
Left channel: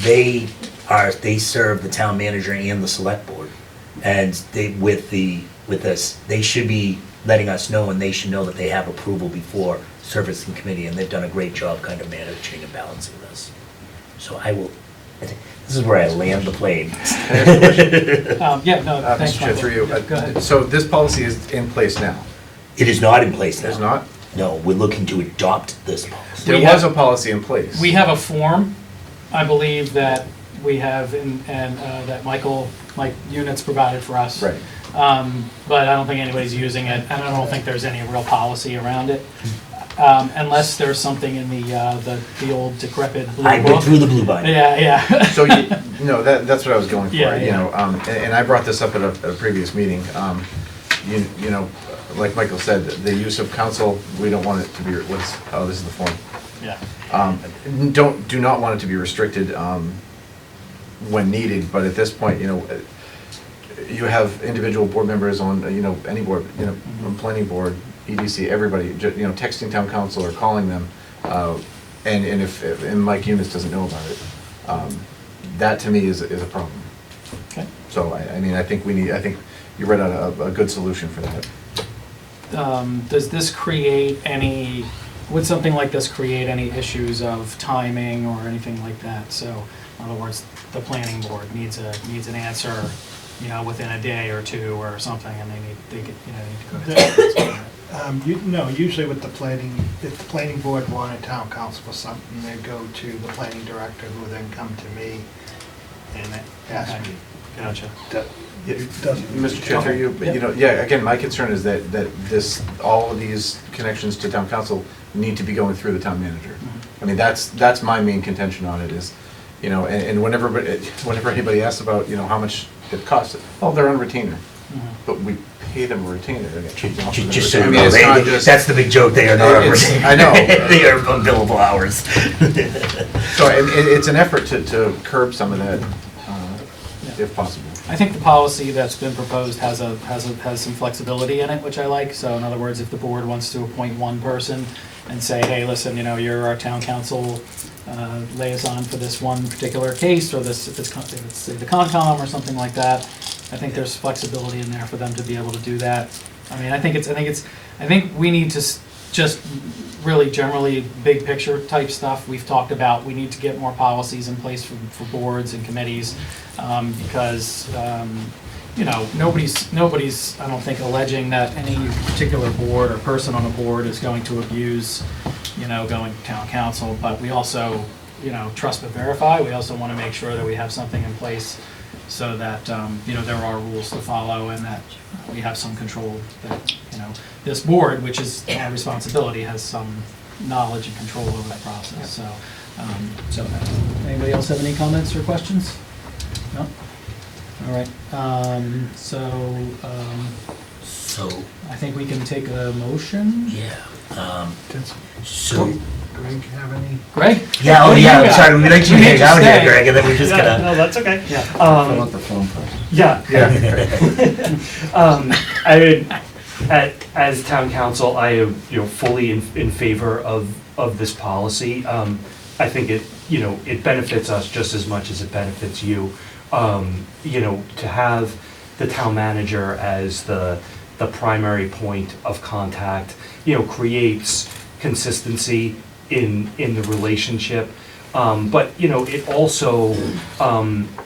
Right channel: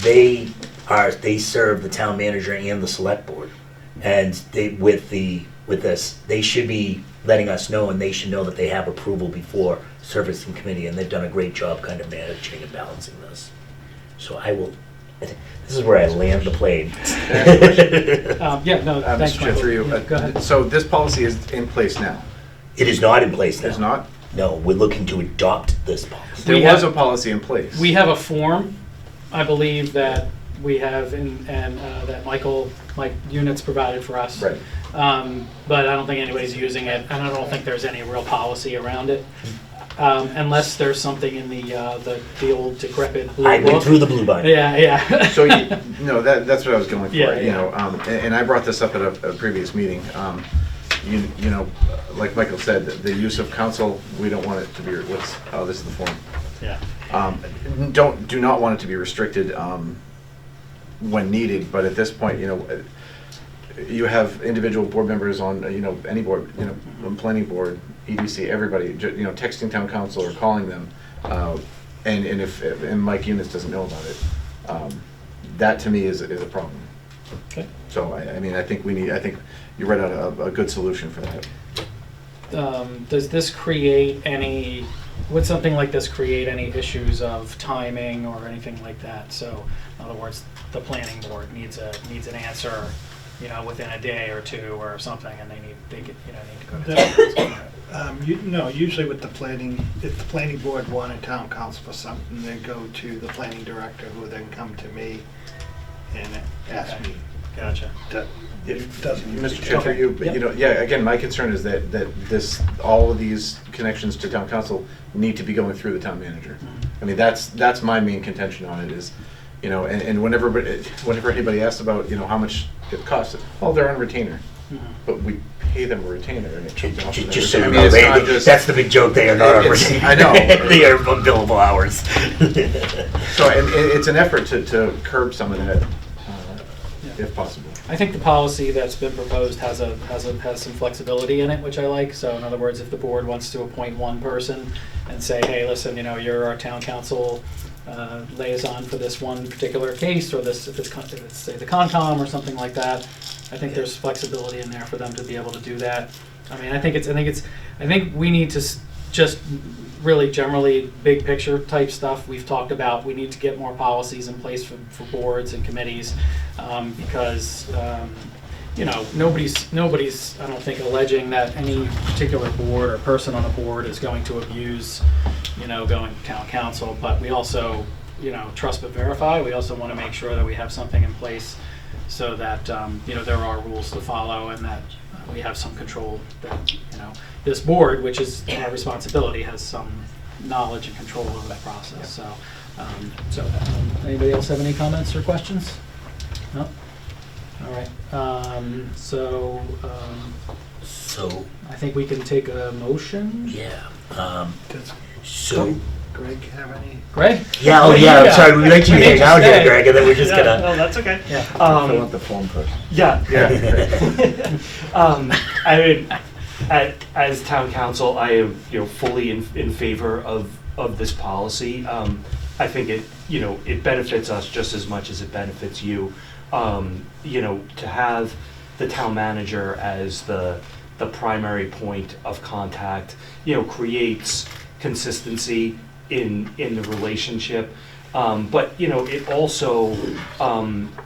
they serve the town manager and the select board. And with this, they should be letting us know, and they should know that they have approval before service and committee, and they've done a great job kind of managing and balancing this. So this is where I land the plane. Yeah, no, thanks, Mr. Chair, Michael. through you. Yeah, go ahead. So this policy is in place now? It is not in place now. It's not? No, we're looking to adopt this policy. There was a policy in place. We have a form, I believe, that we have and that Mike Units provided for us. Right. But I don't think anybody's using it, and I don't think there's any real policy around it. Unless there's something in the old decrepit blue book. I went through the blue binder. Yeah. So, that's what I was going for, Yeah, you yeah. know, and I brought this up at a previous meeting. You know, like Michael said, the use of council, we don't want it to be, this is the form. Yeah. Do not want it to be restricted when needed, but at this point, you know, you have individual board members on, you know, any board, you know, planning board, EDC, everybody, you know, texting town council or calling them, and if Mike Eunice doesn't know about it, that to me is a problem. Okay. So I mean, I think you read out a good solution for that. Does this create any? Would something like this create any issues of timing or anything like that? So, in other words, the planning board needs an answer, you know, within a day or two or something, and they need to go to. Usually with the planning, if the planning board wanted town council for something, they'd go to the planning director, who then come to me and ask me. Gotcha. It doesn't. Mr. Chair, through you, but, you know, yeah, again, my concern is that all of these connections to town council need to be going through the town manager. I mean, that's my main contention on it is, you know, and whenever anybody asks about, you know, how much it costs, they're on retainer. But we pay them a retainer and it pays off. Just so you know, that's the big joke, they are not on retainer. I know. They are on billable hours. So it's an effort to curb some of that, if possible. I think the policy that's been proposed has some flexibility in it, which I like. So in other words, if the board wants to appoint one person and say, hey, listen, you know, you're our town council liaison for this one particular case, or this, if it's say the Concom or something like that, I think there's flexibility in there for them to be able to do that. I mean, I think we need to just really generally big picture type stuff we've talked about. We need to get more policies in place for boards and committees, because you know, nobody's I don't think alleging that any particular board or person on a board is going to abuse, you know, going to town council. But we also, you know, trust but verify. We also want to make sure that we have something in place so that you know, there are rules to follow and that we have some control, that, you know, this board, which is our responsibility, has some knowledge and control over that process. So, anybody else have any comments or questions? No? All right. So I think we can take a motion. Yeah. Does Greg have any? Greg? Yeah, I'm sorry, we let you hang out here, Greg, and then we're just gonna. No, that's okay. Yeah. Fill out the form first. Yeah. I mean, as town council, I am, you know, fully in favor of this policy. I think it benefits us just as much as it benefits you. You know, to have the town manager as the primary point of contact, you know, creates consistency in the relationship. But, you know, it also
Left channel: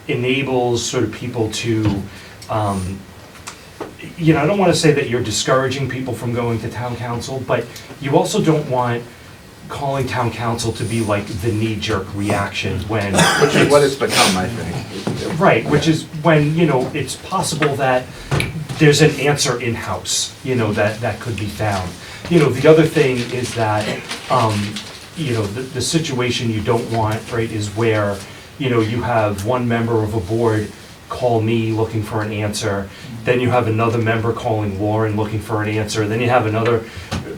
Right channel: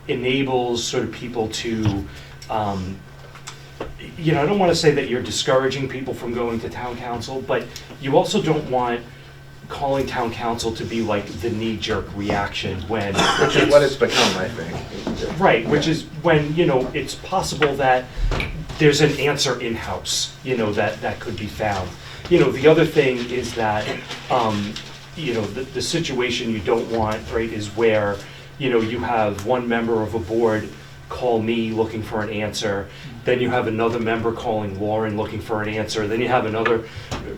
enables sort of people to, you know, I don't want to say that you're discouraging people from going to town council, but you also don't want calling town council to be like the knee-jerk reaction when... Which is what it's become, I think. Right, which is when, you know, it's possible that there's an answer in-house, you know, that could be found. You know, the other thing is that, the situation you don't want, right, is where, you have one member of a board call me looking for an answer, then you have another member calling Warren looking for an answer, then you have another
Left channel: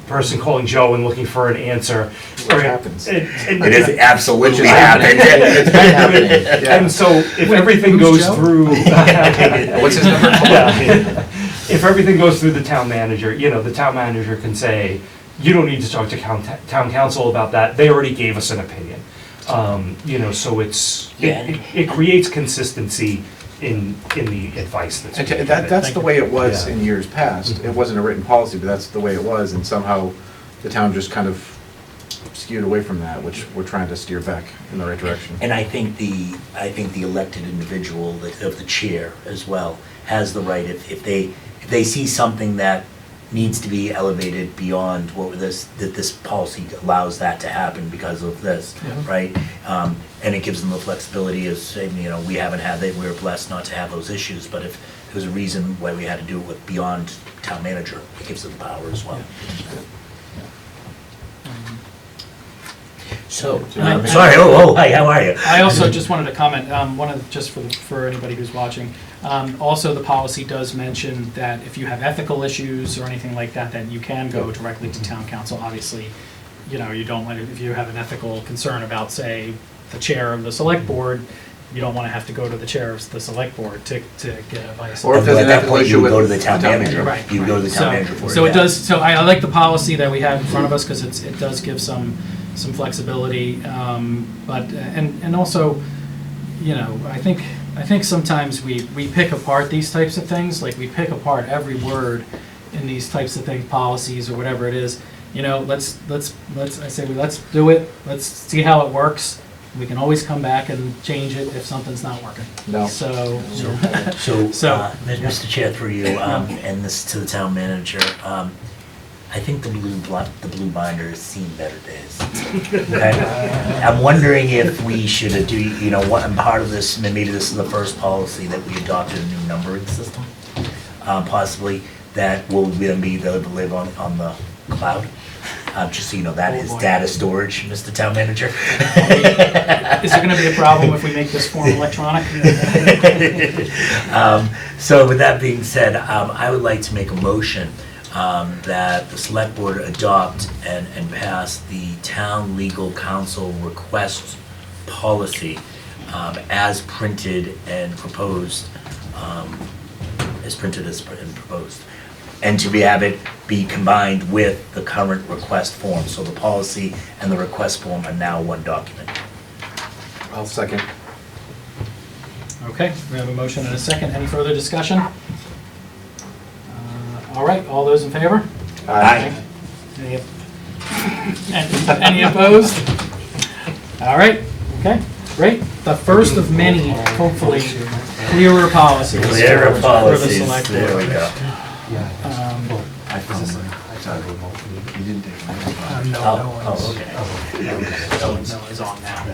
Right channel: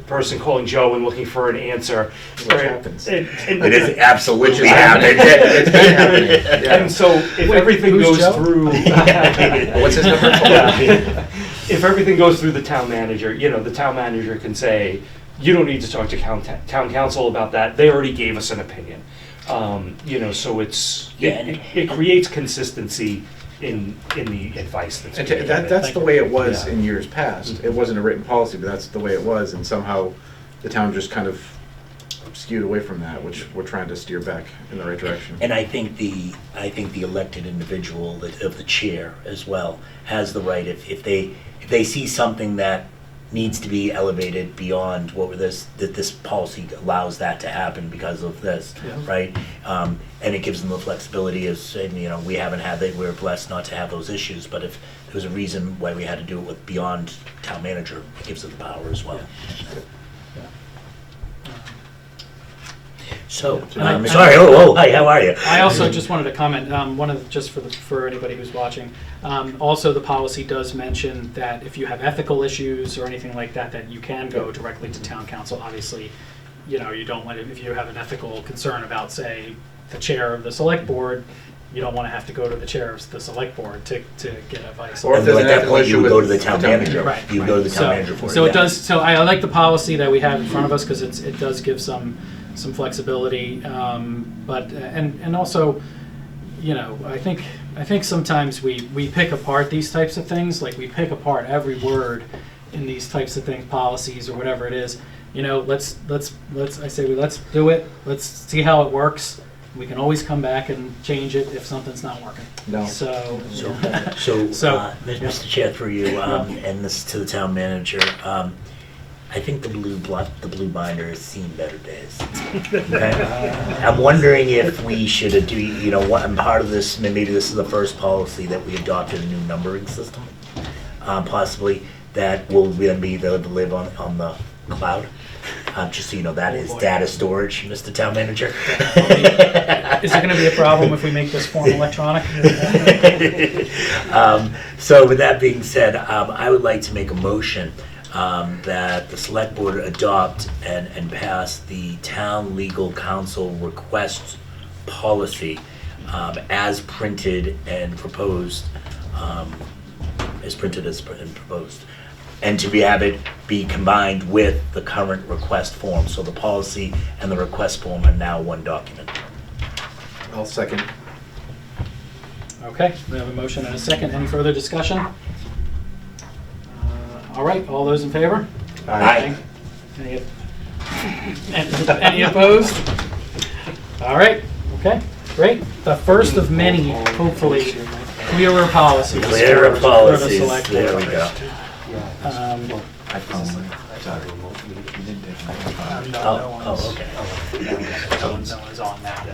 person calling Joe and looking for an answer. What happens? It is absolutely happening. It's been happening. Yeah. And so if everything goes through. What's his number? If everything goes through the town manager, the town manager can say, you don't need to talk to town council about that, they already gave us an opinion. So it creates consistency in the advice that's. And that's the way it was in years past. It wasn't a written policy, but that's the way it was, and somehow the town just kind of skewed away from that, which we're trying to steer back in the right direction. And I think the elected individual of the chair as well has the right, if they see something that needs to be elevated beyond that this policy allows that to happen because of this, right? And it gives them the flexibility of saying, we haven't had that, we're blessed not to have those issues, but if there's a reason why we had to do it with beyond town manager, it gives them the power as well. So, sorry, hi, how are you? I also just wanted to comment, just for anybody who's watching, also the policy does mention that if you have ethical issues or anything like that, that you can go directly to town council. Obviously, you don't want to, if you have an ethical concern about, say, the chair of the select board, you don't want to have to go to the chair of the select board to get advice. Or if there's at an that ethical point, you issue would go to with the town manager. Right, You right. go to the town manager for it. So it does. So I like the policy that we have in front of us because it does give some flexibility, but and also, I think sometimes we pick apart these types of things. Like we pick apart every word in these types of things, policies or whatever it is. Let's do it. Let's see how it works. We can always come back and change it if something's not working. No. So Mr. Chair, through you, and this to the town manager. I think the blue binder has seen better days. Okay? I'm wondering if we should do, and part of this, maybe this is the first policy that we adopted a new numbering system, possibly that will then be able to live on the cloud. Just so you know, that is data storage, Mr. Town Manager. Is there going to be a problem if we make this form electronic? So with that being said, I would like to make a motion that the select board adopt and pass the town legal counsel request policy as printed and proposed, and to have it be combined with the current request form. So the policy and the request form are now one document. I'll second. Okay, we have a motion and a second. Any further discussion? All right, all those in favor? Aye. Any opposed? All right, okay, great. The first of many, hopefully, clearer policies for the select board. There we go. I found you didn't take my No, it's on now.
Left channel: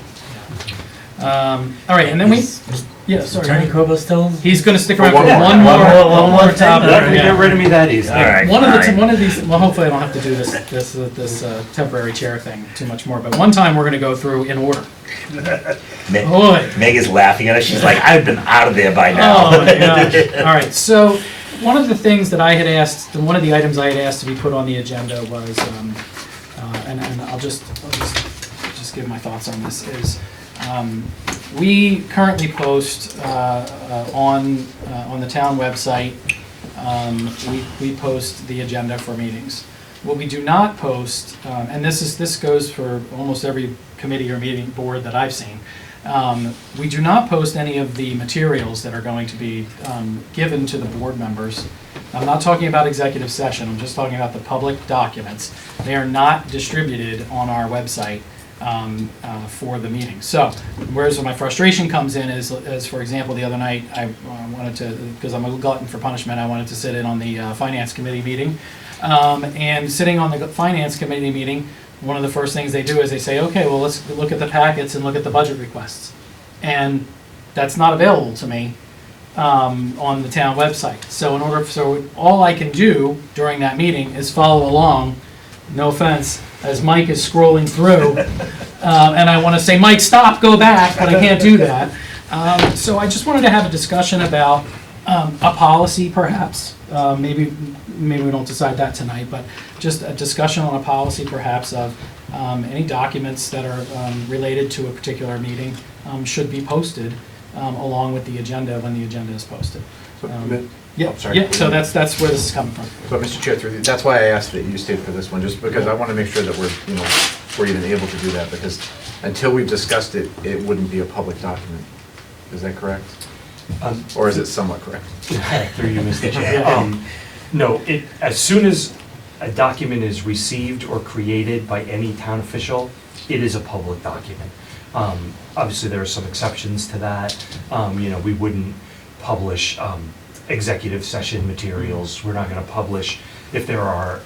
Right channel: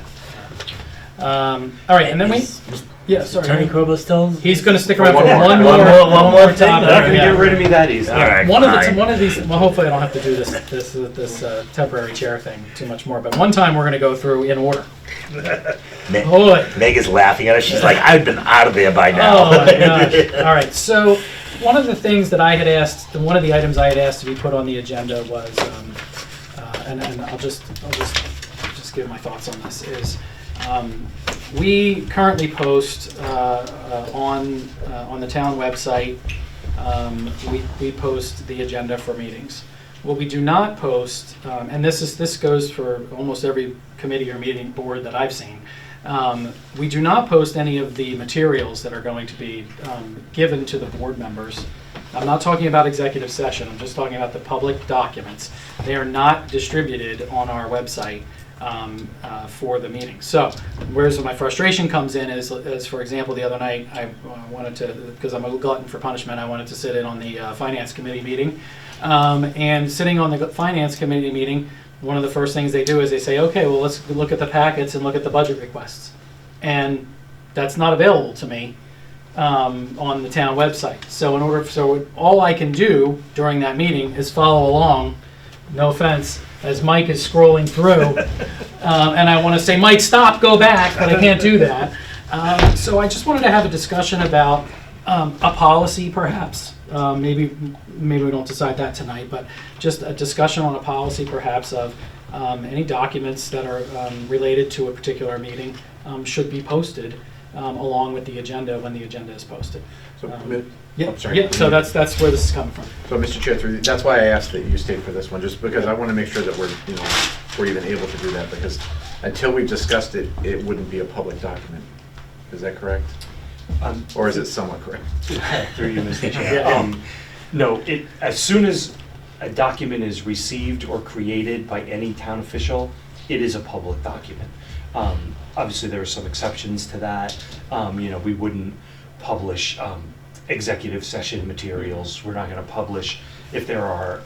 All right, and then sorry. Attorney Corbo still? He's going to stick around for one one more thing? topic. All right. Yeah. Get rid of me that easy. All right, One fine. of these. Well, hopefully I don't have to do this temporary chair thing too much more. But one time we're going to go through in order. Meg is laughing at us. She's like, I've been out of there by now. Oh my gosh! All right, so one of the things that I had asked, one of the items I had asked to be put on the agenda was, and I'll just give my thoughts on this is. We currently post on the town website. We post the agenda for meetings. What we do not post, and this goes for almost every committee or meeting board that I've seen. We do not post any of the materials that are going to be given to the board members. I'm not talking about executive session. I'm just talking about the public documents. They are not distributed on our website. For the meeting. So, whereas my frustration comes in is, for example, the other night I wanted to, because I'm a glutton for punishment, I wanted to sit in on the finance committee meeting. And sitting on the finance committee meeting, one of the first things they do is they say, okay, well, let's look at the packets and look at the budget requests. And that's not available to me on the town website. So all I can do during that meeting is follow along no offense, as Mike is scrolling through, and I want to say, Mike, stop, go back, but I can't do that. So I just wanted to have a discussion about a policy, perhaps. Maybe we don't decide that tonight, but just a discussion on a policy, perhaps, of any documents that are related to a particular meeting should be posted along with the agenda when the agenda is posted. Yeah, so that's where this is coming from. So, Mr. Chair, that's why I asked that you stayed for this one, just because I want to make sure that we're even able to do that, because until we've discussed it, it wouldn't be a public document. Is that correct? Or is it somewhat correct? Through you, Mr. Chair. No, as soon as a document is received or created by any town official, it is a public document. Obviously, there are some exceptions to that. We wouldn't publish executive session materials. We're not going to publish if there are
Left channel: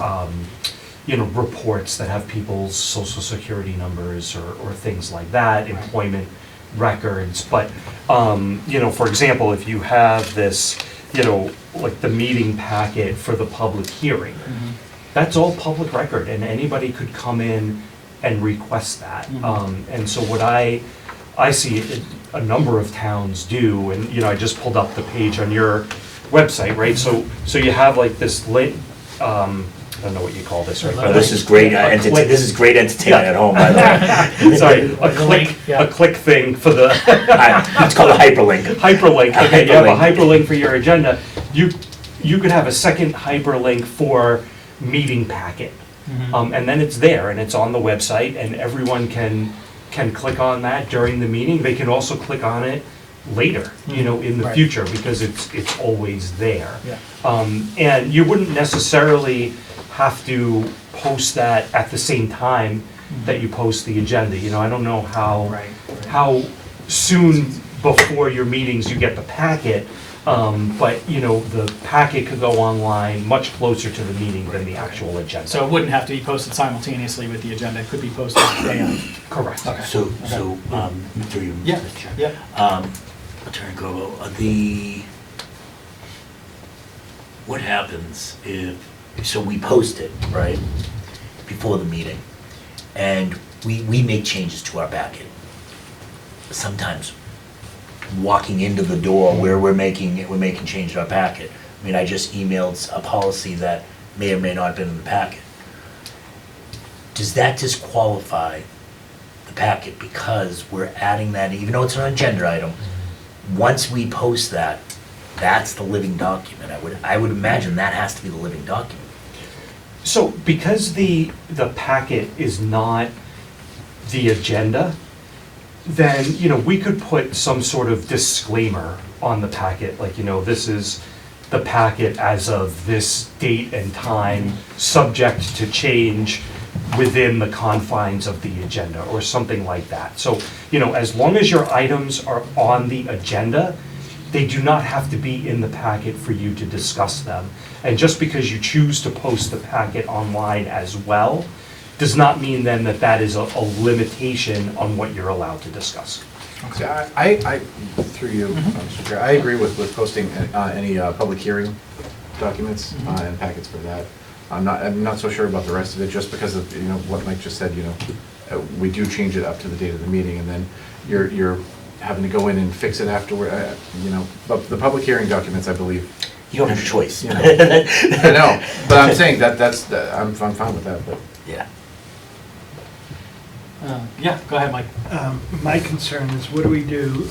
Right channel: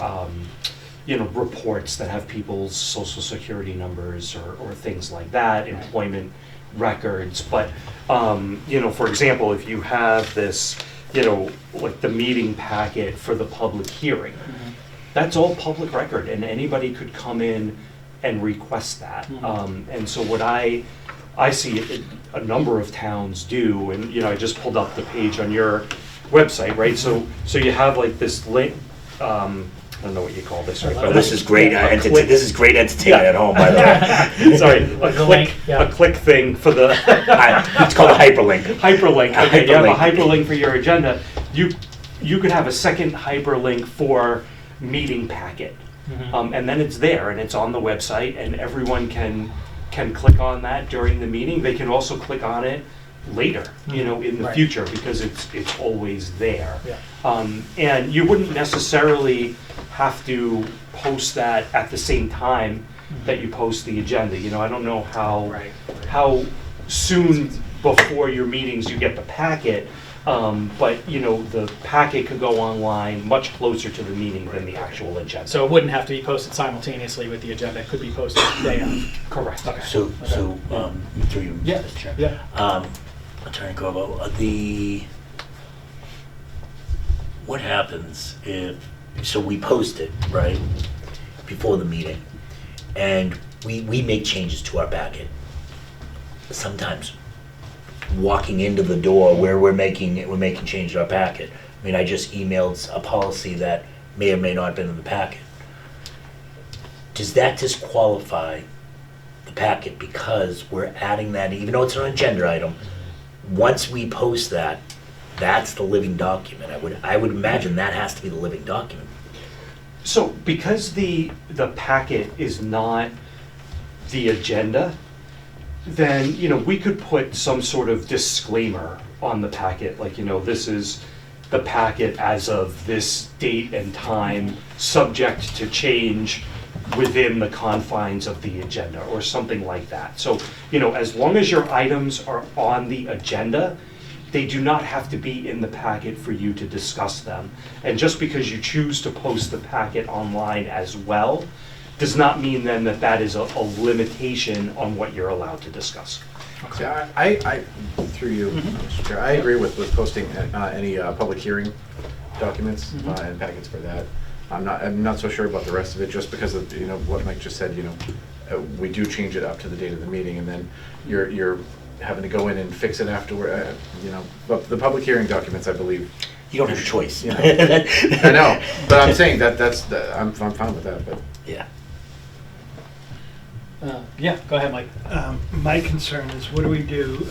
reports that have people's social security numbers or things like that, employment records. But for example, if you have this, like the meeting packet for the public hearing, that's all public record, and anybody could come in and request that. And so what I see a number of towns do, and I just pulled up the page on your website, right? So you have like this link. I don't know what you call this, right? Oh, this is great. This is great entertainment at home, by the way. Sorry, a click thing for the. It's called a hyperlink. Hyperlink. Okay, you have a hyperlink for your agenda. You could have a second hyperlink for meeting packet, and then it's there and it's on the website, and everyone can click on that during the meeting. They can also click on it later, in the future, because it's always there. And you wouldn't necessarily have to post that at the same time that you post the agenda. I don't know how soon before your meetings you get the packet, but the packet could go online much closer to the meeting than the actual agenda. So it wouldn't have to be posted simultaneously with the agenda. It could be posted day on. Correct. Okay. So through you, Mr. Chair. Yeah. Attorney Corbo, what happens if, so we post it, right, before the meeting, and we make changes to our packet. Sometimes walking into the door where we're making changes to our packet. I mean, I just emailed a policy that may or may not have been in the packet. Does that disqualify the packet because we're adding that, even though it's an agenda item? Once we post that, that's the living document. I would imagine that has to be the living document. So because the packet is not the agenda, then we could put some sort of disclaimer on the packet, like this is the packet as of this date and time, subject to change within the confines of the agenda, or something like that. So as long as your items are on the agenda, they do not have to be in the packet for you to discuss them. And just because you choose to post the packet online as well, does not mean then that is a limitation on what you're allowed to discuss. Okay. I through you, Mr. Chair, I agree with posting any public hearing documents and packets for that. I'm not so sure about the rest of it, just because of what Mike just said. We do change it up to the date of the meeting, and then you're having to go in and fix it afterward. But the public hearing documents, I believe. You don't have a choice. I know, but I'm saying I'm fine with that. But yeah. Yeah, go ahead, Mike. My concern is, what do we do?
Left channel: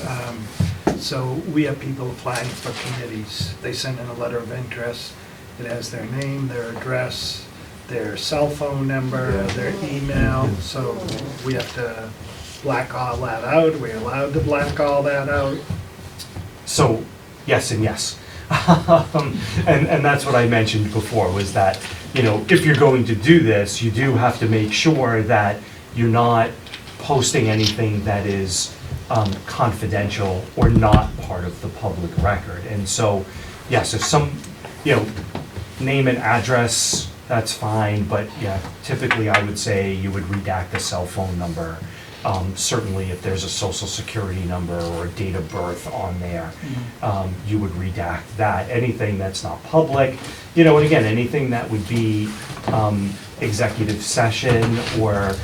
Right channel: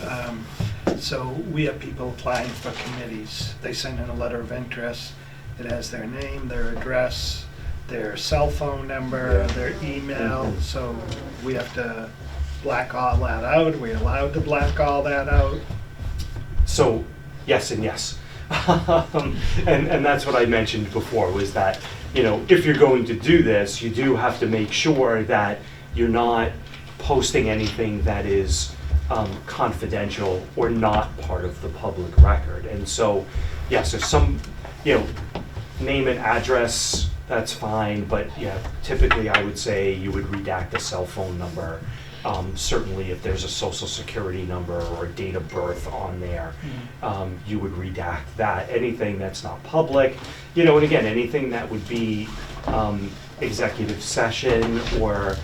So we have people applying for committees. They send in a letter of interest. It has their name, their address, their cell phone number, their email. So we have to black all that out. Are we allowed to black all that out? So yes and yes. And that's what I mentioned before, was that, if you're going to do this, you do have to make sure that you're not posting anything that is confidential or not part of the public record. And so, yes, if some, name and address, that's fine, but yeah, typically I would say you would redact the cell phone number Certainly, if there's a social security number or a date of birth on there, you would redact that. Anything that's not public, and again, anything that would be executive session or,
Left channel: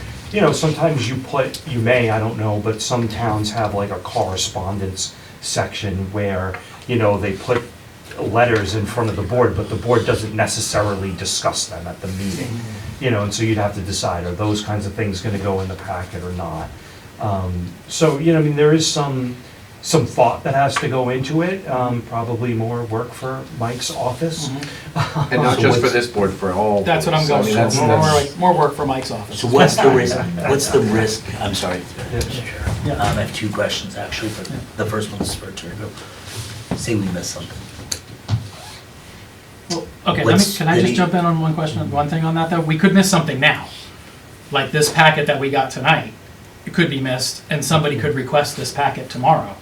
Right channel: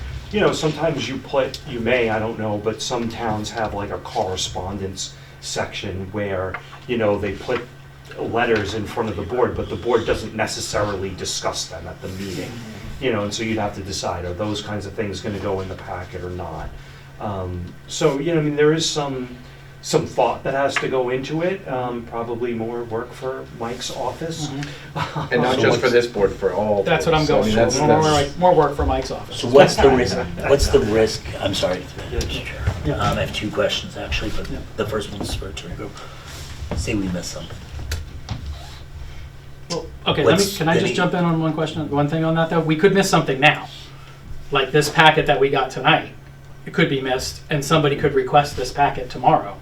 sometimes you may, I don't know, but some towns have like a correspondence section where, they put letters in front of the board, but the board doesn't necessarily discuss them at the meeting. And so you'd have to decide, are those kinds of things gonna go in the packet or not? So, there is some thought that has to go into it, probably more work for Mike's office. And not just for this board, for all. That's what I'm boards. going So, I for, mean, that's- more work for Mike's office. So what's the risk, I'm sorry, Mr. Chair. Yeah. I have two questions actually, but Yeah. the first one's for Attorney Bill. Say we missed something. Well, okay, What's can I just the- jump in on one thing on that though? We could miss something now. Like this packet that we got tonight, it could be missed and somebody could request this packet tomorrow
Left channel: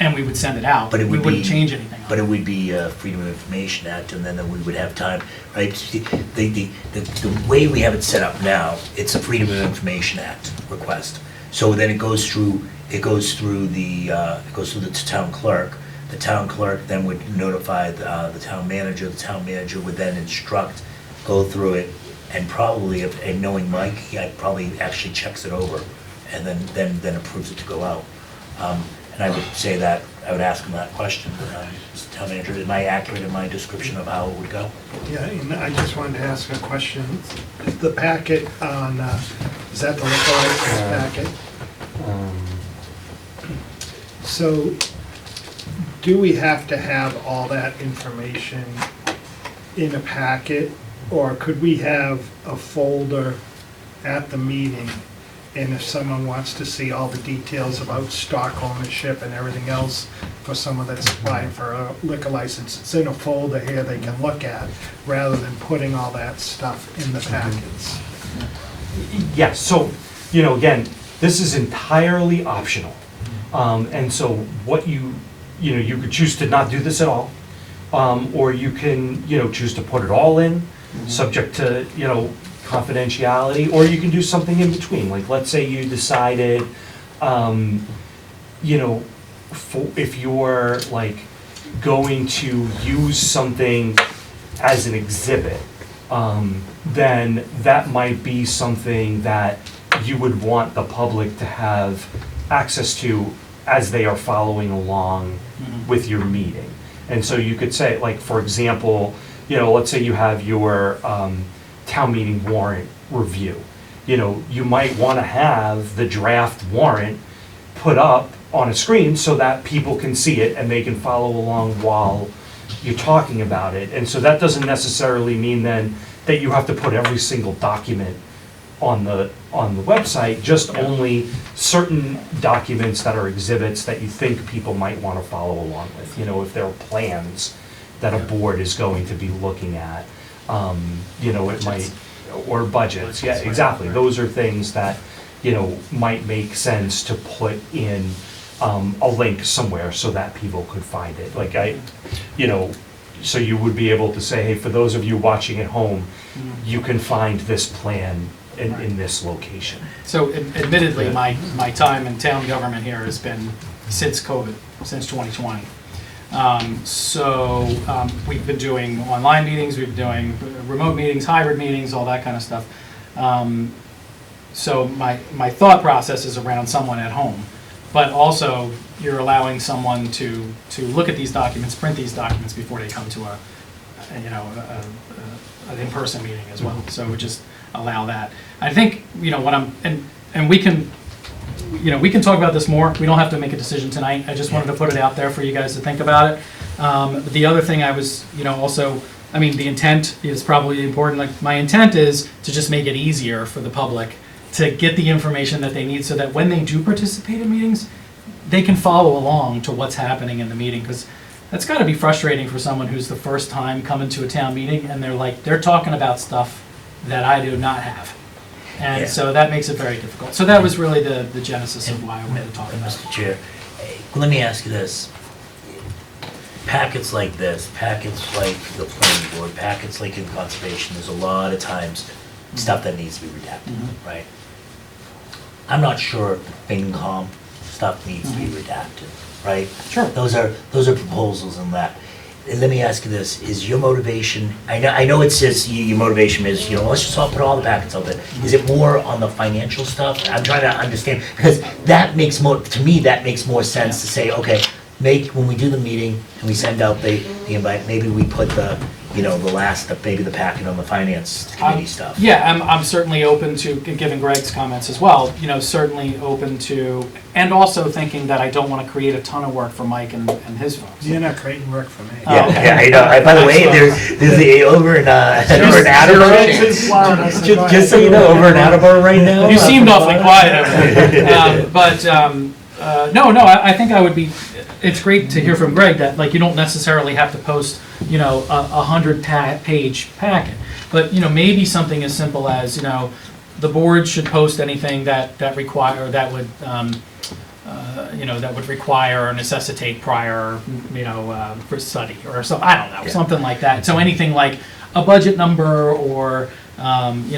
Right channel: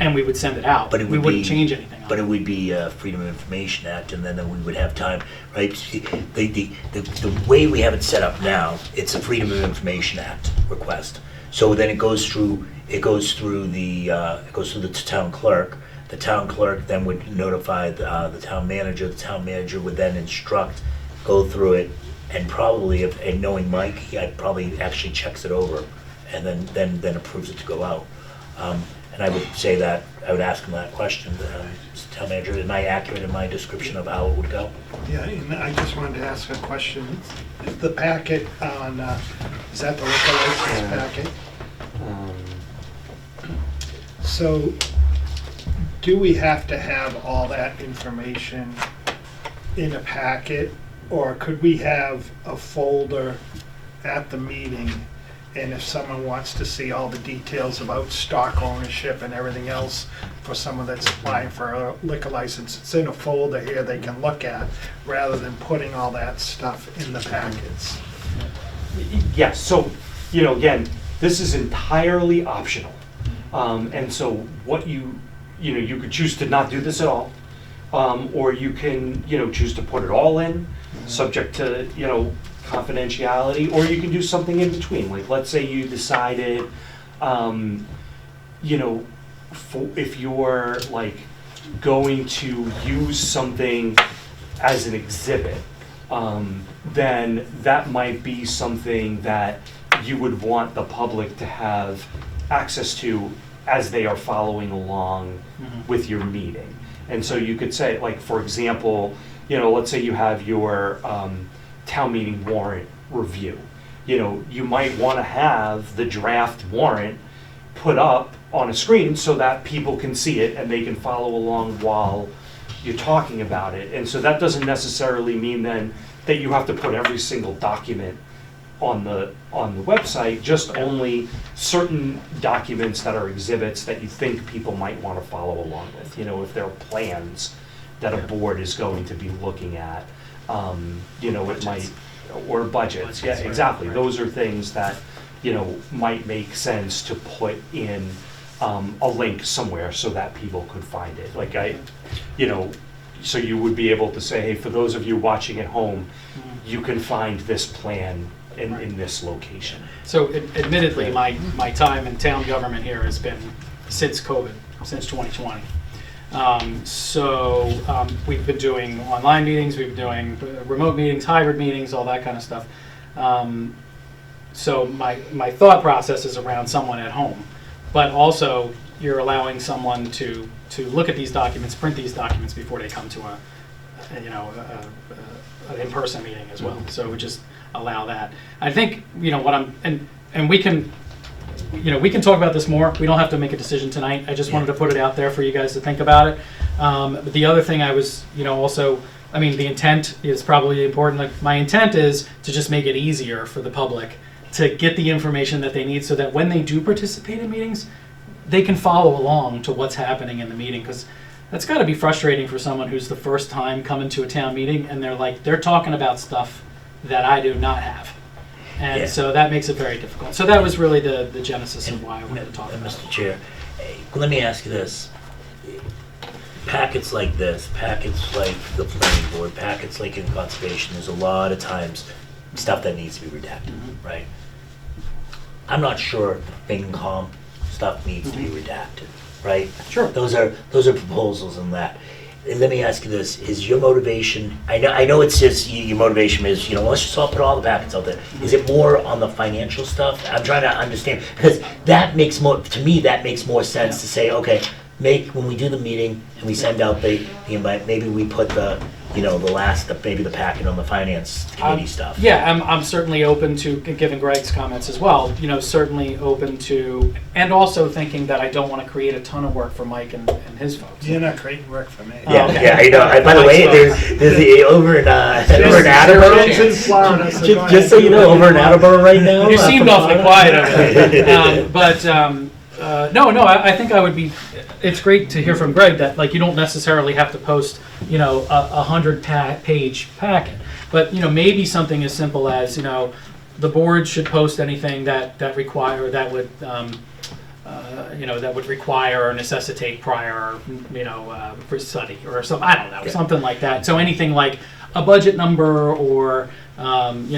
and we would send it out. But it We would wouldn't be- change anything on But it. it would be Freedom of Information Act, and then we would have time, right? The way we have it set up now, it's a Freedom of Information Act request. So then it goes through the town clerk. The town clerk then would notify the town manager. The town manager would then instruct, go through it, and probably, and knowing Mike, he probably actually checks it over, and then approves it to go out. And I would say that, I would ask him that question, town manager, am I accurate in my description of how it would go? Yeah, and I just wanted to ask a question. The packet on, is that the liquor license packet? So, do we have to have all that information in a packet? Or could we have a folder at the meeting? And if someone wants to see all the details about stock ownership and everything else for someone that's applying for a liquor license, it's in a folder here they can look at, rather than putting all that stuff in the packets. Yes, so, again, this is entirely optional. And so what you could choose to not do this at all, or you can, choose to put it all in, subject to, confidentiality, or you can do something in between. Like, let's say you decided, if you're like going to use something as an exhibit, then that might be something that you would want the public to have access to as they are following along with your meeting. And so you could say, like, for example, let's say you have your town meeting warrant review. You might want to have the draft warrant put up on a screen so that people can see it and they can follow along while you're talking about it. And so that doesn't necessarily mean then that you have to put every single document on the website, just only certain documents that are exhibits that you think people might want to follow along with. If there are plans that a board is going to be looking at, it might, or budgets, yeah, exactly. Those are things that, might make sense to put in a link somewhere so that people could find it. Like so you would be able to say, hey, for those of you watching at home, you can find this plan in this location. So admittedly, my time in town government here has been since COVID, since 2020. We've been doing online meetings, we've been doing remote meetings, hybrid meetings, all that kind of stuff. So my thought process is around someone at home, but also you're allowing someone to look at these documents, print these documents before they come to an in-person meeting as well. So we just allow that. I think, and we can, we can talk about this more. We don't have to make a decision tonight. I just wanted to put it out there for you guys to think about it. But the other thing I was, also, the intent is probably important. Like, my intent is to just make it easier for the public to get the information that they need so that when they do participate in meetings, they can follow along to what's happening in the meeting. Because that's got to be frustrating for someone who's the first time coming to a town meeting and they're talking about stuff that I do not have. And so that makes it very difficult. So that was really the genesis of why I wanted to talk about it. Mr. Chair, let me ask you this. Packets like this, packets like the planning board, packets like in conservation, there's a lot of times stuff that needs to be redacted, right? I'm not sure the FinCom stuff needs to be redacted, right? Sure. Those are proposals in that. And let me ask you this, is your motivation, I know it's just, your motivation is, let's just all put all the packets out there. Is it more on the financial stuff? I'm trying to understand, because that makes more, to me, that makes more sense to say, okay, when we do the meeting and we send out the invite, maybe we put the maybe the packet on the finance committee stuff. Yeah, I'm certainly open to, given Greg's comments as well, certainly open to, and also thinking that I don't want to create a ton of work for Mike and his folks. You're not creating work for me. Yeah, okay. yeah, I know. By the way, there's over in Attleboro. Just so you know, over in Attleboro right now. You seemed awfully quiet over there. No, I think I would be. It's great to hear from Greg that you don't necessarily have to post a 100-page packet, but maybe something as simple as the board should post anything that would that would require or necessitate prior for study or something. I don't know, something like that. So anything like a budget number or we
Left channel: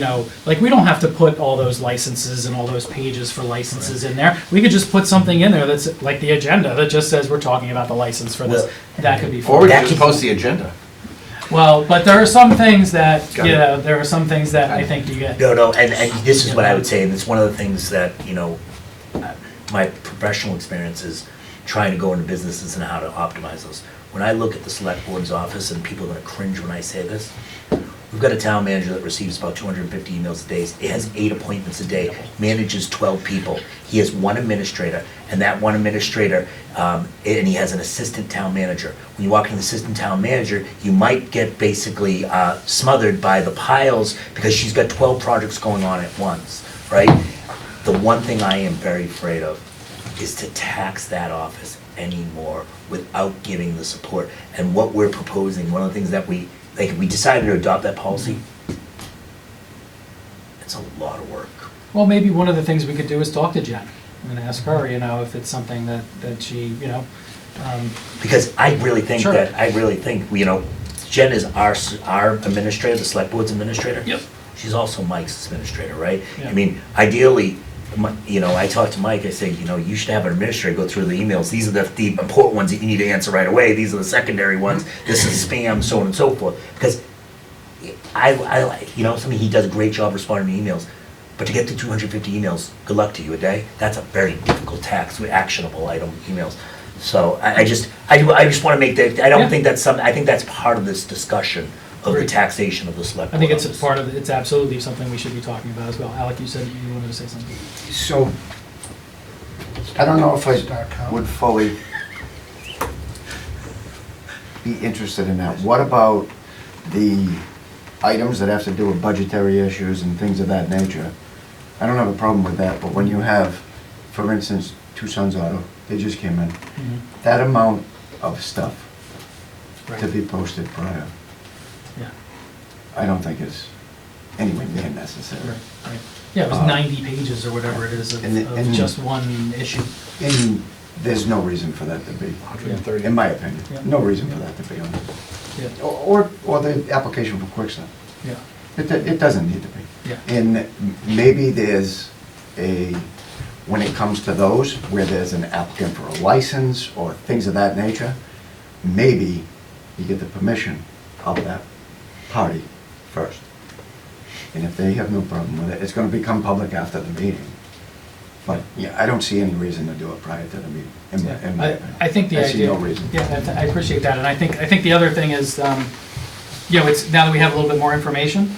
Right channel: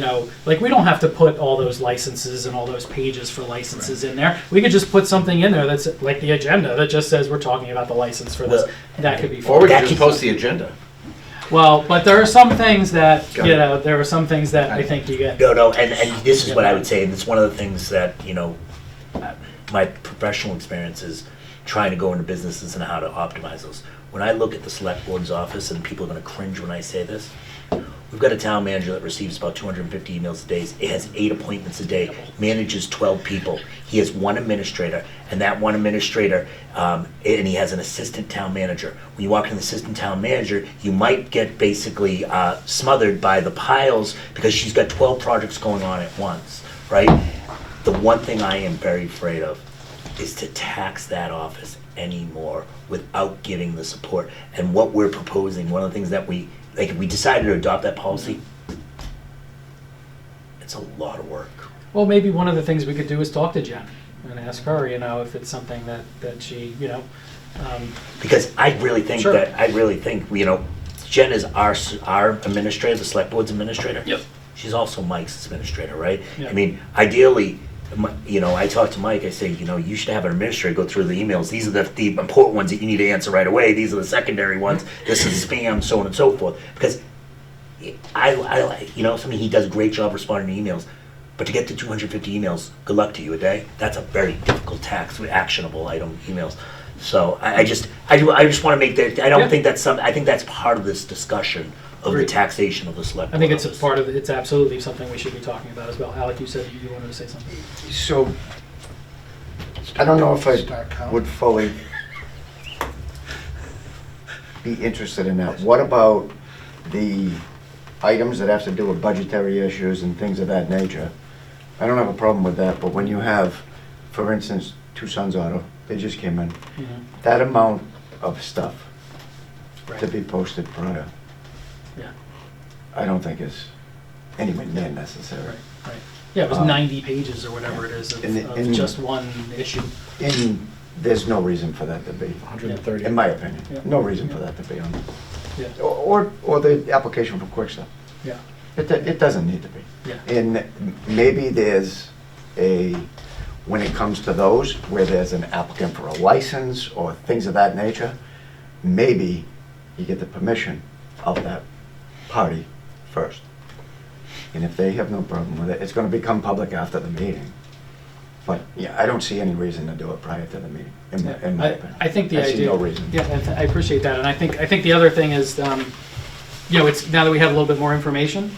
don't have to put all those licenses and all those pages for licenses in there. We could just put something in there that's like the agenda that just says we're talking about the license for this. That could be fun. Or we could just post the agenda. Well, but there are some things that, there are some things that I think you get. No, and this is what I would say, and it's one of the things that, my professional experience is trying to go into businesses and how to optimize those. When I look at the select board's office, and people are gonna cringe when I say this, we've got a town manager that receives about 250 emails a day. It has 8 appointments a day, manages 12 people. He has one administrator, and that one administrator, and he has an assistant town manager. When you walk in the assistant town manager, you might get basically smothered by the piles because she's got 12 projects going on at once, right? The one thing I am very afraid of is to tax that office anymore without giving the support. And what we're proposing, one of the things that we decided to adopt that policy, it's a lot of work. Well, maybe one of the things we could do is talk to Jen and ask her, if it's something that she, Because I really think Sure. Jen is our administrator, the select board's administrator. Yep. She's also Mike's administrator, right? Yeah. I mean, ideally, I talked to Mike, I say, you should have an administrator go through the emails. These are the important ones that you need to answer right away. These are the secondary ones. This is spam, so on and so forth. Because he does a great job responding to emails. But to get to 250 emails, good luck to you a day. That's a very difficult task with actionable item emails. So I just want to make that, I don't think that's something, I think that's part of this discussion of the Agreed. taxation of the select I think board it's a office. part of, it's absolutely something we should be talking about as well. Alec, you said you wanted to say something. So, I don't know if I would fully be interested in that. What about the items that have to do with budgetary issues and things of that nature? I don't have a problem with that, but when you have, for instance, Two Sons Auto, they just came in, that amount of stuff to be posted prior, Yeah. I don't think is anywhere near necessary. Right. Yeah, it was 90 pages or whatever it is of and- just one issue. And there's no reason for that to be, 130. in my opinion. Yeah. No reason for that to be on Yeah. it. Or the application for Quick Start. Yeah. It doesn't need to be. Yeah. And maybe there's when it comes to those, where there's an applicant for a license or things of that nature, maybe you get the permission of that party first. And if they have no problem with it, it's gonna become public after the meeting. But, yeah, I don't see any reason to do it prior to the meeting, in my opinion. I think the I see idea. no reason. Yeah, and I appreciate that, and I think the other thing is, it's now that we have a little bit more information,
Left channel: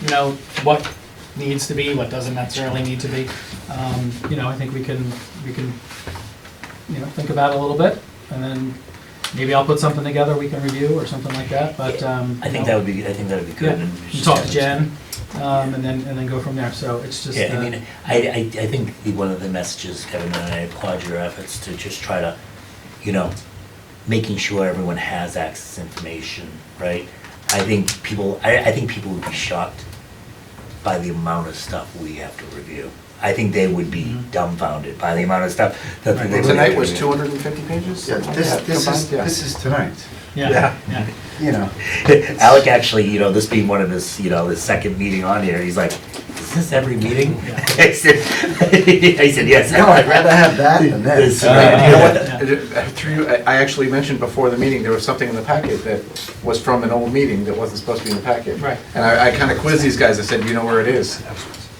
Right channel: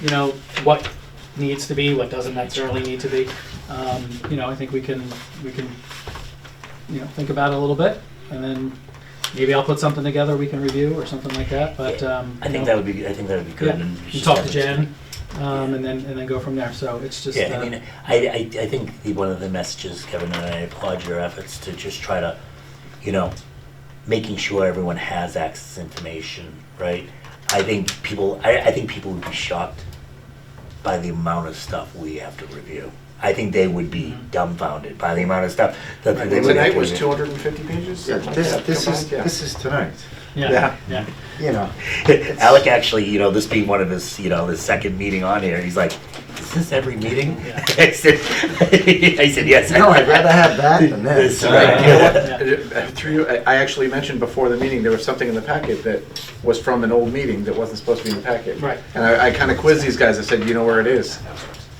what needs to be, what doesn't necessarily need to be. I think we can think about it a little bit, and then maybe I'll put something together we can review or something like that. But I think that would be good. Yeah. And You talk to Jen, and then go from there. So it's just. Yeah, I think one of the messages, Kevin, and I applaud your efforts to just try to, making sure everyone has access to information, right? I think people would be shocked by the amount of stuff we have to review. I think they would be dumbfounded by the amount of stuff that they would have Tonight to was review. 250 pages? Yeah, this is tonight. Yeah. You know. Alec actually, this being one of his, his second meeting on here, he's like, is this every meeting? Yeah. I said, yes. No, I'd rather have that than this. That's right. I actually mentioned before the meeting, there was something in the packet that was from an old meeting that wasn't supposed to be in the packet. Right. And I kind of quizzed these guys, I said, you know where it is?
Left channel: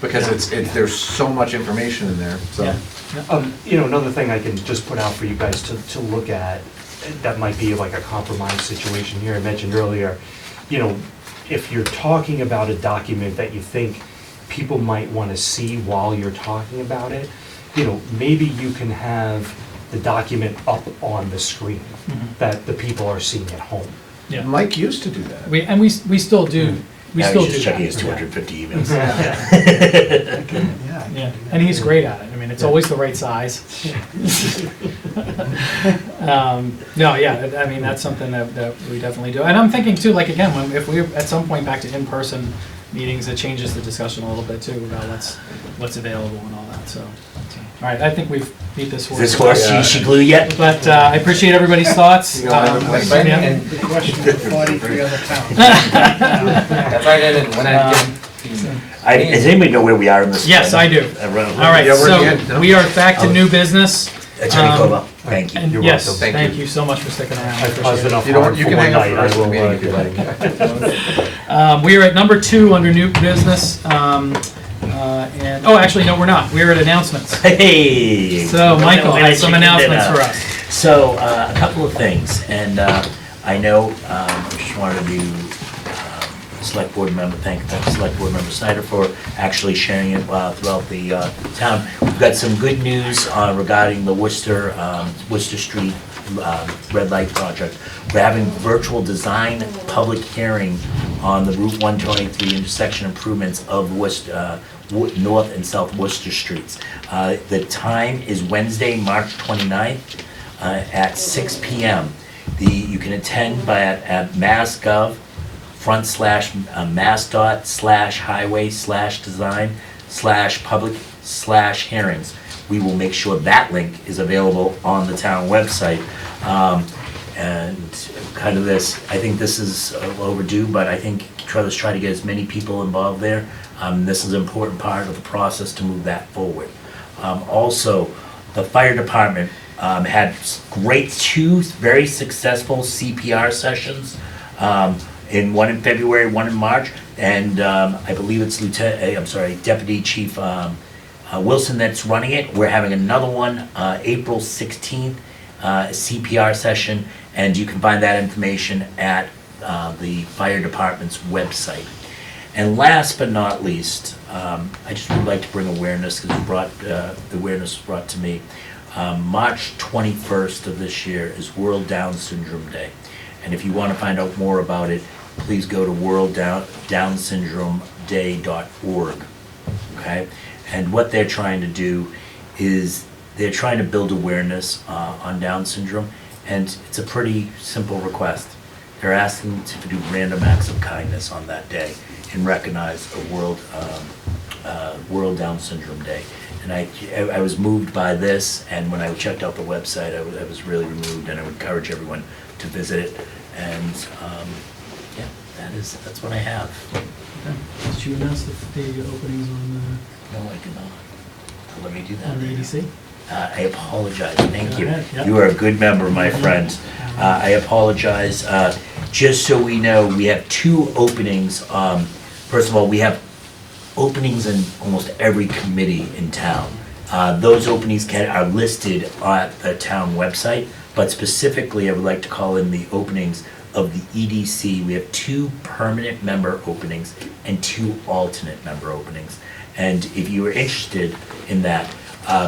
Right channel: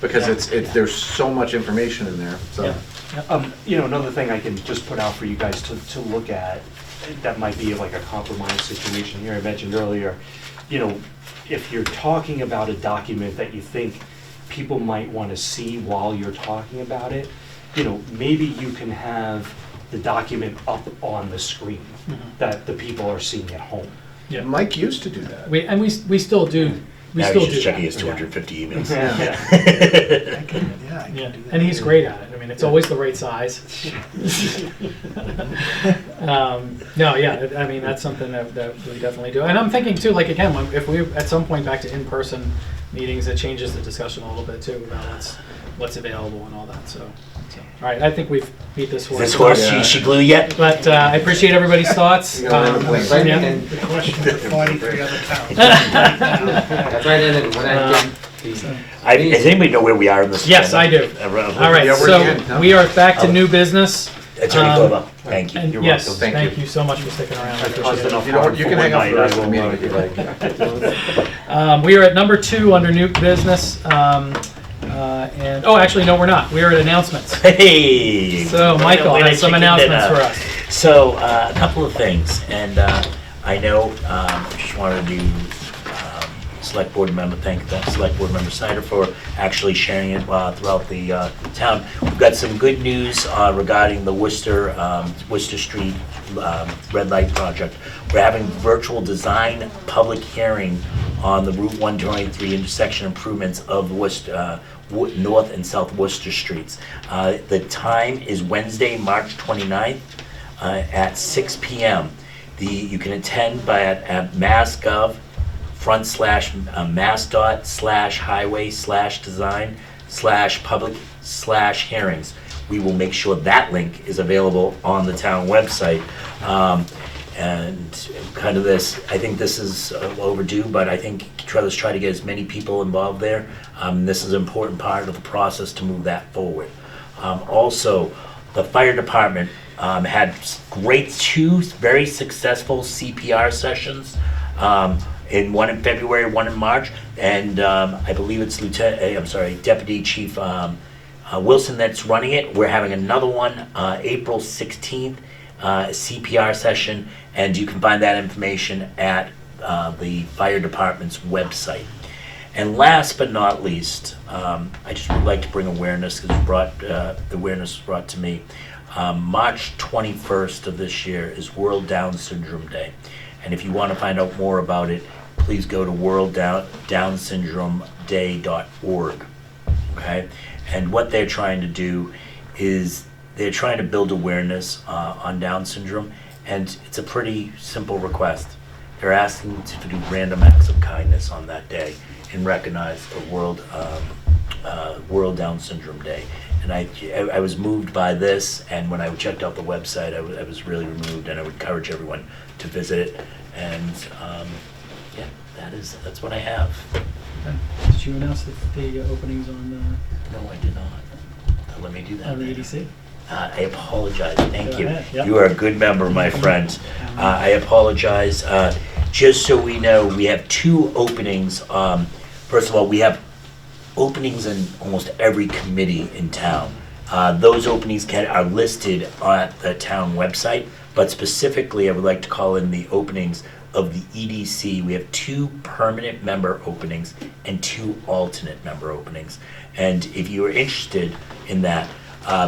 Because there's so much information in there, so. Yeah. You know, another thing I can just put out for you guys to look at, that might be like a compromise situation here. I mentioned earlier, you know, if you're talking about a document that you think people might want to see while you're talking about it, you know, maybe you can have the document up on the screen that the people are seeing at home. Yeah. Mike used to do that. We still do. We Now still he's do just checking that. his 250 emails. Yeah, and he's great at it. I mean, it's always the right size. No, yeah, I mean, that's something that we definitely do. And I'm thinking too, like, again, if we at some point back to in-person meetings, it changes the discussion a little bit too about what's available and all that, so. All right, I think we've beat this horse. Is this horse she glue yet? But I appreciate everybody's thoughts. The question for 43 other towns. That's why I didn't, when I did. Does anybody know where we are in this? Yes, I do. All right, so we are back to new business. Attorney Kova, thank you. And You're yes, welcome. thank you so much for sticking around. I appreciate it. You can hang out for the rest of the meeting if you like. We are at number 2 under new business. And, oh, actually, no, we're not. We're at announcements. Hey! So, Michael has some announcements for us. So, a couple of things, and I know, I just wanted to Select Board member, thank Select Board Member Snyder for actually sharing it throughout the town. We've got some good news regarding the Worcester Street red light project. We're having virtual design public hearing on the Route 123 intersection improvements of Worcester, North and South Worcester Streets. The time is Wednesday, March 29th at 6 p.m. You can attend at mass.gov /mass.dot/highway/design/public/hearings. We will make sure that link is available on the town website. And kind of this, I think this is overdue, but I think let's try to get as many people involved there. This is an important part of the process to move that forward. Also, the fire department had two very successful CPR sessions. One in February, one in March, and I believe it's Deputy Chief Wilson that's running it. We're having another one April 16th, CPR session, and you can find that information at the fire department's website. And last but not least, I just would like to bring awareness, because awareness was brought to me. March 21st of this year is World Down Syndrome Day. And if you want to find out more about it, please go to worlddownsyndromeday.org. Okay? And what they're trying to do is they're trying to build awareness on Down syndrome, and it's a pretty simple request. They're asking to do random acts of kindness on that day and recognize a World Down Syndrome Day. And I was moved by this, and when I checked out the website, I was really moved, and I would encourage everyone to visit it. And yeah, that's what I have. Did you announce the openings on? No, I did not. Let me do that. On the EDC? I apologize. Thank Go you. ahead. Yep. You are a good member, my friend. I apologize. Just so we know, we have 2 openings. First of all, we have openings in almost every committee in town. Those openings are listed at the town website, but specifically I would like to call in the openings of the EDC. We have 2 permanent member openings and 2 alternate member openings. And if you are interested in that,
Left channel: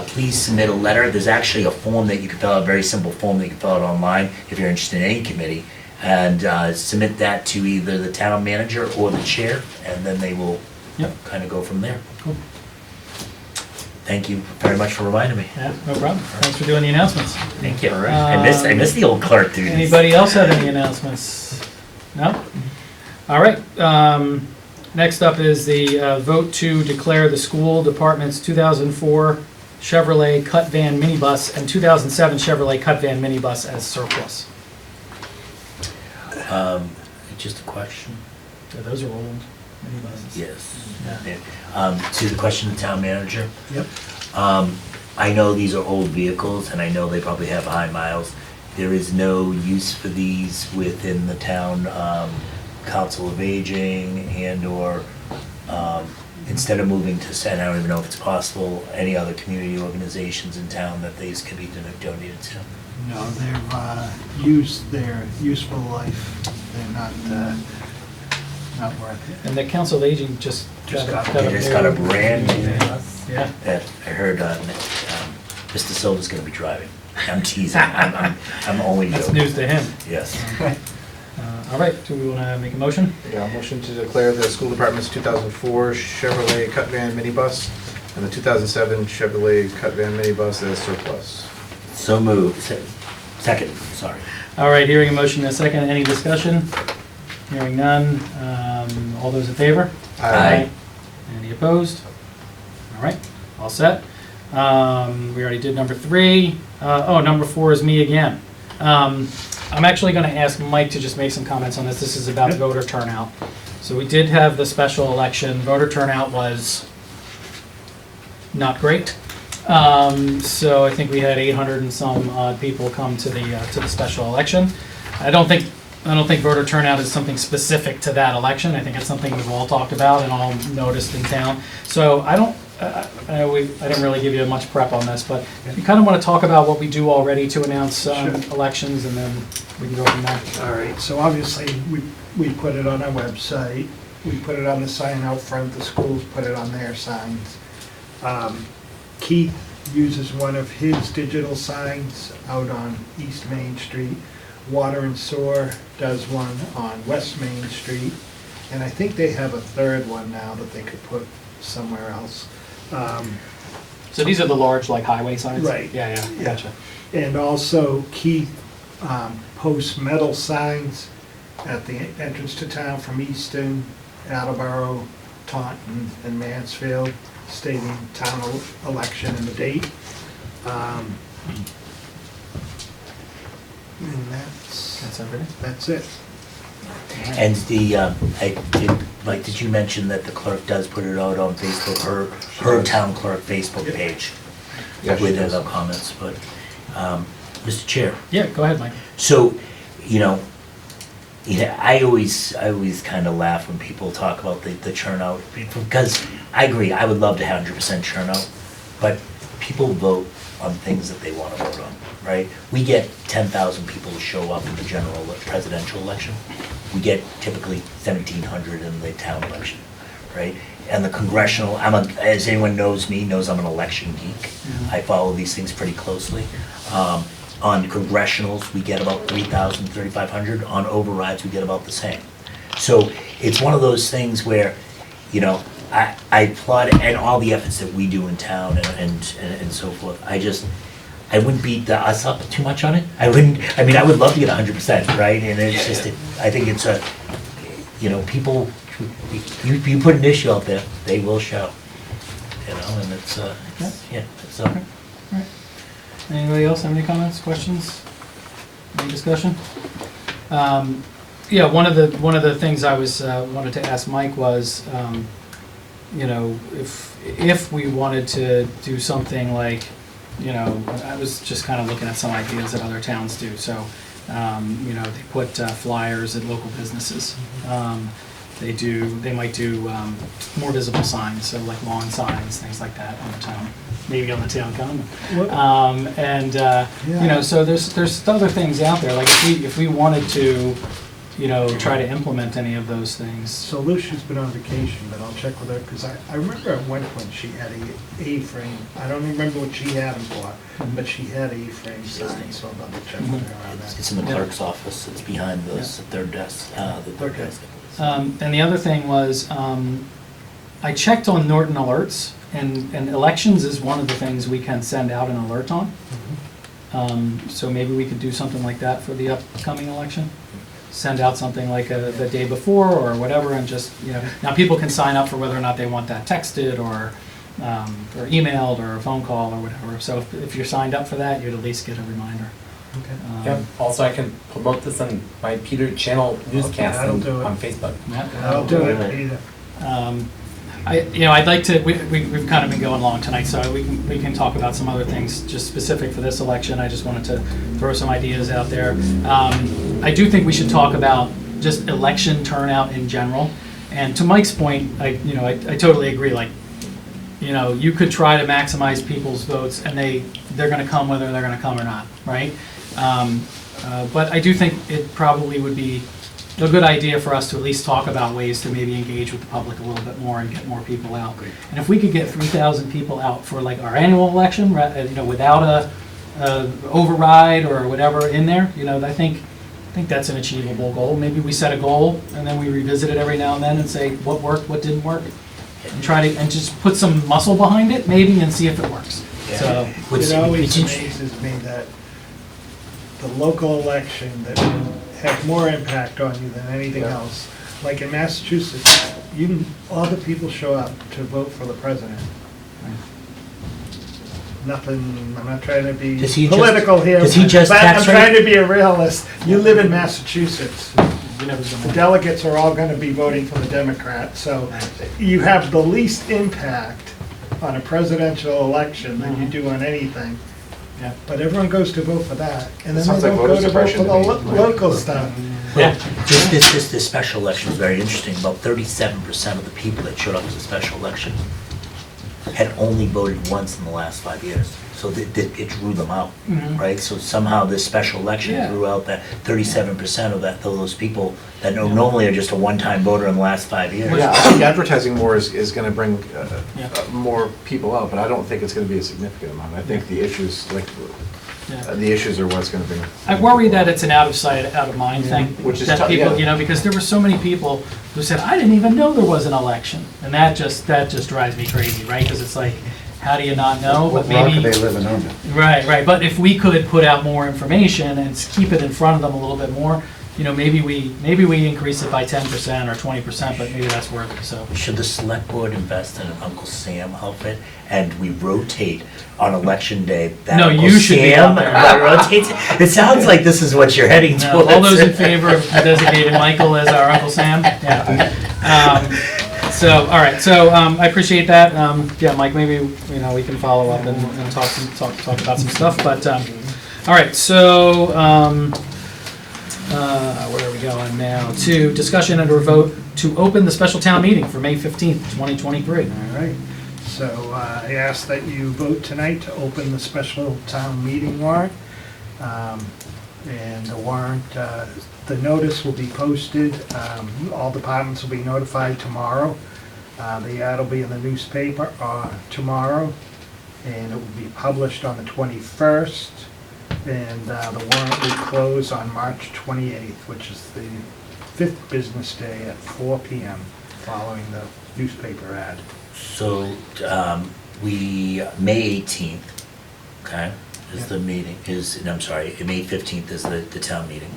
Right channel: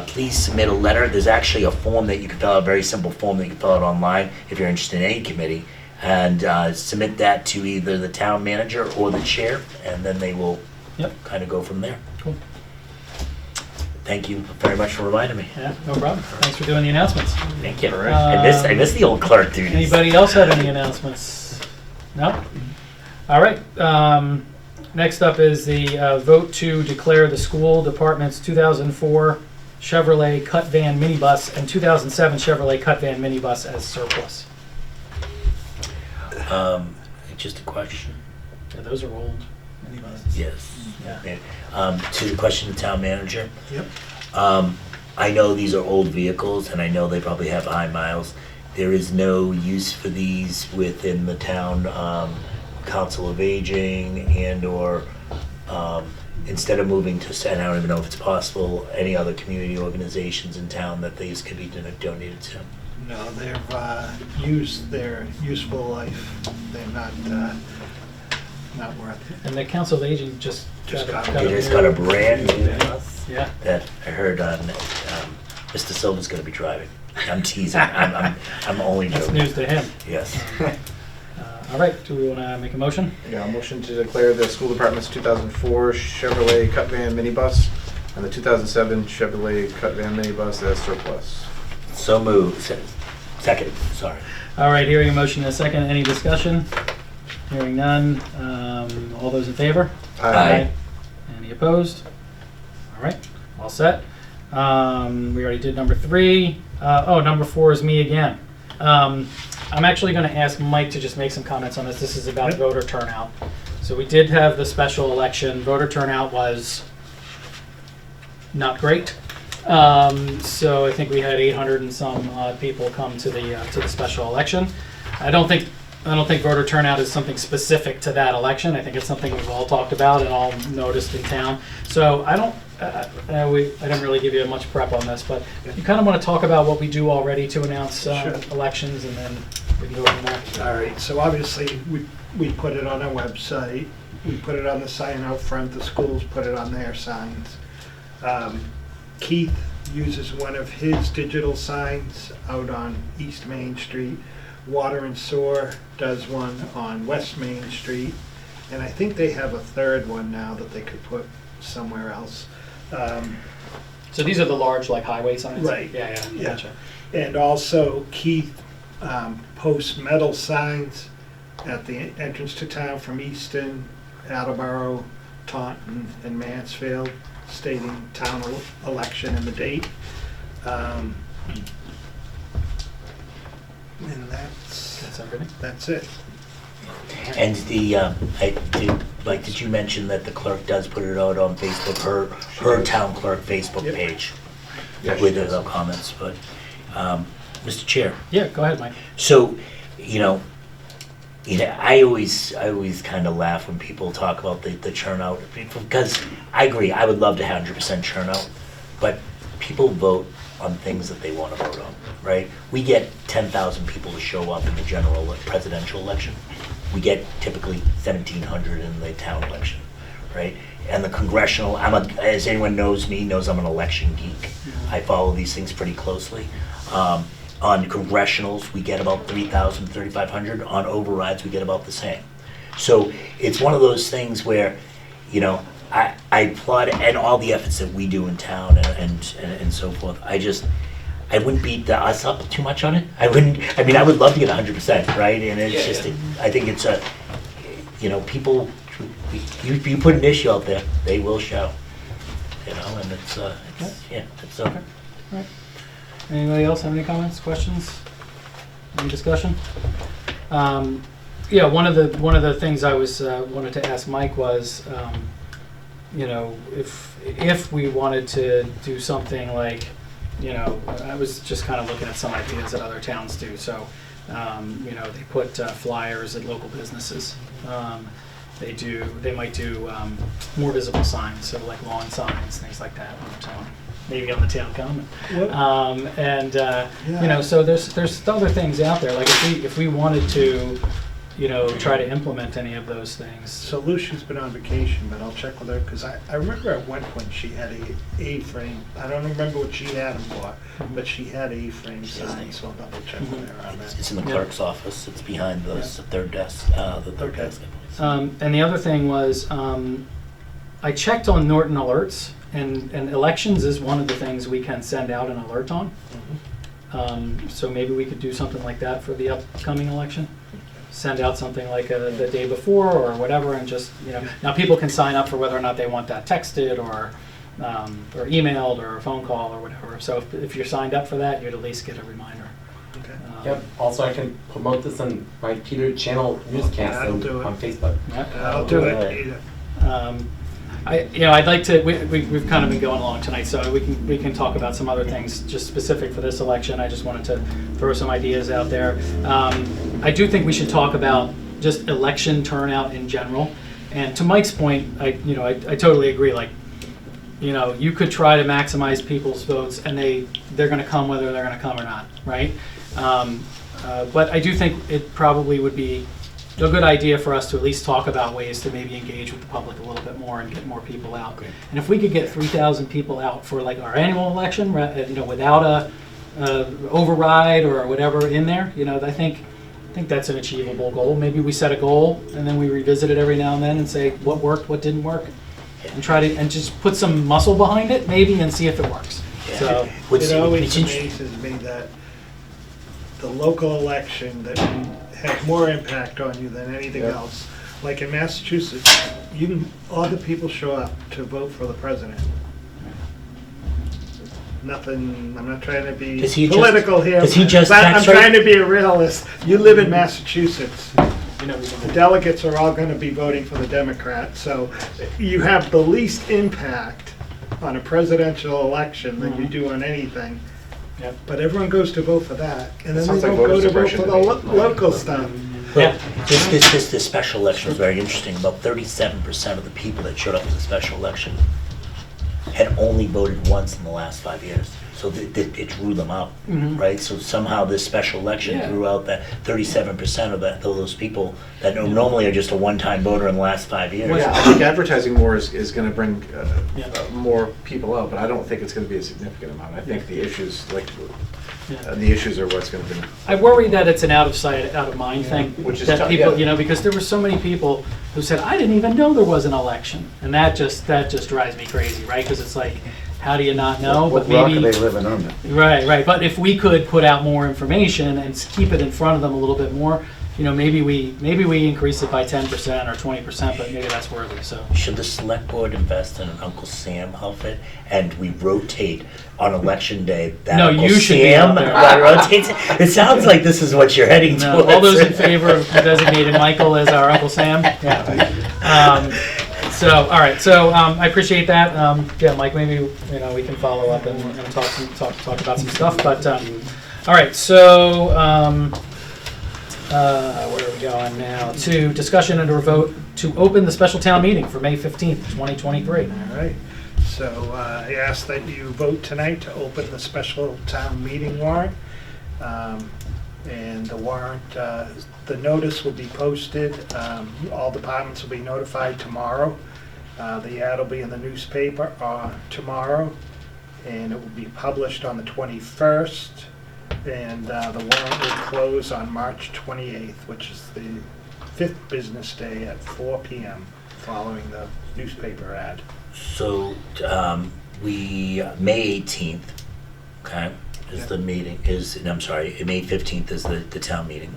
please submit a letter. There's actually a form that you can fill out, a very simple form that you can fill out online if you're interested in any committee, and submit that to either the town manager or the chair, and then they will kind of go from there. Cool. Thank you very much for reminding me. Yeah, no problem. Thanks for doing the announcements. Thank you. I miss the old clerk duties. Anybody else have any announcements? No? All right. Next up is the vote to declare the school department's 2004 Chevrolet Cut Van minibus and 2007 Chevrolet Cut Van minibus as surplus. Just a question. Yeah, those are old minibuses. Yes. To the question of the town manager, Yep. I know these are old vehicles, and I know they probably have high miles. There is no use for these within the town council of aging and/or instead of moving to, and I don't even know if it's possible, any other community organizations in town that these can be donated to. No, they've used their useful life. They're not worth it. And the Council of Aging just got a brand new bus. Yeah. That I heard Mr. Silva's gonna be driving. I'm teasing, I'm only joking. That's news to him. Yes. All right, do we want to make a motion? Yeah, a motion to declare the school department's 2004 Chevrolet Cut Van minibus and the 2007 Chevrolet Cut Van minibus as surplus. So moved. Second, sorry. All right, hearing a motion in a second. Any discussion? Hearing none. All those in favor? Aye. Any opposed? All right, all set. We already did number 3. Number 4 is me again. I'm actually going to ask Mike to just make some comments on this. This is about voter turnout. So we did have the special election. Voter turnout was not great. So I think we had 800 and some odd people come to the special election. I don't think voter turnout is something specific to that election. I think it's something we've all talked about and all noticed in town. So I didn't really give you much prep on this, but you kind of want to talk about what we do already to announce elections, and then we can go from there. All right, so obviously, we put it on our website, we put it on the sign out front, the schools put it on their signs. Keith uses one of his digital signs out on East Main Street. Water and Sewer does one on West Main Street, and I think they have a third one now that they could put somewhere else. So these are the large, like, highway signs? Right. Yeah, gotcha. And also Keith posts metal signs at the entrance to town from Easton, Attleboro, Taunton, and Mansfield, stating town election and the date. And that's everything? That's it. And did you mention that the clerk does put it out on Facebook, her town clerk Facebook page? Yes, with she does. the comments, but, Mr. Chair. Yeah, go ahead, Mike. So, I always kind of laugh when people talk about the turnout, because I agree, I would love to have 100% turnout, but people vote on things that they want to vote on, right? We get 10,000 people to show up in the general presidential election. We get typically 1,700 in the town election, right? And the congressional, as anyone knows me, knows I'm an election geek. I follow these things pretty closely. On congressionals, we get about 3,000, 3,500. On overrides, we get about the same. So it's one of those things where, I applaud and all the efforts that we do in town and so forth. I wouldn't beat us up too much on it. I would love to get 100%, right? And it's I think it's people, you put an issue out there, they will show. And it's Okay. All right. Anybody else have any comments, questions, any discussion? One of the things I wanted to ask Mike was, if we wanted to do something like, I was just kind of looking at some ideas that other towns do. So, they put flyers at local businesses. They might do more visible signs, so like lawn signs, things like that on the town, maybe on the town common. So there's other things out there. Like if we wanted to, try to implement any of those things. So Lucia's been on vacation, but I'll check with her, because I remember at one point she had a A-frame. I don't remember what she had them for, but she had A-frame signs, so I'll double check with her on that. It's in the clerk's office. It's behind the third desk. The third desk. And the other thing was, I checked on Norton Alerts, and elections is one of the things we can send out an alert on. So maybe we could do something like that for the upcoming election. Send out something like the day before or whatever, and just, now people can sign up for whether or not they want that texted or emailed or a phone call or whatever. So if you're signed up for that, you'd at least get a reminder. Yep. Also, I can promote this on my Peter Channel newscast on Facebook. I'll do it, Peter. I'd like to, we've kind of been going along tonight, so we can talk about some other things just specific for this election. I just wanted to throw some ideas out there. I do think we should talk about just election turnout in general. And to Mike's point, I totally agree. Like, you could try to maximize people's votes, and they're going to come whether they're going to come or not, right? But I do think it probably would be a good idea for us to at least talk about ways to maybe engage with the public a little bit more and get more people out. And if we could get 3,000 people out for like our annual election, without a override or whatever in there, I think that's an achievable goal. Maybe we set a goal and then we revisit it every now and then and say what worked, what didn't work, and and just put some muscle behind it maybe and see if it works. So it always amazes me that the local election that will have more impact on you than anything else. Like in Massachusetts, all the people show up to vote for the president. Nothing, I'm not trying to be political here, but I'm trying to be a realist. You live in Massachusetts. The delegates are all going to be voting for the Democrats, so you have the least impact on a presidential election than you do on anything. Yep. But everyone goes to vote for that, and then they don't go to vote for the local stuff. Well, this special election was very interesting. About 37% of the people that showed up to the special election had only voted once in the last 5 years. So it drew them out, right? So somehow this special election drew out that 37% of those people that normally are just a one-time voter in the last 5 years. Yeah, I think advertising more is going to bring more people out, but I don't think it's going to be a significant amount. I think the issues, the issues are what's going to bring. I worry that it's an out of sight, out of mind thing. Which is that tough, people, because there were so many people who said, I didn't even know there was an election, and that just drives me crazy, right? Because it's like, how do you not know? But maybe they living under? Right. But if we could put out more information and keep it in front of them a little bit more, maybe we increase it by 10% or 20%, but maybe that's worth it. So should the select board invest in an Uncle Sam outfit, and we rotate on election day? No, Uncle you should be out there. That rotates. It sounds like this is what you're heading no, towards. All those in favor of designating Michael as our Uncle Sam? Yeah. So, all right. So I appreciate that. Mike, maybe we can follow up and talk about some stuff. But all right. So where are we going now? To discussion and or vote to open the special town meeting for May 15th, 2023. All right. So I ask that you vote tonight to open the special town meeting warrant. And the warrant, the notice will be posted. All departments will be notified tomorrow. The ad will be in the newspaper tomorrow, and it will be published on the 21st. And the warrant will close on March 28th, which is the 5th business day at 4 p.m. following the newspaper ad. So May 18th, okay, is the meeting, I'm sorry, May 15th is the town meeting.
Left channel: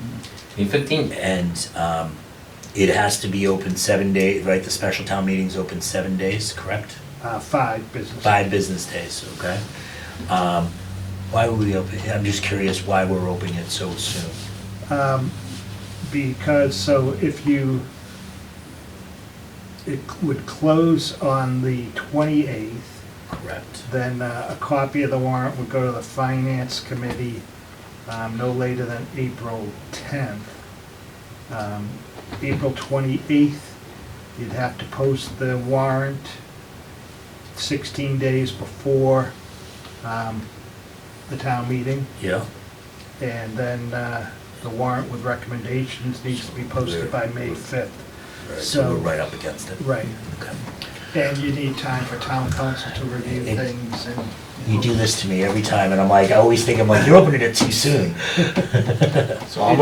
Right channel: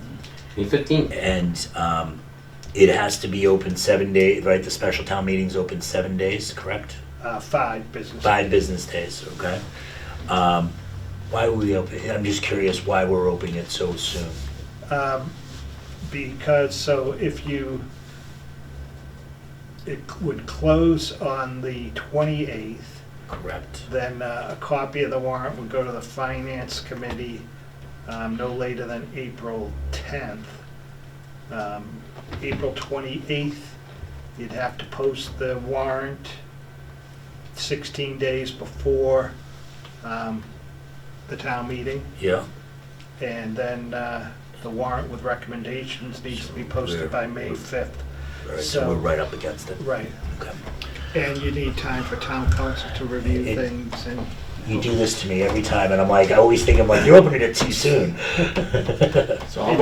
May 15th. And it has to be open 7 days, right? The special town meeting's open 7 days, correct? 5 business. 5 business days, okay. Why are we open? I'm just curious why we're opening it so soon. Because it would close on the 28th. Correct. Then a copy of the warrant would go to the Finance Committee no later than April 10th. April 28th, you'd have to post the warrant 16 days before the town meeting. Yeah. And then the warrant with recommendations needs to be posted by May 5th. Right, so we're right up against it. Right. Okay. And you need time for town council to review things and... You do this to me every time, and I'm like, you're opening it too soon. So I'll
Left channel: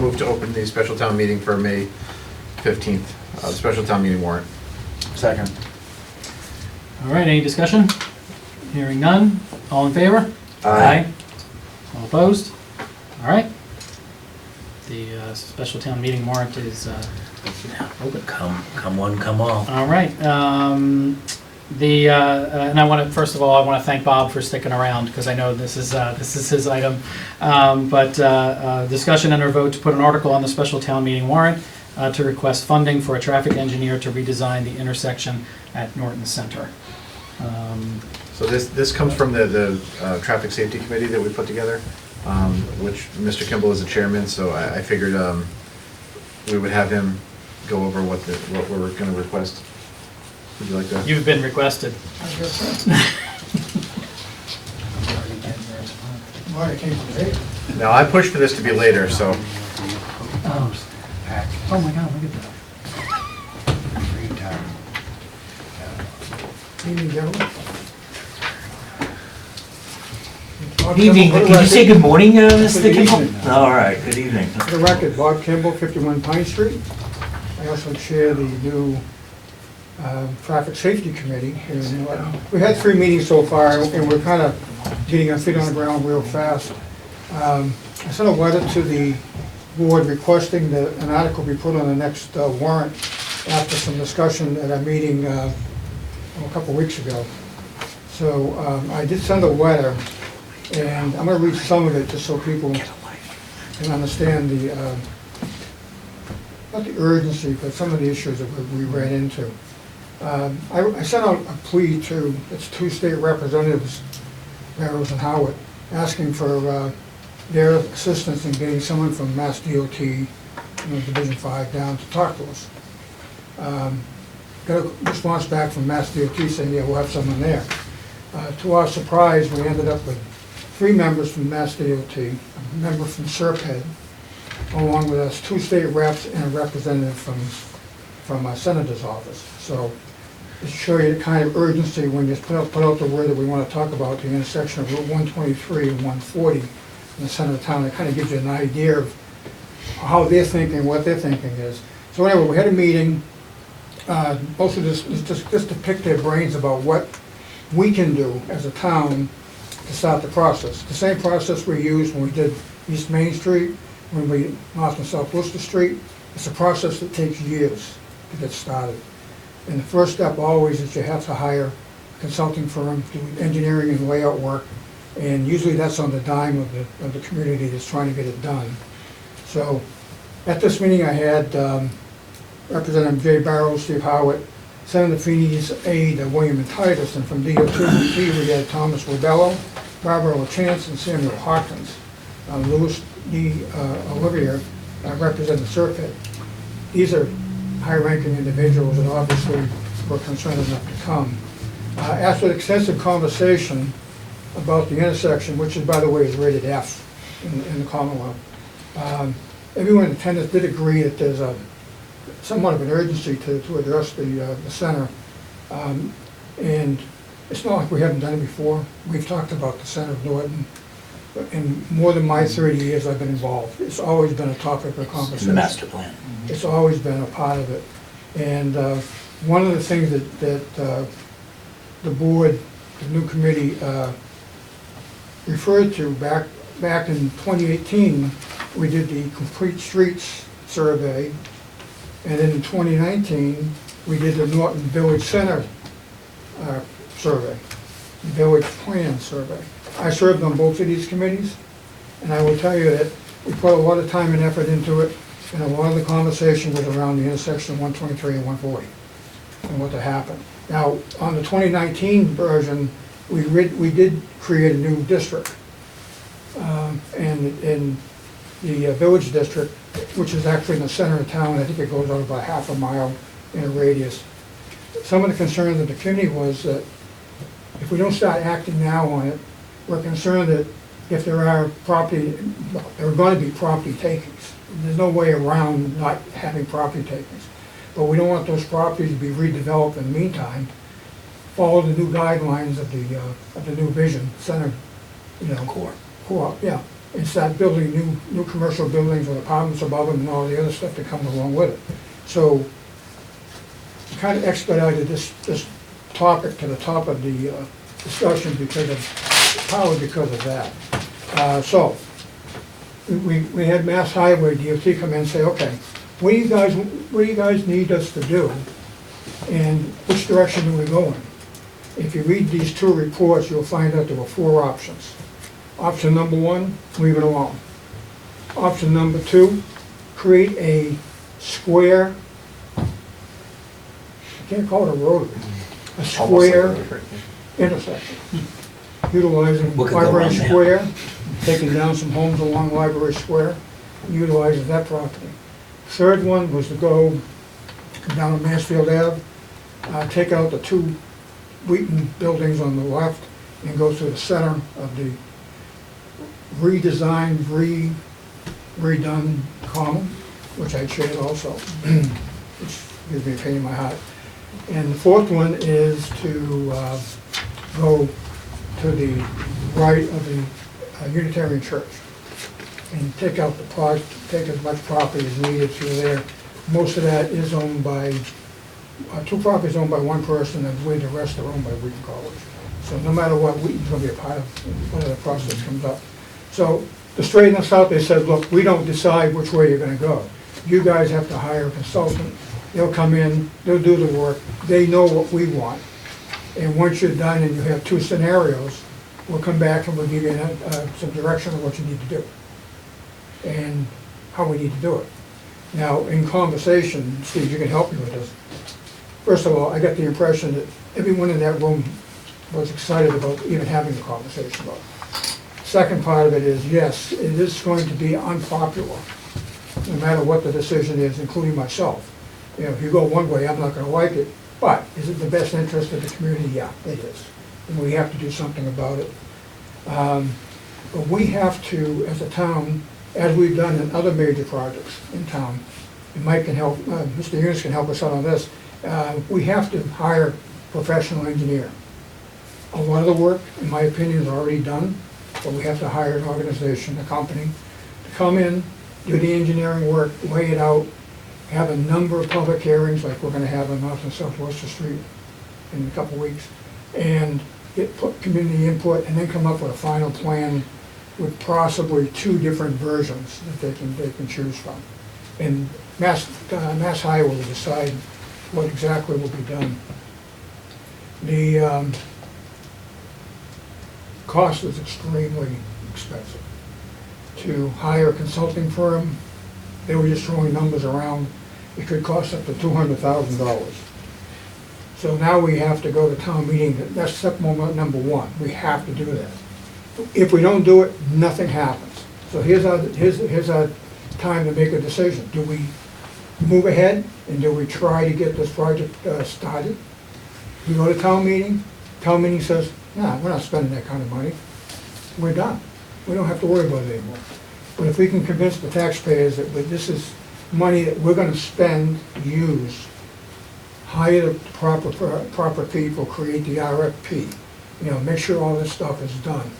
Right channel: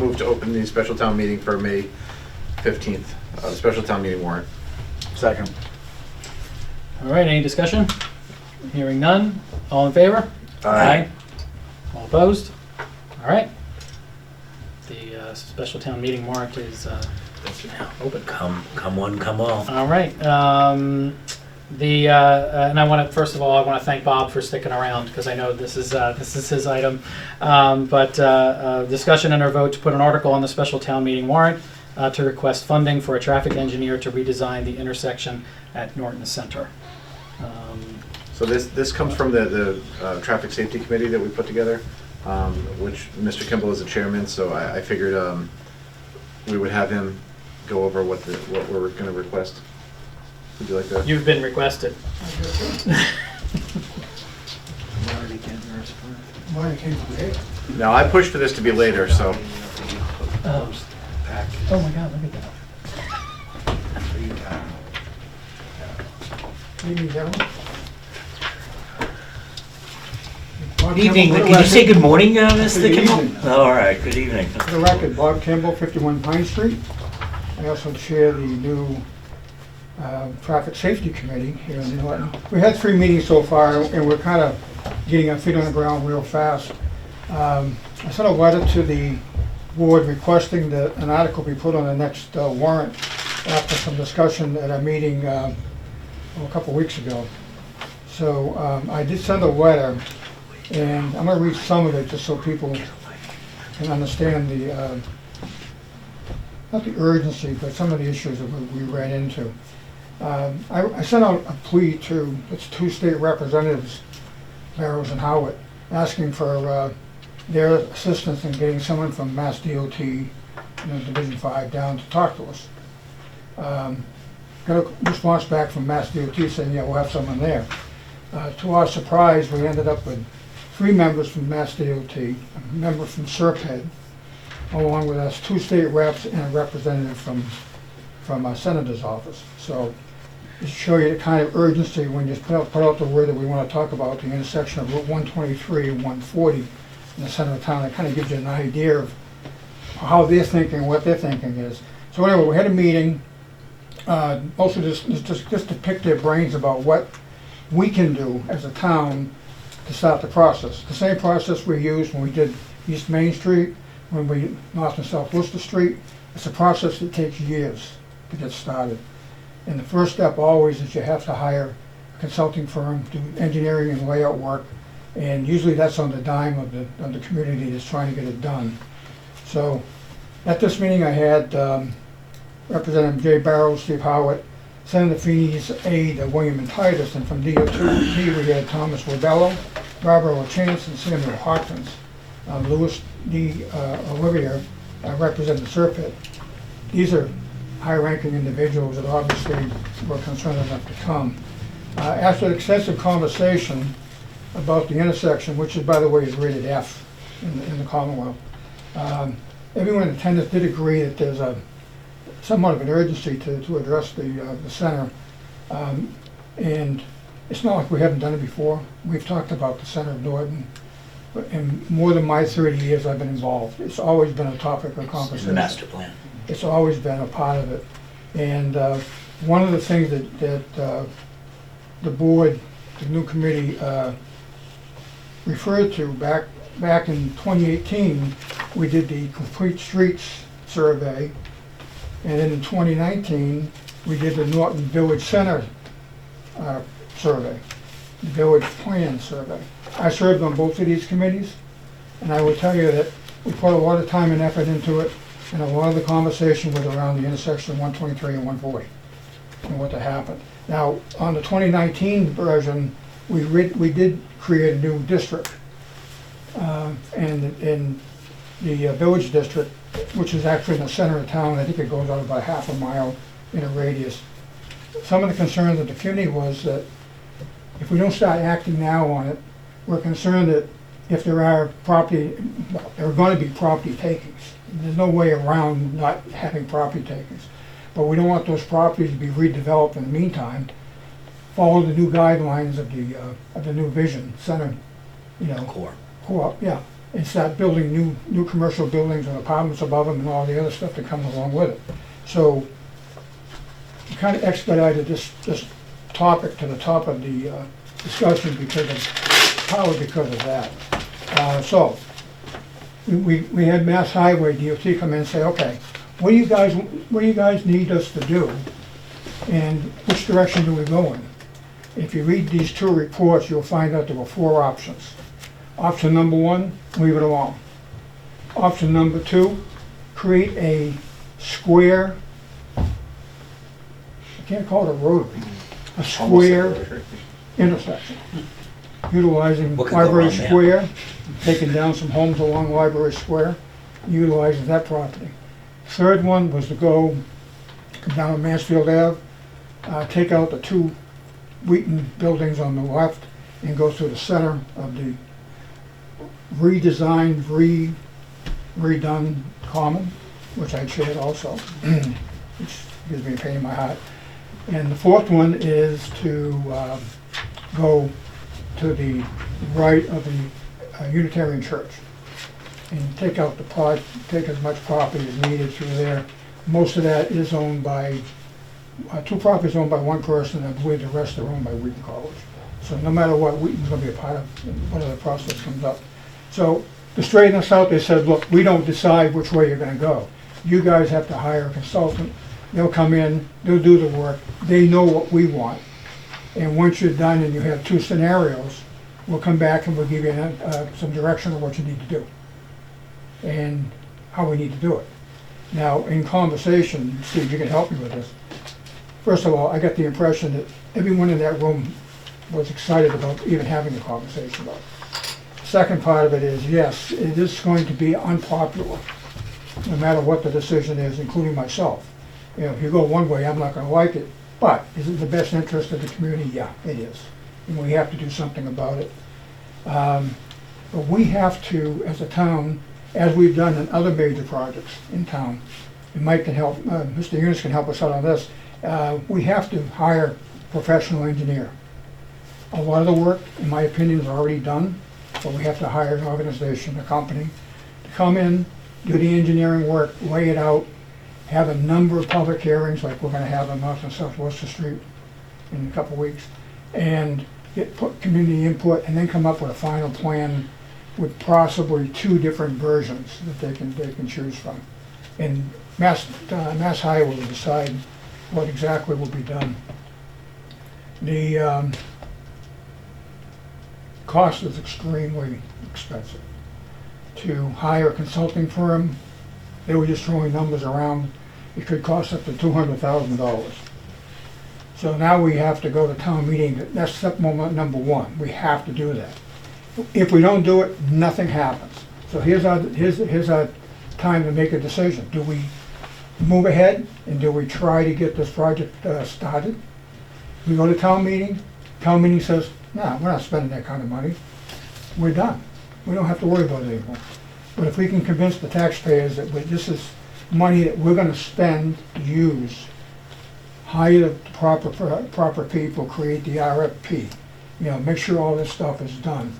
move to open the special town meeting for May 15th, special town meeting warrant. Second. All right. Any discussion? Hearing none. All in favor? Aye. All opposed? All right. The special town meeting warrant is open. Come one, come all. All right. And I want to first of all, I want to thank Bob for sticking around because I know this is his item. But discussion and or vote to put an article on the special town meeting warrant to request funding for a traffic engineer to redesign the intersection at Norton Center. So this comes from the Traffic Safety Committee that we put together, which Mr. Kimball is the chairman, so I figured we would have him go over what we're going to request. Would you like to? You've been requested. No, I pushed for this to be later, so. Oh my God, look at that. Good evening. Can you say good morning, Mr. Kimball? All right, good evening. For the record, Bob Kimball, 51 Pine Street. I also chair the new Traffic Safety Committee here in Norton. We had 3 meetings so far, and we're kind of getting our feet on the ground real fast. I sent a letter to the board requesting that an article be put on the next warrant after some discussion at our meeting a couple weeks ago. So I did send a letter, and I'm going to read some of it just so people can understand the, not the urgency, but some of the issues that we ran into. I sent out a plea to its 2 state representatives, Barrows and Howard, asking for their assistance in getting someone from Mass DOT, Division 5 down to talk to us. Got a response back from Mass DOT saying, yeah, we'll have someone there. To our surprise, we ended up with 3 members from Mass DOT, a member from Serped, along with us 2 state reps and a representative from our senator's office. So just to show you the kind of urgency when you put out the word that we want to talk about the intersection of Route 123 and 140 in the center of town. It kind of gives you an idea of how they're thinking, what their thinking is. So anyway, we had a meeting. Most of this is just to pick their brains about what we can do as a town to start the process. The same process we used when we did East Main Street, when we North and South Worcester Street. It's a process that takes years to get started. And the first step always is you have to hire a consulting firm, do engineering and layout work, and usually that's on the dime of the community that's trying to get it done. So at this meeting I had Representative Jay Barrows, Steve Howard, Senator Feeney's aide, William Titus, and from DOT we had Thomas Rebello, Barbara LaChance, and Samuel Hawkins. Louis D. Olivier, Representative Serpent. These are high-ranking individuals that obviously were concerned enough to come. After an extensive conversation about the intersection, which is, by the way, is rated F in the Commonwealth, everyone in attendance did agree that there's somewhat of an urgency to address the center. And it's not like we haven't done it before. We've talked about the center of Norton. In more than my 30 years I've been involved, it's always been a topic of conversation. The master plan. It's always been a part of it. And one of the things that the board, the new committee, referred to back in 2018, we did the Complete Streets survey. And then in 2019, we did the Norton Village Center survey, Village Plan survey. I served on both of these committees, and I will tell you that we put a lot of time and effort into it, and a lot of the conversation was around the intersection of 123 and 140 and what to happen. Now, on the 2019 version, we did create a new district, and in the village district, which is actually in the center of town. I think it goes out about half a mile in a radius. Some of the concern of the community was that if we don't start acting now on it, we're concerned that if there are going to be property takings. There's no way around not having property takings. But we don't want those properties to be redeveloped in the meantime. Follow the new guidelines of the new vision center, core, yeah. And start building new commercial buildings with apartments above them and all the other stuff that comes along with it. So we kind of expedited this topic to the top of the discussion because of that. So we had Mass Highway DOT come in and say, okay, what do you guys need us to do, and which direction do we go in? If you read these 2 reports, you'll find out there were 4 options. Option number 1, leave it alone. Option number 2, create a square, I can't call it a rotary, a Almost like square a- intersection, utilizing What could go Library wrong there? Square, taking down some homes along Library Square, utilizing that property. Third one was to go down Mansfield Ave, take out the two Wheaton buildings on the left and go through the center of the redesigned, redone common, which I chaired also, which gives me a pain in my heart. And the fourth one is to go to the right of the Unitarian Church and take out take as much property as needed through there. Most of that is owned by, two properties owned by one person, and I believe the rest are owned by Wheaton College. So no matter what, Wheaton's gonna be a part of whatever the process comes up. So to straighten us out, they said, look, we don't decide which way you're gonna go. You guys have to hire a consultant. They'll come in, they'll do the work. They know what we want. And once you're done and you have two scenarios, we'll come back and we'll give you some direction on what you need to do and how we need to do it. Now, in conversation, Steve, you can help me with this. First of all, I got the impression that everyone in that room was excited about even having a conversation about it. Second part of it is, yes, it is going to be unpopular, no matter what the decision is, including myself. You know, if you go one way, I'm not gonna like it, but is it in the best interest of the community? Yeah, it is. And we have to do something about it. But we have to, as a town, as we've done in other major projects in town, and Mike can help, Mr. Eunice can help us out on this, we have to hire a professional engineer. A lot of the work, in my opinion, is already done, but we have to hire an organization, a company, to come in, do the engineering work, lay it out, have a number of public hearings, like we're gonna have on North and South Worcester Street in a couple of weeks, and get community input, and then come up with a final plan with possibly two different versions that they can choose from. And Mass Highway will decide what exactly will be done. The cost is extremely expensive. To hire a consulting firm, they were just throwing numbers around, it could cost up to $200,000. So now we have to go to town meeting, that's step number one, we have to do that. If we don't do it, nothing happens. So here's our time to make a decision. Do we move ahead and do we try to get this project started? We go to town meeting says, no, we're not spending that kind of money. We're done. We don't have to worry about it anymore. But if we can convince the taxpayers that this is money that we're gonna spend, use, hire the proper people, create the RFP, you know, make sure all this stuff is done.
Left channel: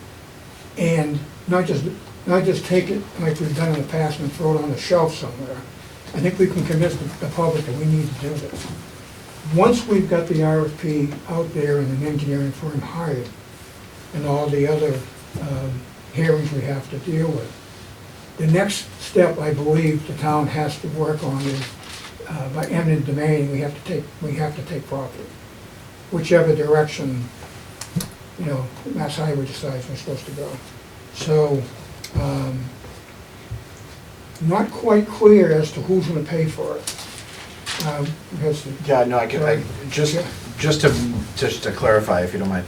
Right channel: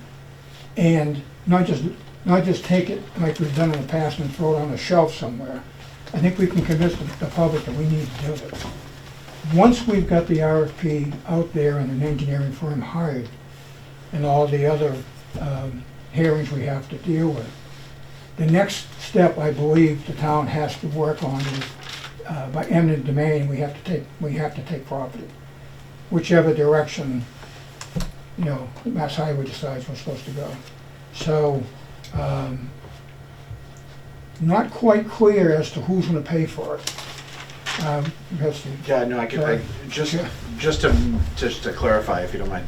And not just take it like we've done in the past and throw it on the shelf somewhere. I think we can convince the public that we need to do this. Once we've got the RFP out there and an engineering firm hired and all the other hearings we have to deal with, the next step, I believe, the town has to work on is by eminent domain, we have to take property. Whichever direction, you know, Mass Highway decides we're supposed to go. So, not quite clear as to who's gonna pay for it. Yeah, no, just to clarify, if you don't mind.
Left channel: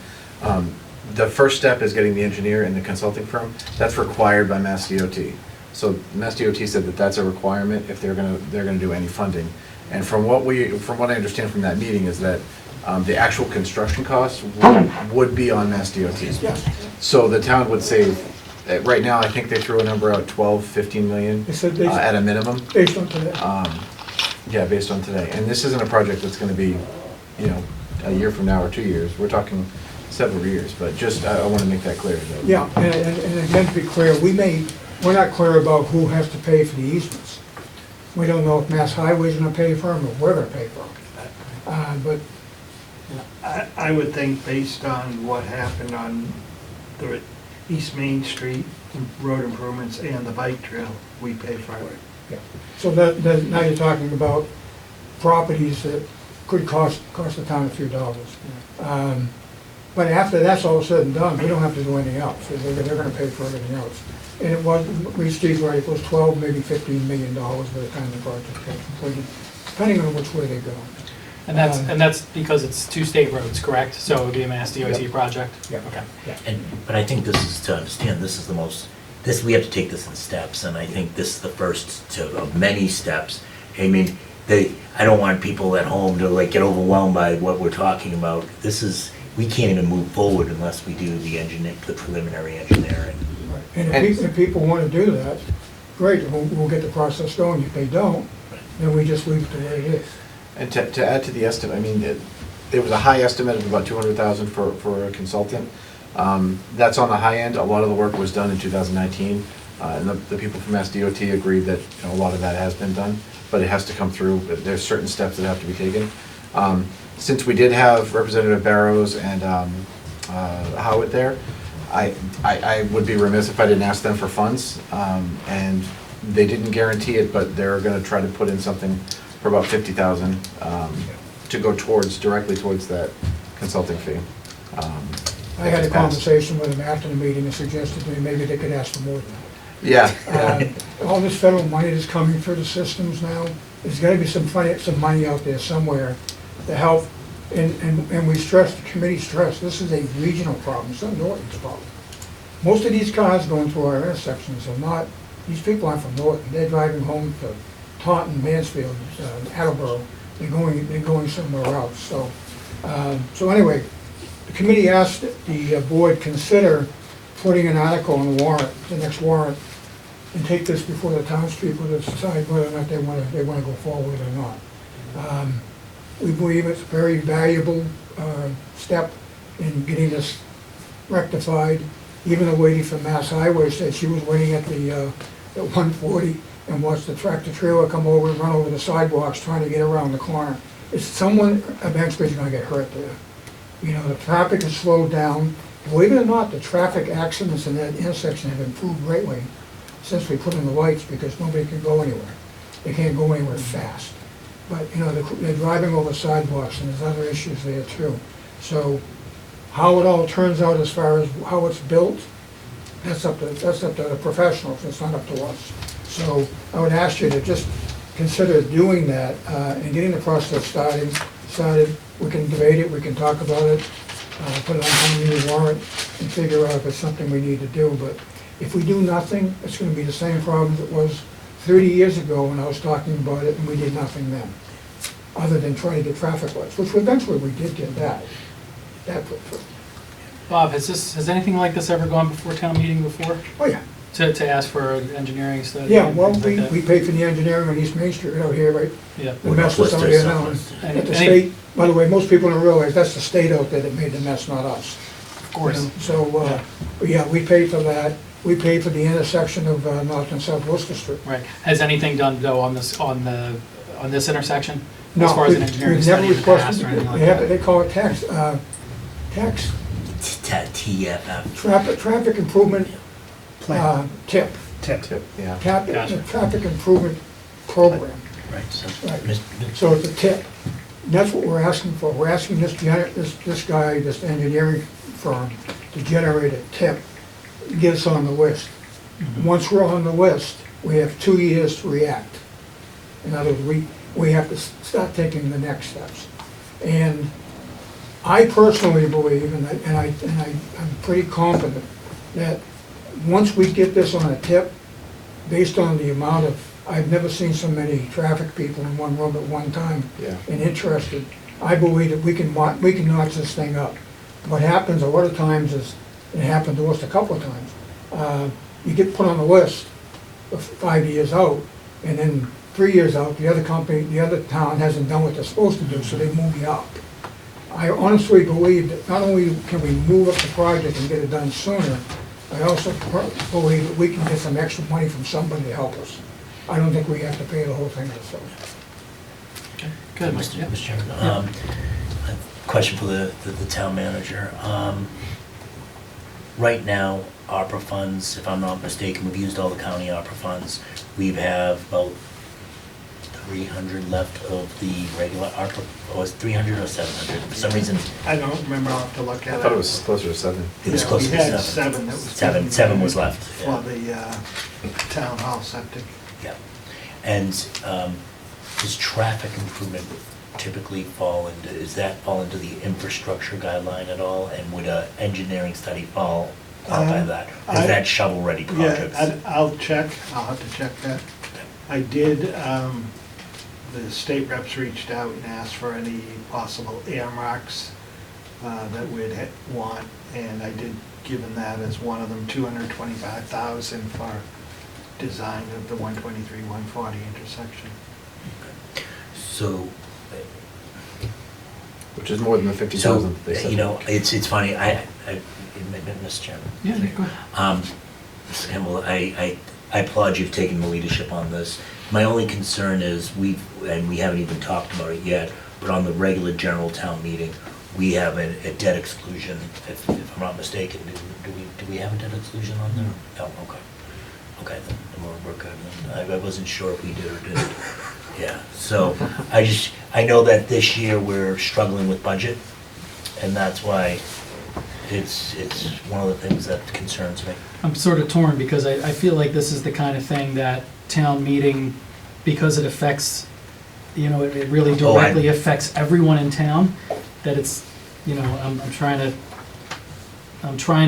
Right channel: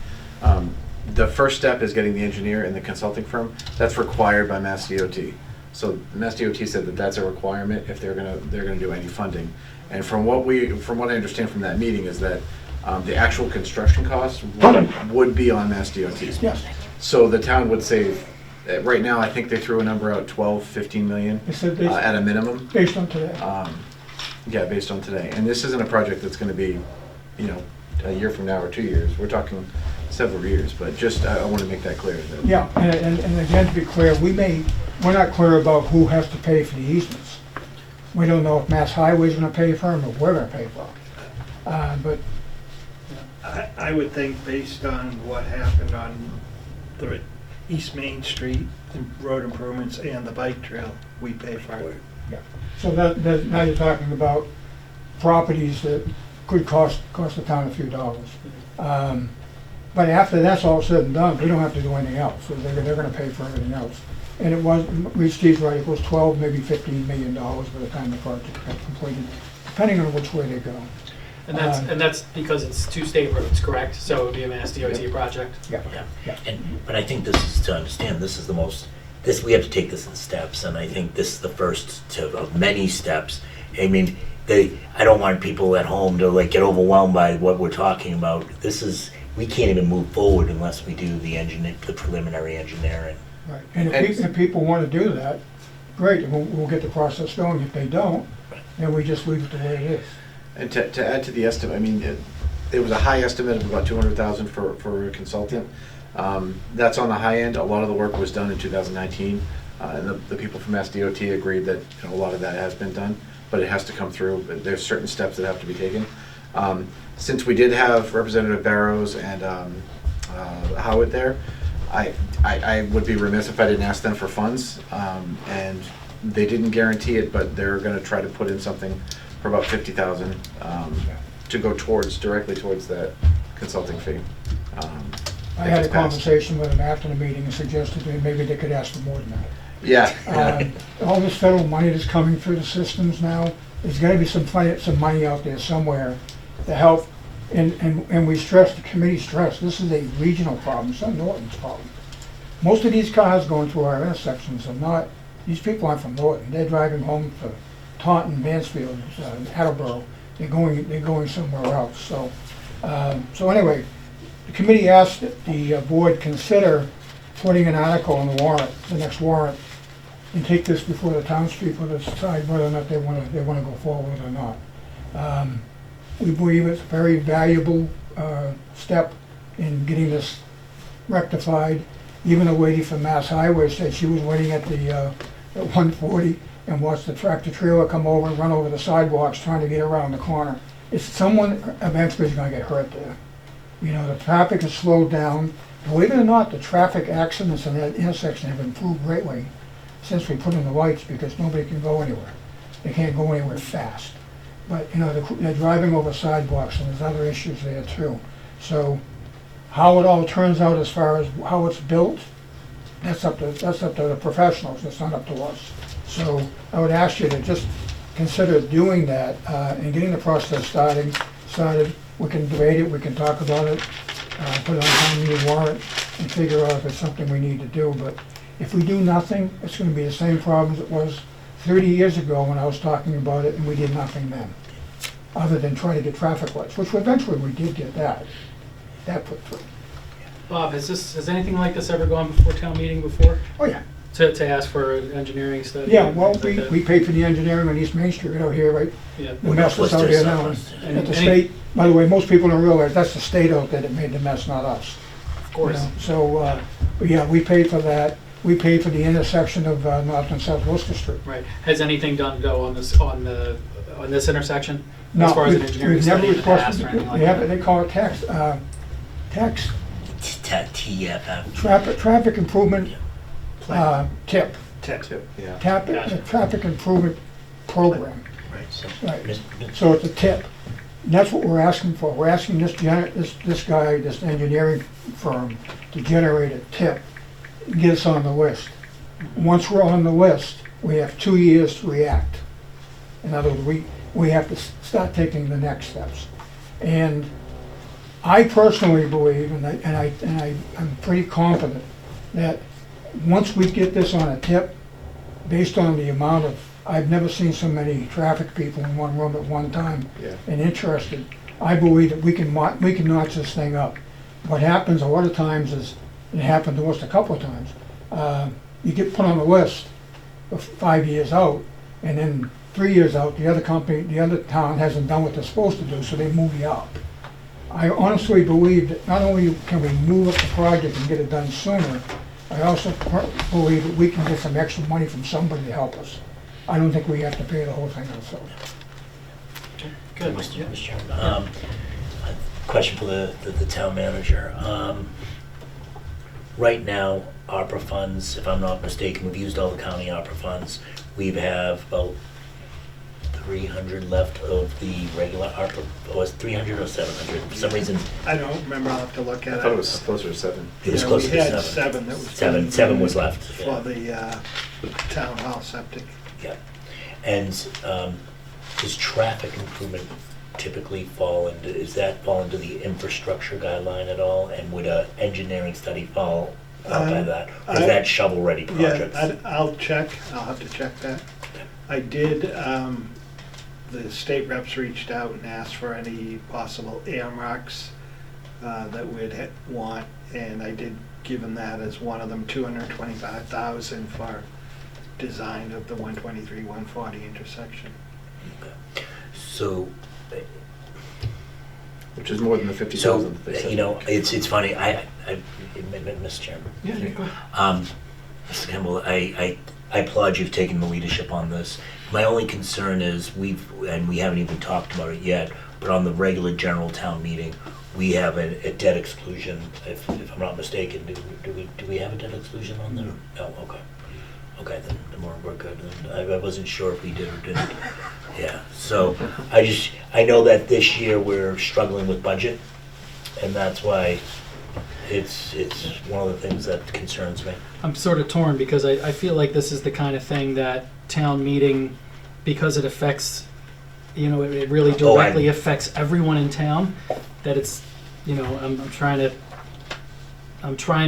The first step is getting the engineer and the consulting firm. That's required by Mass DOT. So Mass DOT said that that's a requirement if they're gonna do any funding. And from what I understand from that meeting is that the actual construction costs would be on Mass DOT. Yes. So the town would save, right now, I think they threw a number out, 12, 15 million at a minimum. Based on today. Yeah, based on today. And this isn't a project that's gonna be, you know, a year from now or 2 years. We're talking several years, but just, I wanna make that clear. That Yeah, and again, to be clear, we're not clear about who has to pay for the easements. We don't know if Mass Highway's gonna pay for them or we're gonna pay for them. But I would think based on what happened on the East Main Street road improvements and the bike trail, we pay for it. yeah. So now you're talking about properties that could cost the town a few dollars. But after that's all said and done, we don't have to do anything else. They're gonna pay for everything else. And it was, Steve's right, it was 12, maybe $15 million by the time the project got completed, depending on which way they go. And that's because it's two state roads, correct? So it would be a Mass DOT project? Yeah. Okay. But I think this is, to understand, this is the most, we have to take this in steps, and I think this is the first of many steps. I mean, I don't want people at home to like get overwhelmed by what we're talking about. We can't even move forward unless we do the preliminary engineering. And if people want to do that, great, we'll get the process going. If they don't, then we just leave it the way it is. And to add to the estimate, I mean, there was a high estimate of about $200,000 for a consultant. That's on the high end. A lot of the work was done in 2019, and the people from Mass DOT agreed that a lot of that has been done, but it has to come through. There's certain steps that have to be taken. Since we did have Representative Barrows and Howitt there, I would be remiss if I didn't ask them for funds, and they didn't guarantee it, but they're going to try to put in something for about $50,000 to go directly towards that consulting fee. I had a conversation with them after the meeting and suggested to me maybe they could ask for more than that. Yeah. All this federal money that's coming through the systems now, there's got to be some money out there somewhere to help. And we stress, the committee stressed, this is a regional problem, it's not Norton's problem. Most of these cars going through our intersections are not, these people aren't from Norton. They're driving home to Taunton, Mansfield, Attleboro. They're going somewhere else. So anyway, the committee asked that the board consider putting an article on the warrant, the next warrant, and take this before the townspeople to decide whether or not they want to go forward or not. We believe it's a very valuable step in getting this rectified. Even a lady from Mass Highway said she was waiting at the 140 and watched the tractor trailer come over and run over the sidewalks trying to get around the corner. It's someone eventually is going to get hurt there. You know, the traffic has slowed down. Believe it or not, the traffic accidents in that intersection have improved greatly since we put in the lights because nobody can go anywhere. They can't go anywhere fast. But, you know, they're driving over sidewalks and there's other issues there too. So how it all turns out as far as how it's built, that's up to the professionals, it's not up to us. So I would ask you to just consider doing that and getting the process started. We can debate it, we can talk about it, put it on the warrant and figure out if it's something we need to do. But if we do nothing, it's going to be the same problem as it was 30 years ago when I was talking about it and we did nothing then, other than trying to get traffic lights, which eventually we did get that put through. Bob, has anything like this ever gone before town meeting before? Oh, yeah. To ask for an engineering study? Yeah, well, we pay for the engineering on East Main Street out here, right? Yeah. The mess that's out here now. And at the state, by the way, most people don't realize that's the state out there that made the mess, not us. Of course. You know? So, but yeah, we pay for that. We pay for the intersection of North and South Worcester Street. Right. Has anything done though on this intersection? As far as an engineering study in the past or anything like that? They call it tax. TFF. Traffic improvement TIP. TIP, yeah. Traffic improvement program. Right. So it's a TIP. And that's what we're asking for. We're asking this guy, this engineering firm, to generate a TIP, get us on the list. Once we're on the list, we have 2 years to react. In other words, we have to start taking the next steps. And I personally believe, and I'm pretty confident, that once we get this on a tip, based on the amount of, I've never seen so many traffic people in one room at one time and interested, I believe that we can notch this thing up. What happens a lot of times is, it happened to us a couple of times, you get put on the list for 5 years out, and then 3 years out, the other town hasn't done what they're supposed to do, so they move you up. I honestly believe that not only can we move up the project and get it done sooner, I also believe that we can get some extra money from somebody to help us. I don't think we have to pay the whole thing ourselves. Okay, good. Mr. Chairman, a question for the town manager. Right now, ARPA funds, if I'm not mistaken, we've used all the county ARPA funds. We have about 300 left of the regular ARPA, or was it 300 or 700? For some reason, I don't remember, I'll have to look at it. I thought it was closer to 7. it was Yeah, closer to We had 7. 7 that was. Seven was left, For yeah. the town hall septic. Yeah. And does traffic improvement typically fall into, does that fall into the infrastructure guideline at all? And would a engineering study qualify that? Or is that shovel-ready projects? Yeah, I'll check, I'll have to check that. I did, the state reps reached out and asked for any possible earmarks that we'd want, and I did give them that as one of them, $225,000 for design of the 123, 140 intersection. So, Which is more than the 50,000 that they said. you know, it's funny, Mr. Chairman. Yeah, go ahead. Mr. Kimball, I applaud you for taking the leadership on this. My only concern is we haven't even talked about it yet, but on the regular general town meeting, we have a debt exclusion, if I'm not mistaken. Do we have a debt exclusion on there? No, okay. Okay, then we're good. I wasn't sure if we did or didn't. Yeah, so I know that this year we're struggling with budget, and that's why it's one of the things that concerns me. I'm sort of torn because I feel like this is the kind of thing that town meeting, because it affects, you know, it really directly affects everyone in town, that it's, you know, I'm trying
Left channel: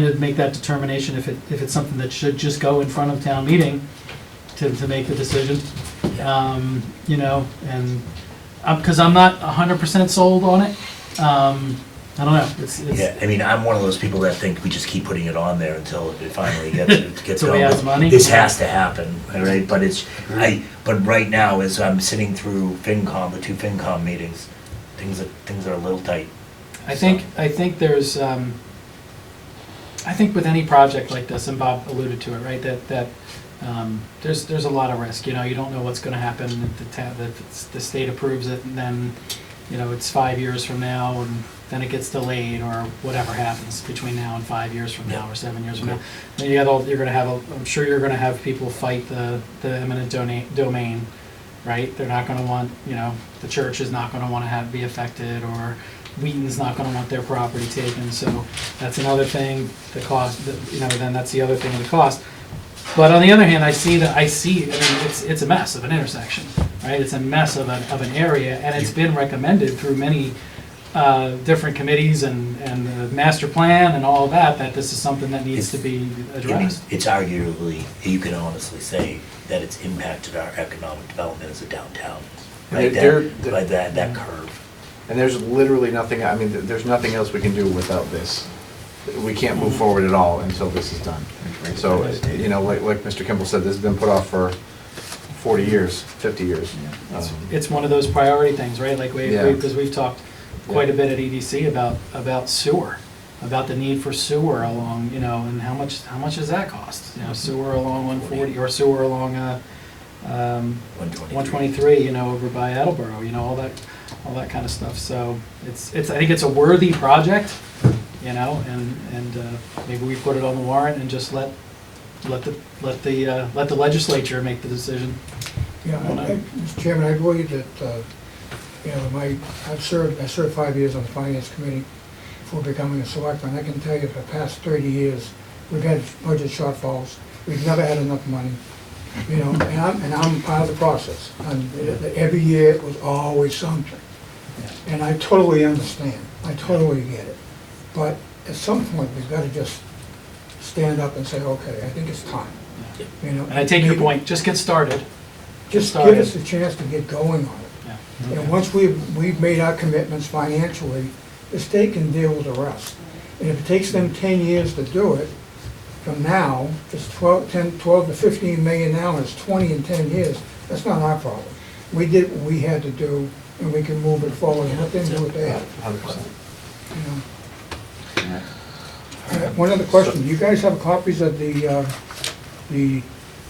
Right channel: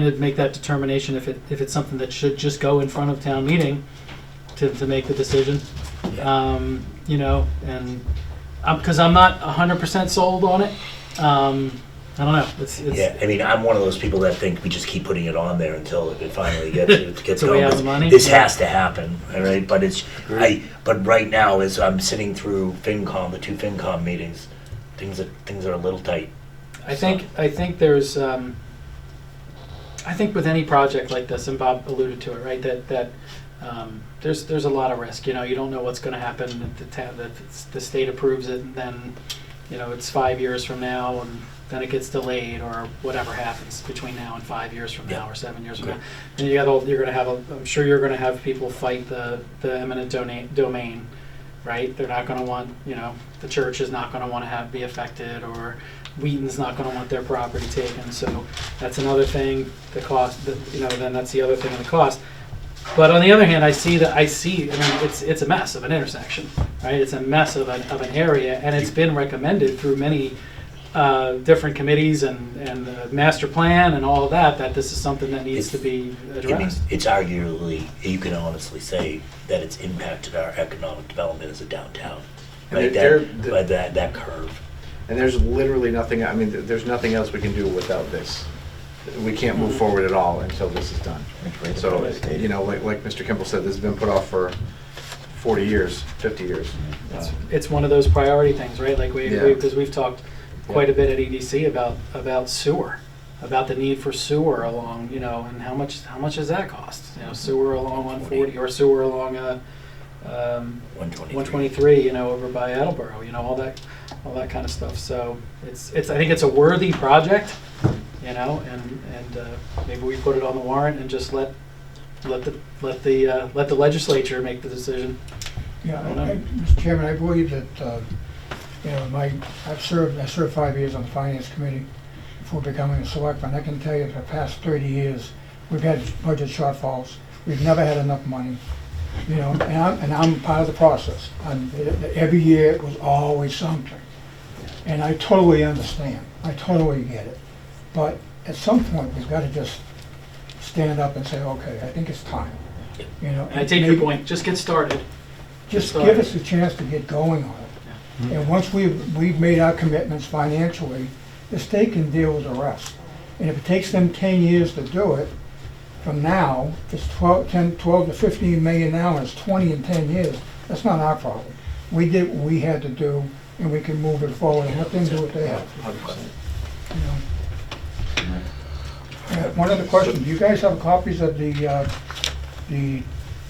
to make that determination if it's something that should just go in front of town meeting to make the decision. You know, and because I'm not 100% sold on it. I don't know. It's Yeah, I mean, I'm one of those people that think we just keep putting it on there until it finally gets So we going. have the money? This has to happen, all right? But but right now, as I'm sitting through FinCom, the 2 FinCom meetings, things are a little tight. I think there's I think with any project like this, and Bob alluded to it, right? That there's a lot of risk. You know, you don't know what's going to happen. The state approves it, and then, you know, it's 5 years from now, and then it gets delayed, or whatever happens between now and 5 years from now, or 7 years from now. And you're going to have I'm sure you're going to have people fight the eminent domain, right? They're not going to want, you know, the church is not going to want to be affected, or Wheaton's not going to want their property taken. So that's another thing. The cost, you know, then that's the other thing, the cost. But on the other hand, I mean, it's a mess of an intersection, right? It's a mess of an area, and it's been recommended through many different committees and master plan and all of that this is something that needs to be addressed. It's arguably, you can honestly say that it's impacted our economic development as a downtown, right? That curve. And there's literally nothing, I mean, there's nothing else we can do without this. We can't move forward at all until this is done. So, you know, like Mr. Kimball said, this has been put off for 40 years, 50 years. It's one of those priority things, right? Like because we've talked quite a bit at EDC about sewer, about the need for sewer along, you know, and how much does that cost? You know, sewer along 140 or sewer along 123, you know, over by Attleboro, you know, all that kind of stuff. So I think it's a worthy project, you know, and maybe we put it on the warrant and just let the legislature make the decision. Yeah, Mr. Chairman, I believe that, you know, I served 5 years on the Finance Committee before becoming a selectman. I can tell you for the past 30 years, we've had budget shortfalls. We've never had enough money, you know, and I'm part of the process. And every year it was always something. And I totally understand. I totally get it. But at some point, we've got to just stand up and say, okay, I think it's time. You know, And I take your point. Just get started. Just give us a chance to get going on it. And once we've made our commitments financially, the state can deal with the rest. And if it takes them 10 years to do it, from now, it's 12 to 15 million now, and it's 20 in 10 years, that's not our problem. We did what we had to do, and we can move it forward and let them do what they have. 100%. One other question, do you guys have copies of the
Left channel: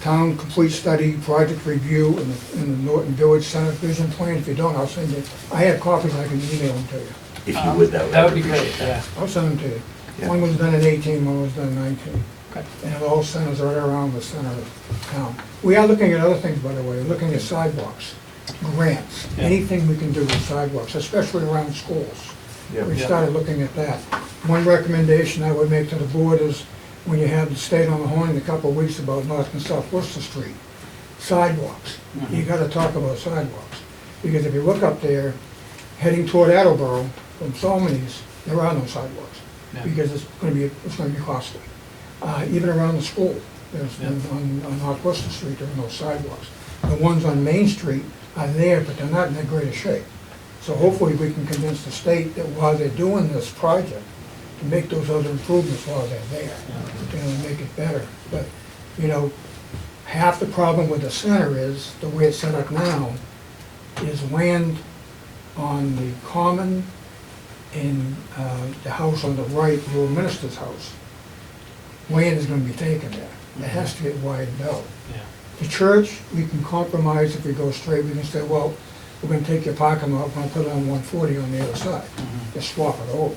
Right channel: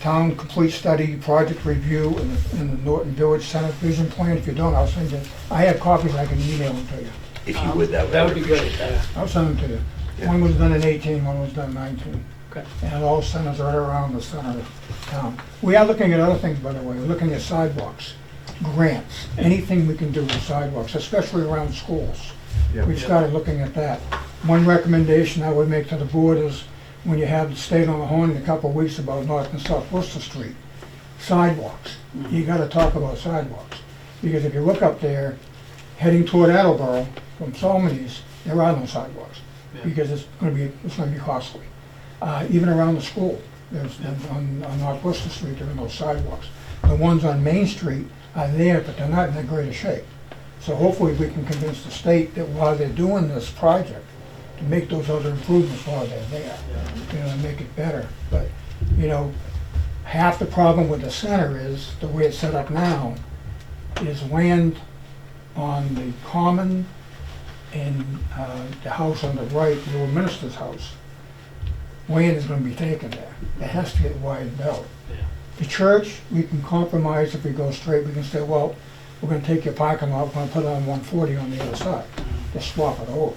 town complete study project review in the Norton Village Center vision plan? If you don't, I'll send it. I have copies, I can email them to you. If you would, that would be great. Yeah. I'll send them to you. One was done in 18, one was done in 19. Okay. And all centers right around the center of town. We are looking at other things, by the way. We're looking at sidewalks. grants, anything we can do with sidewalks, especially around schools. Yeah. We've started looking at that. One recommendation I would make to the board is, when you had the state on the horn in a couple of weeks about North and South Worcester Street, sidewalks. You gotta talk about sidewalks. Because if you look up there, heading toward Attleboro from Solomons, there are no sidewalks. Yeah. Because it's gonna be costly. Even around the school, on North Worcester Street, there are no sidewalks. The ones on Main Street are there, but they're not in that great a shape. So hopefully we can convince the state that while they're doing this project, to make those other improvements while they're there, and make it better. But, half the problem with the center is, the way it's set up now, is land on the common and the house on the right, the old minister's house. Land is gonna be taken there. It has to get widened out. The church, we can compromise if we go straight. We can say, well, we're gonna take your parking lot, we're gonna put it on 140 on the other side. Just swap it over.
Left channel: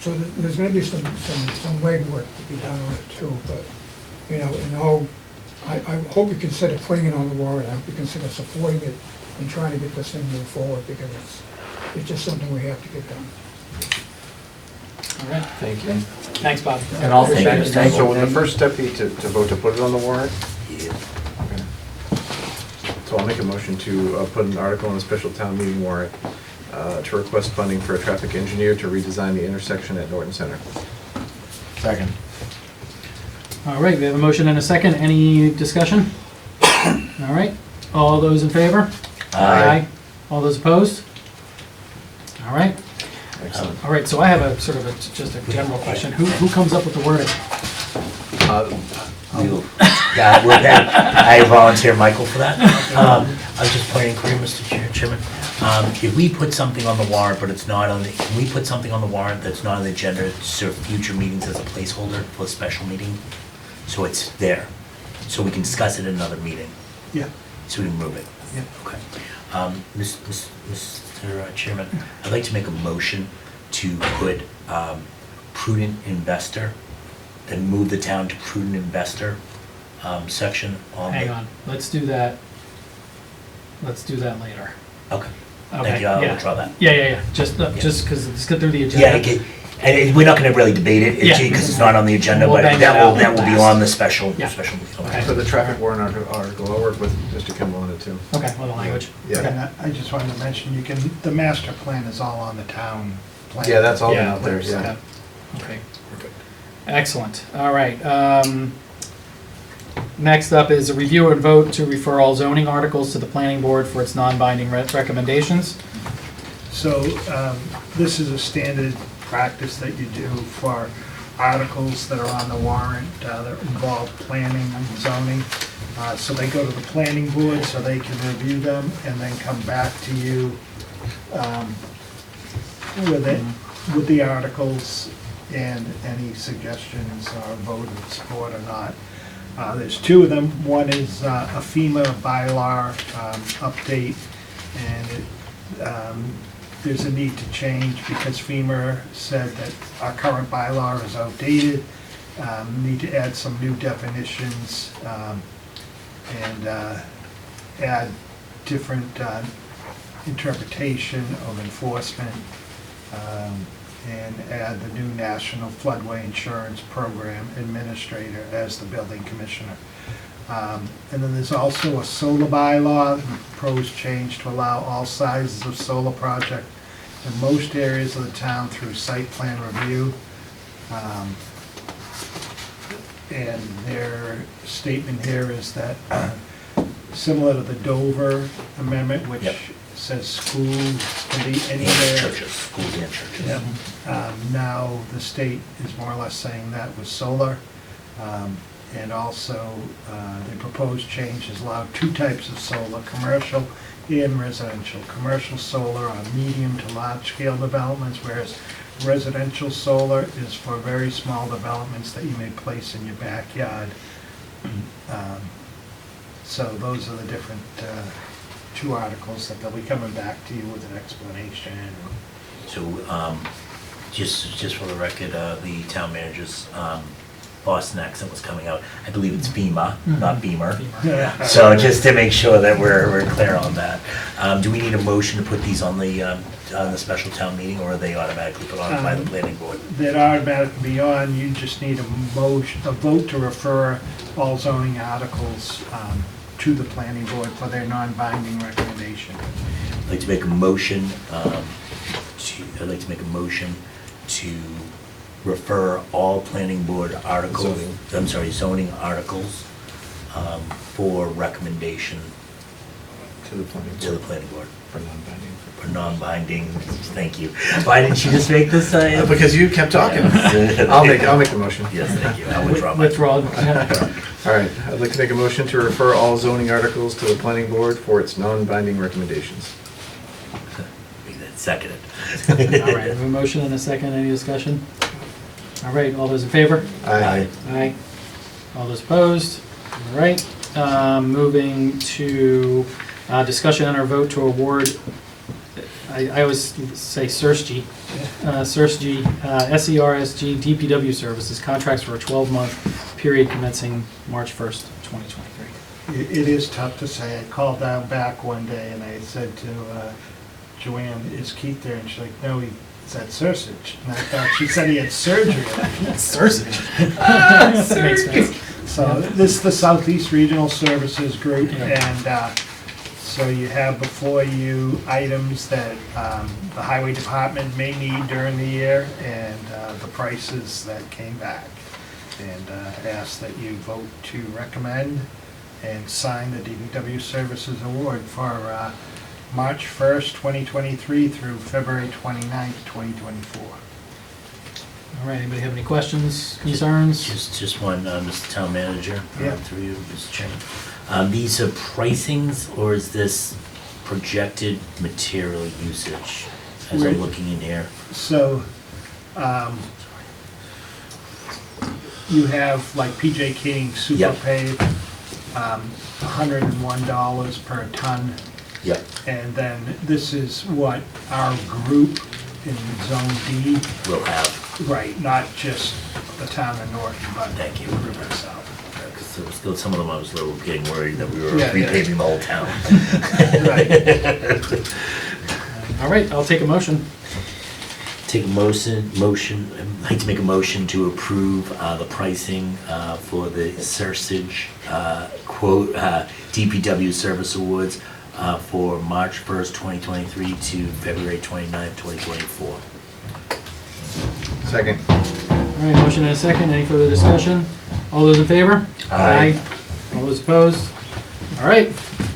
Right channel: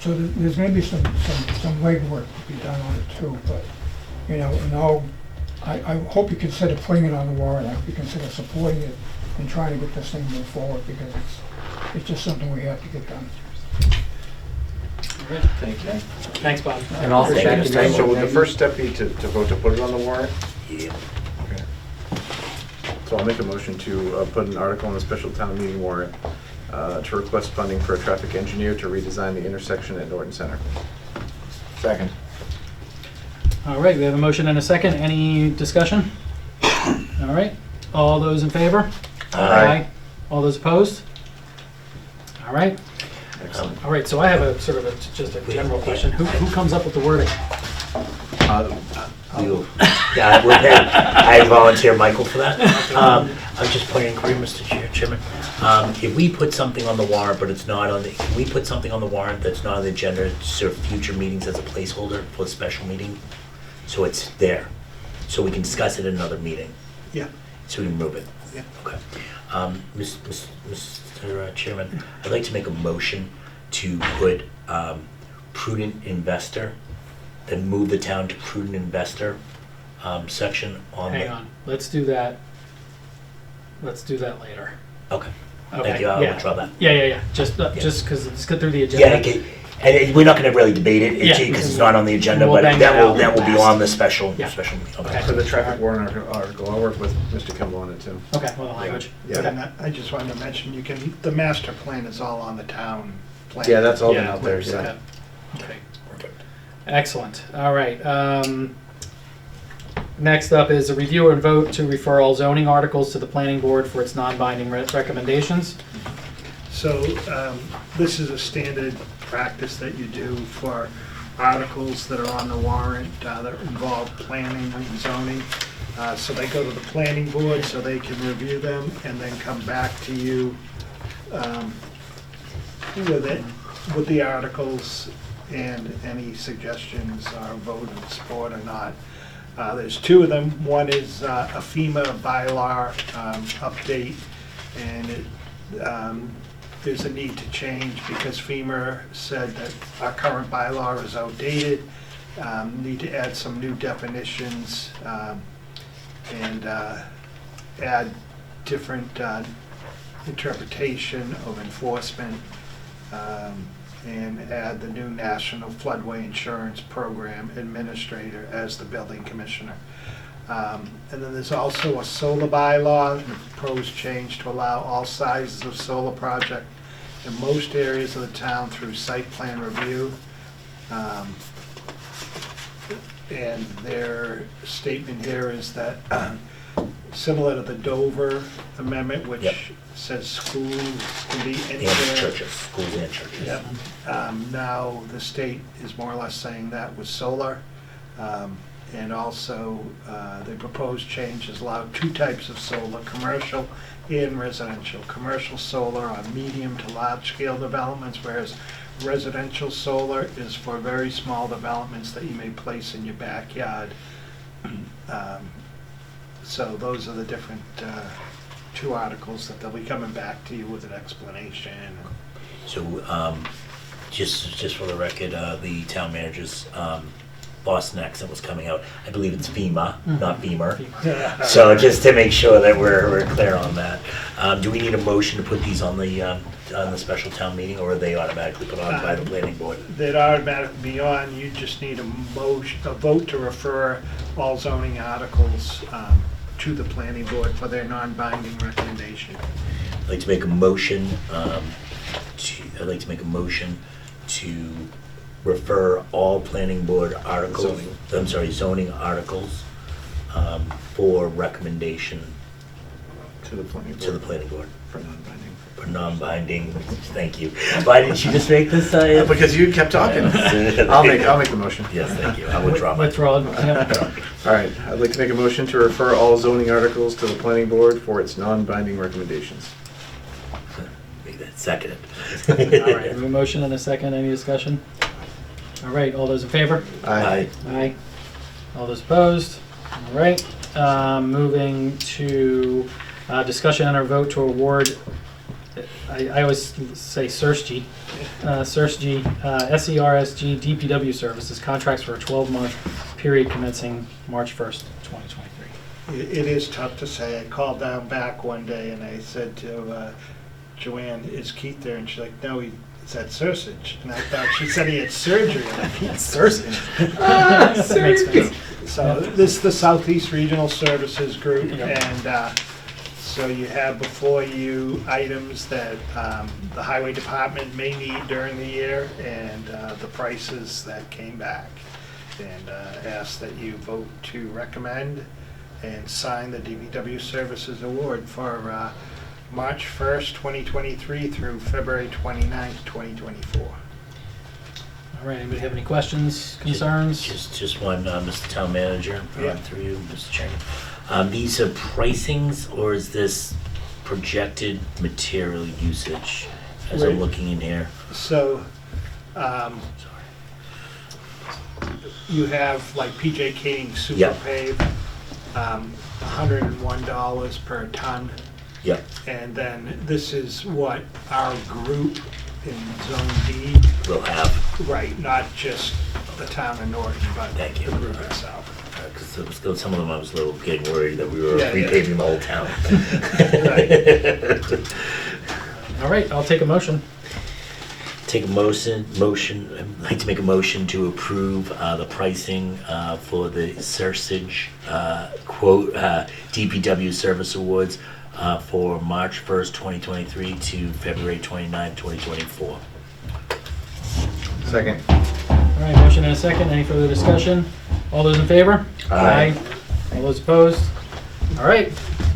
So there's gonna be some legwork to be done on it too, but, I hope you consider putting it on the warrant. I hope you consider supporting it and trying to get this thing moved forward, because it's just something we have to get done. All right. Thank you. Thanks, Bob. And also, so would the first step be to vote to put it on the warrant? Yeah. Okay. So I'll make a motion to put an article on the special town meeting warrant to request funding for a traffic engineer to redesign the intersection at Norton Center. Second. All right, we have a motion and a second. Any discussion? All right, all those in favor? Aye. All those opposed? All right. Excellent. All right, so I have a sort of just a general question. Who comes up with the wording? I volunteer Michael for that. I'm just pointing inquiry, Mr. Chairman. If we put something on the warrant, but it's not on the, can we put something on the warrant that's not on the agenda to serve future meetings as a placeholder for a special meeting? So it's there, so we can discuss it in another meeting. Yeah. So we can move it. Yeah. Okay. Mr. Chairman, I'd like to make a motion to put prudent investor, and move the town to prudent investor section on. Hang on, let's do that. Let's do that later. Okay. Okay, Thank you. I'll yeah. withdraw that. Yeah. Just because let's get through the agenda. Yeah, okay. And we're not going to really debate it Yeah. because it's not on the agenda, We'll but bang that will that out be last. on the special Yeah. special meeting. Okay. So the traffic warrant article, I'll work with Mr. Kimball on it too. Okay, well, the language. Yeah. Okay. And I just wanted to mention, the master plan is all on the town plan. Yeah, that's all been Yeah, out there, yeah. so. Okay. Excellent. All right. Next up is a review and vote to refer all zoning articles to the planning board for its non-binding recommendations. So this is a standard practice that you do for articles that are on the warrant that involve planning and zoning. So they go to the planning board so they can review them and then come back to you with the articles and any suggestions or vote of support or not. There's two of them. One is a FEMA bylaw update, and there's a need to change because FEMA said that our current bylaw is outdated. Need to add some new definitions and add different interpretation of enforcement, and add the new National Floodway Insurance Program Administrator as the building commissioner. And then there's also a solar bylaw, and proposed change to allow all sizes of solar project in most areas of the town through site plan review. And their statement here is that, similar to the Dover Amendment, which Yep. says schools can be anywhere. And churches, schools and churches. Yeah. Now, the state is more or less saying that with solar. And also, the proposed changes allow two types of solar, commercial and residential. Commercial solar on medium to large scale developments, whereas residential solar is for very small developments that you may place in your backyard. So those are the different two articles that they'll be coming back to you with an explanation. So just for the record, the town manager's Boston accent was coming out. I believe it's FEMA, not Beamer. Yeah. So just to make sure that we're clear on that. Do we need a motion to put these on the special town meeting, or are they automatically put on by the planning board? That automatically be on, you just need a vote to refer all zoning articles to the planning board for their non-binding recommendation. I'd like to make a motion, to refer all planning board articles, zoning articles, for recommendation To the planning board. to the planning board. For non-binding. For non-binding, thank you. Why didn't you just make this? Because you kept talking. I'll make the motion. Yes, thank you. I withdraw my. Withdraw. Yeah. All right, I'd like to make a motion to refer all zoning articles to the planning board for its non-binding recommendations. Make that seconded. All right, we have a motion and a second. Any discussion? All right, all those in favor? Aye. Aye. All those opposed? All right, moving to discussion and our vote to award, I always say SERSG, SERSG DPW services, contracts for a 12-month period commencing March 1st, 2023. It is tough to say. I called down back one day and I said to Joanne, is Keith there? And she's like, no, he's at Sursage. And I thought she said he had surgery. Sursage. Makes sense. So this is the Southeast Regional Services Group, and so you have before you items that the Highway Department may need during the year, and the prices that came back. And ask that you vote to recommend and sign the DPW Services Award for March 1st, 2023 through February 29th, 2024. All right, anybody have any questions, concerns? Just one, Mr. Town Manager, Yeah. through you, Mr. Chairman. These are pricings, or is this projected material usage as I'm looking in here? So, you have like PJ King Super Yep. Pave, $101 per ton. Yep. And then this is what our group in Zone D. We'll have. Right, not just the town of Norton, but Thank you. the group itself. So some of them I was a little getting worried that we were Yeah, yeah. repaving the whole town. All right, I'll take a motion. Take a motion, I'd like to make a motion to approve the pricing for the Sursage quote DPW Service Awards for March 1st, 2023 to February 29th, 2024. Second. All right, motion and a second. Any further discussion? All those in favor? Aye. All those opposed? All right.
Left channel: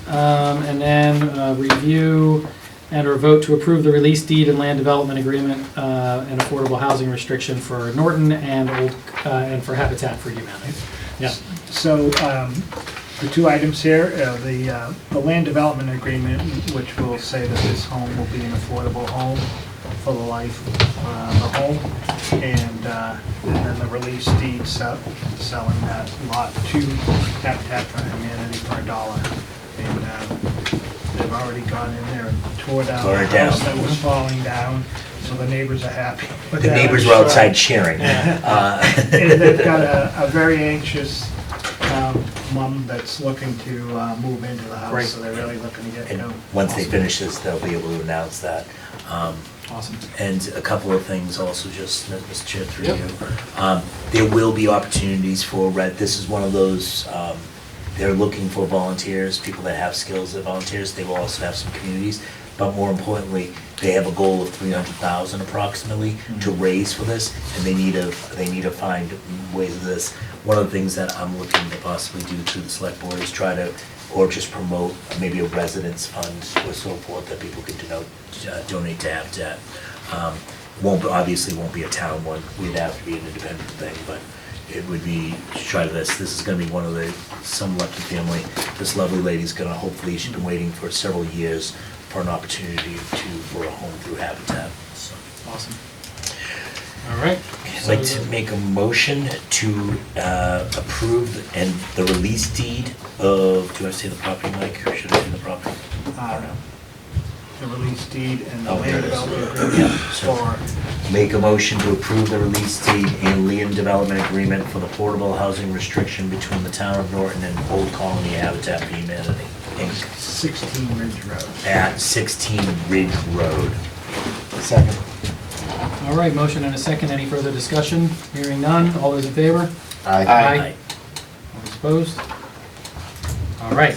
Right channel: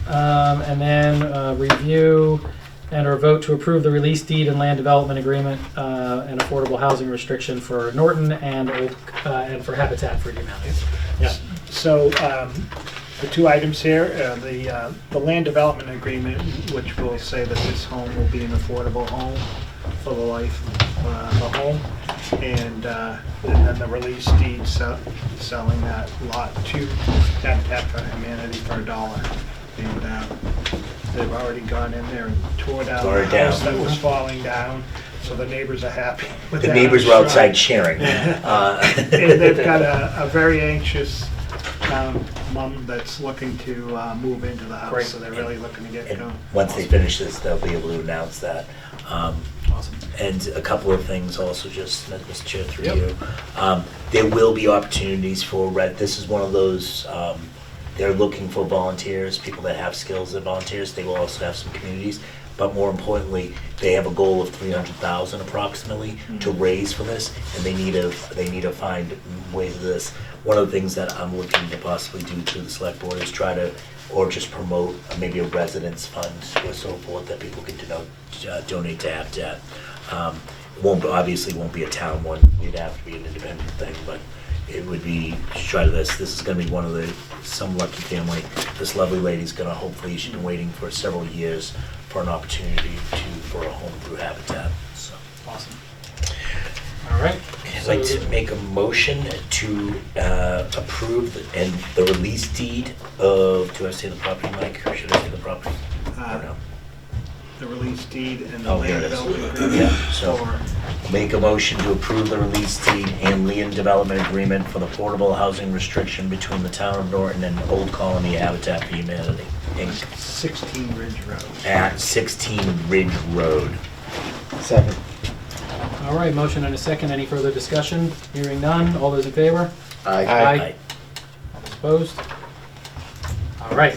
And then review and or vote to approve the release deed and land development agreement and affordable housing restriction for Norton and and for Habitat for Humanity. Yeah. So, the two items here, the land development agreement, which will say that this home will be an affordable home for the life of the home, and then the release deed selling that lot to Habitat for Humanity for $1. And they've already gone in there and tore down the house that was falling down, so the neighbors are happy. with The that, neighbors I'm were sure. outside cheering. And they've got a very anxious mom that's looking to move into the house, Great. so they're really looking to get going. Once they finish this, they'll be able to announce that. Awesome. And a couple of things also, just, Mr. Chair, through Yep. you. There will be opportunities for, this is one of those, they're looking for volunteers, people that have skills that volunteers. They will also have some communities. But more importantly, they have a goal of 300,000 approximately to raise for this, and they need to find ways of this. One of the things that I'm looking to possibly do through the select board is try to, or just promote maybe a residence fund or so forth that people can donate to Habitat. Obviously won't be a town one, we'd have to be an independent thing, but it would be, try to this is gonna be one of some lucky family. This lovely lady's gonna, hopefully, she's been waiting for several years for an opportunity for a home through Habitat, so. Awesome. All right. I'd like to make a motion to approve and the release deed of, do I say the property, Mike, or should I say the property? I don't know. The release deed and the Oh, here land it is. development Yeah, agreement so- for make a motion to approve the release deed and land development agreement for the portable housing restriction between the town of Norton and Old Colony Habitat for Humanity, Inc. 16 Ridge Road. At 16 Ridge Road. Second. All right, motion and a second. Any further discussion? Hearing none. All those in favor? Aye. All those opposed? All right.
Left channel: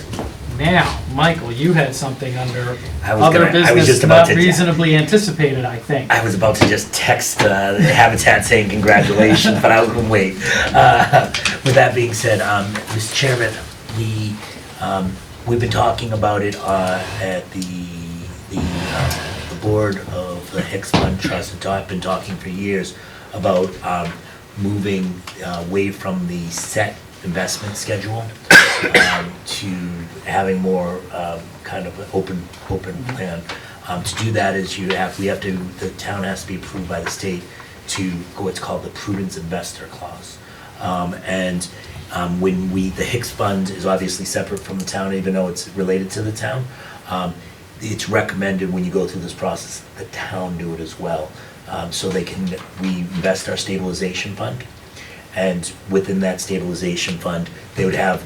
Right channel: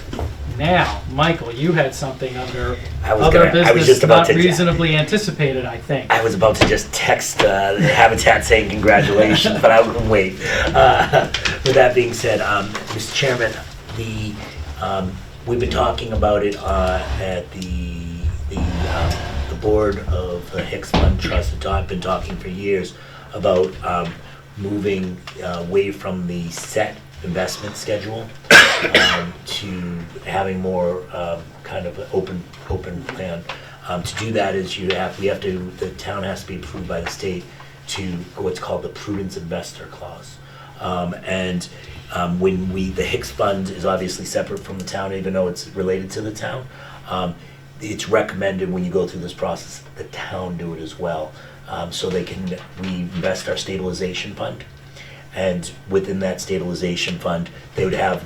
Now, Michael, you had something under I was other gonna- I was business just about not to- reasonably anticipated, I think. I was about to just text the Habitat saying congratulations, but I wouldn't wait. With that being said, Mr. Chairman, we've been talking about it at the board of the Hicks Fund Trust. I've been talking for years about moving away from the set investment schedule to having more kind of an open plan. To do that is the town has to be approved by the state to go what's called the prudence investor clause. When the Hicks Fund is obviously separate from the town, even though it's related to the town, it's recommended when you go through this process, the town do it as well. So we invest our stabilization fund. And within that stabilization fund, they would have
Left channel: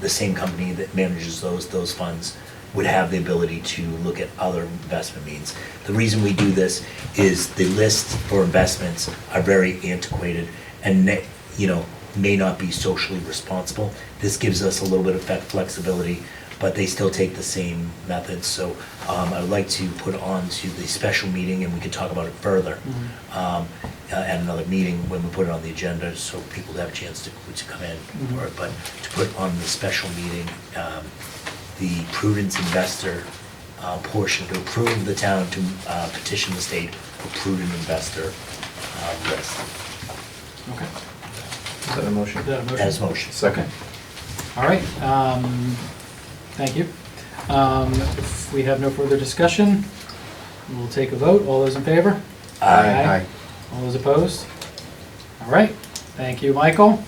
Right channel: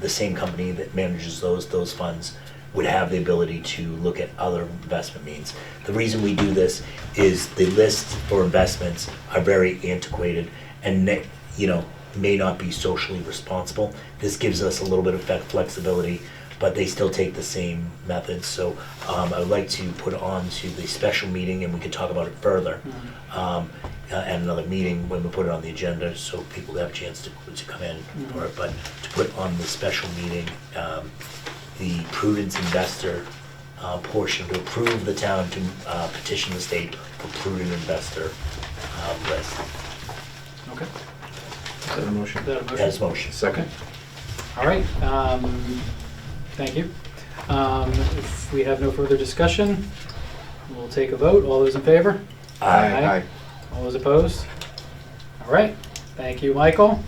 the same company that manages those funds would have the ability to look at other investment means. The reason we do this is the list for investments are very antiquated and may not be socially responsible. This gives us a little bit of flexibility, but they still take the same methods. So I would like to put on to the special meeting, and we can talk about it further at another meeting when we put it on the agenda, so people have a chance to come in for it. But to put on the special meeting, the prudence investor portion, to approve the town to petition the state for prudent investor list. Okay. Is that a motion? Is that a motion? That's motion. Second. All right. Thank you. If we have no further discussion, we'll take a vote. All those in favor? Aye. All those opposed? All right. Thank you, Michael.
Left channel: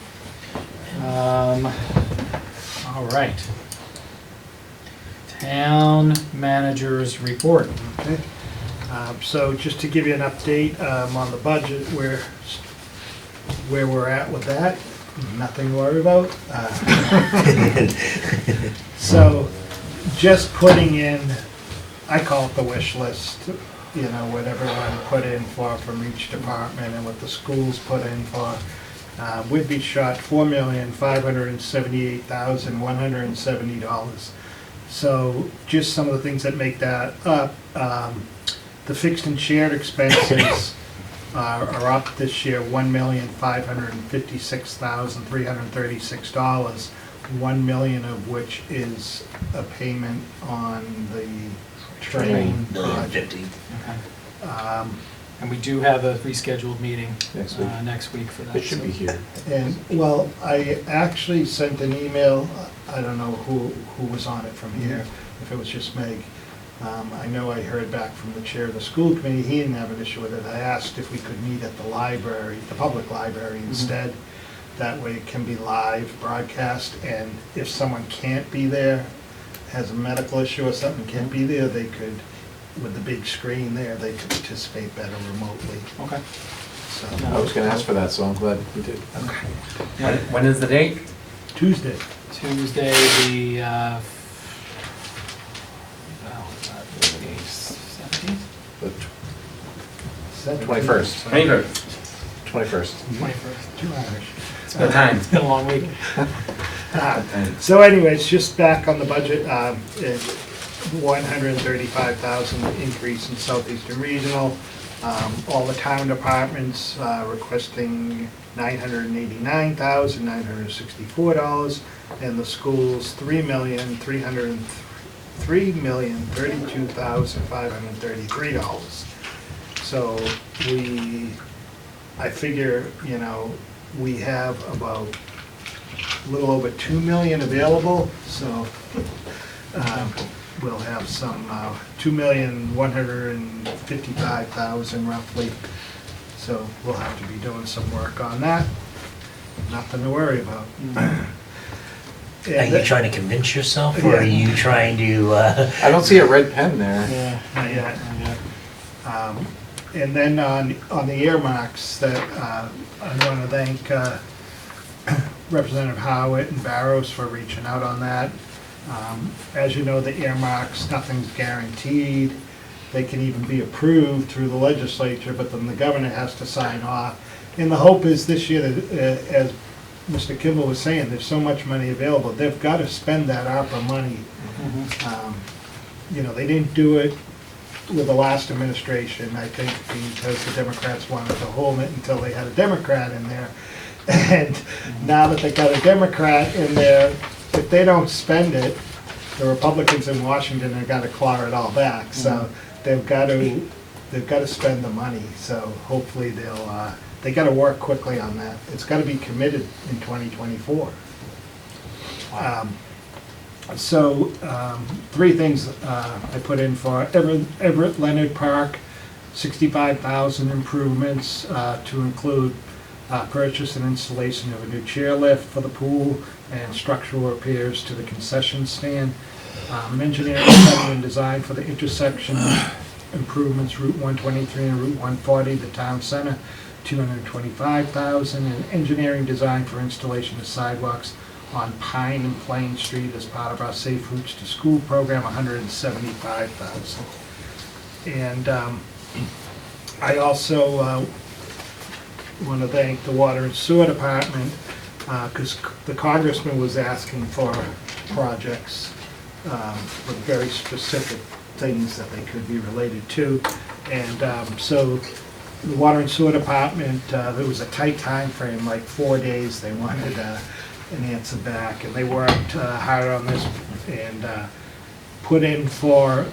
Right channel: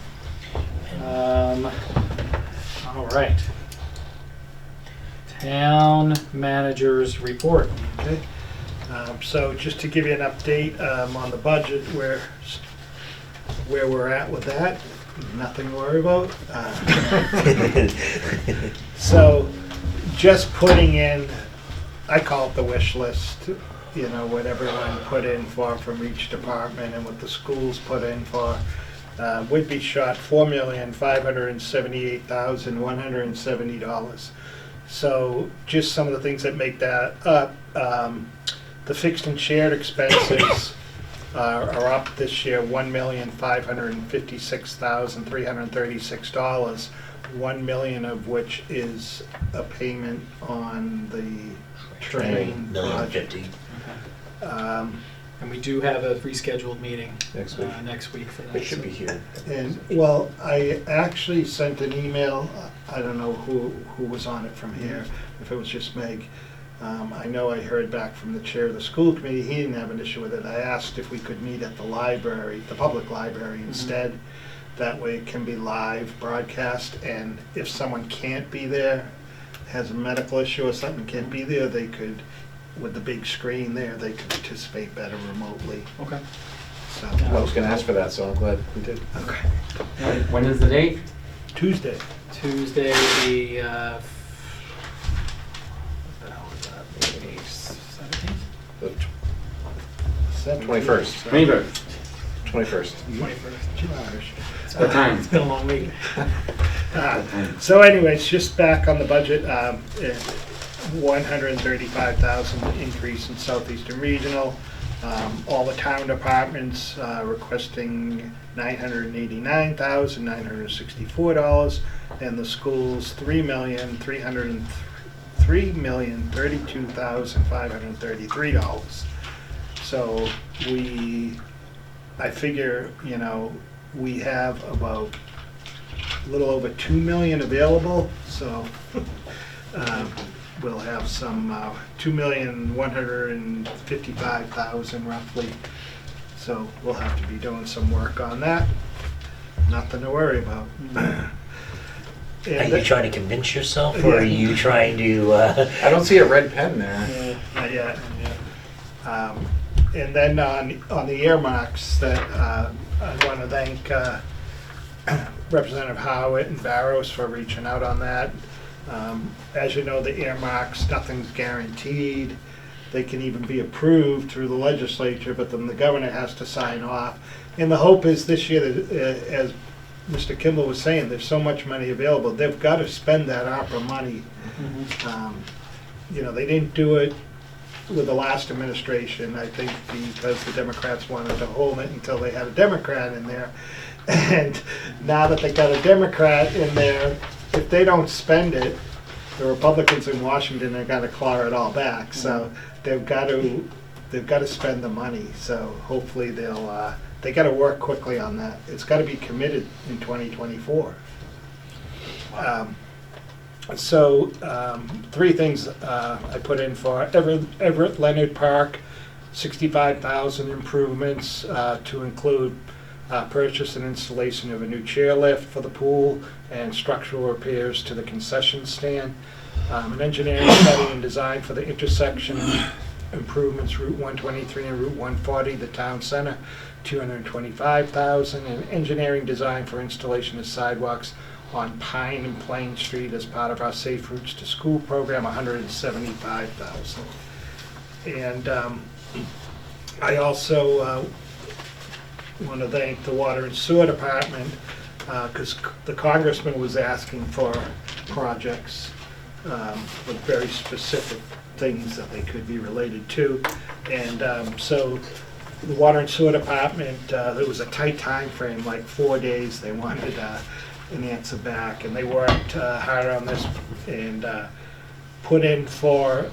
All right. Town managers report. Okay. So just to give you an update on the budget, where we're at with that, nothing to worry about. So just putting in, I call it the wish list, what everyone put in for from each department and what the schools put in for. Would be shot $4,578,170. So just some of the things that make that up. The fixed and shared expenses are up this year, $1,556,336. 1 million of which is a payment on the train project. And we do have a rescheduled meeting Next week. for that. It should be here. And, well, I actually sent an email, I don't know who was on it from here, if it was just Meg. I know I heard back from the chair of the school committee, he didn't have an issue with it. I asked if we could meet at the library, the public library instead. That way it can be live broadcast, and if someone can't be there, has a medical issue or something, can't be there, they could, with the big screen there, they could participate better remotely. Okay. So, I was gonna ask for that, so I'm glad we did. okay. When is the date? Tuesday. Tuesday, the 17th? The 21st. 21st. 21st. 2 hours. It's about time. It's been a long week. So anyways, just back on the budget, 135,000 increase in Southeastern Regional. All the town departments requesting $989,964, and the schools $3,032,533. So I figure, we have about a little over 2 million available, so we'll have some 2,155,000 roughly. So we'll have to be doing some work on that. Nothing to worry about. Are you trying to convince yourself, or are you trying to? I don't see a red pen there. Yeah, not yet. And then on the earmarks, that I want to thank Representative Howitt and Barrows for reaching out on that. As you know, the earmarks, nothing's guaranteed. They can even be approved through the legislature, but then the governor has to sign off. And the hope is this year, that, as Mr. Kimball was saying, there's so much money available, they've got to spend that ARPA money. You know, they didn't do it with the last administration, I think because the Democrats wanted to hold it until they had a Democrat in there. And now that they got a Democrat in there, if they don't spend it, the Republicans in Washington are gonna claw it all back. So they've got to spend the money. So hopefully they got to work quickly on that. It's got to be committed in 2024. Three things I put in for Everett Leonard Park, 65,000 improvements to include purchase and installation of a new chairlift for the pool and structural repairs to the concession stand. An engineering study and design for the intersection improvements, Route 123 and Route 140, the town center, 225,000, and engineering design for installation of sidewalks on Pine and Plain Street as part of our Safe Routes to School program, 175,000. And I also want to thank the Water and Sewer Department because the congressman was asking for projects with very specific things that they could be related to. And so the Water and Sewer Department, there was a tight time frame, like 4 days. They wanted an answer back, and they worked hard on this and put in for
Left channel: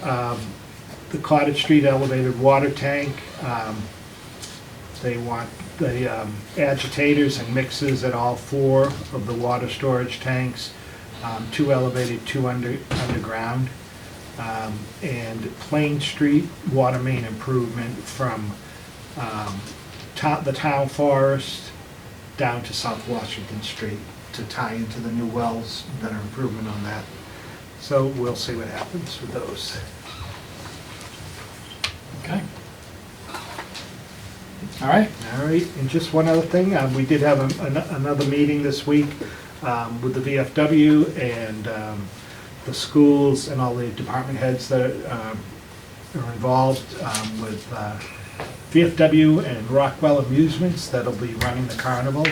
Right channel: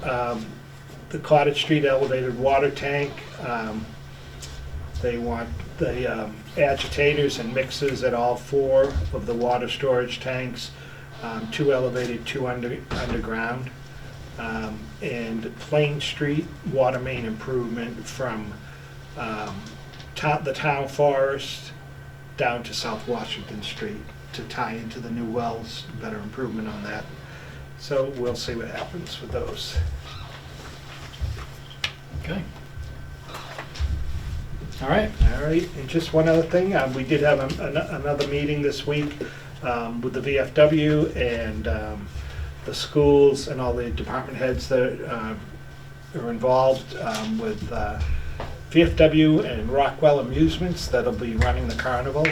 the Cottage Street elevated water tank. They want the agitators and mixers at all 4 of the water storage tanks, 2 elevated, 2 underground, and Plain Street water main improvement from the town forest down to South Washington Street to tie into the new wells, better improvement on that. So we'll see what happens with those. Okay. All right. All right, and just one other thing, we did have another meeting this week with the VFW and the schools and all the department heads that are involved with VFW and Rockwell Amusements that'll be running the carnival,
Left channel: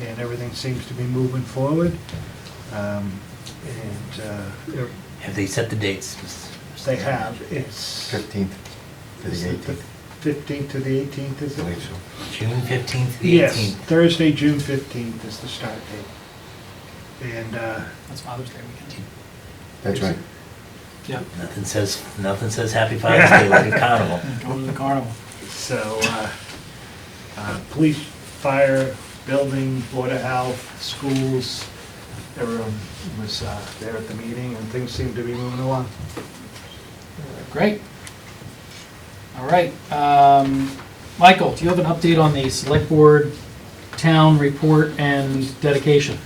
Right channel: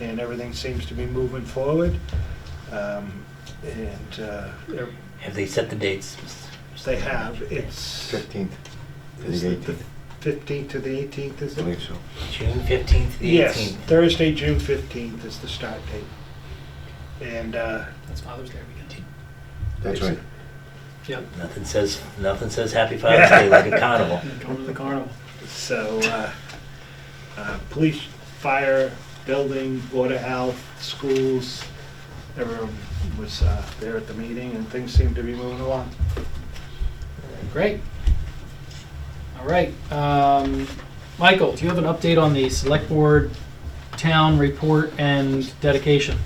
and everything seems to be moving forward. Have they set the dates? They have. It's 15th to the 18th. 15th to the 18th, is I it? believe so. June 15th to the 18th? Yes, Thursday, June 15th is the start date. And That's Father's Day weekend. That's right. Yeah. Nothing says Happy Father's Day like a carnival. Going to the carnival. so police, fire, building, Board of Health, schools, everyone was there at the meeting, and things seem to be moving along. Great. All right. Michael, do you have an update on the select board town report and dedication?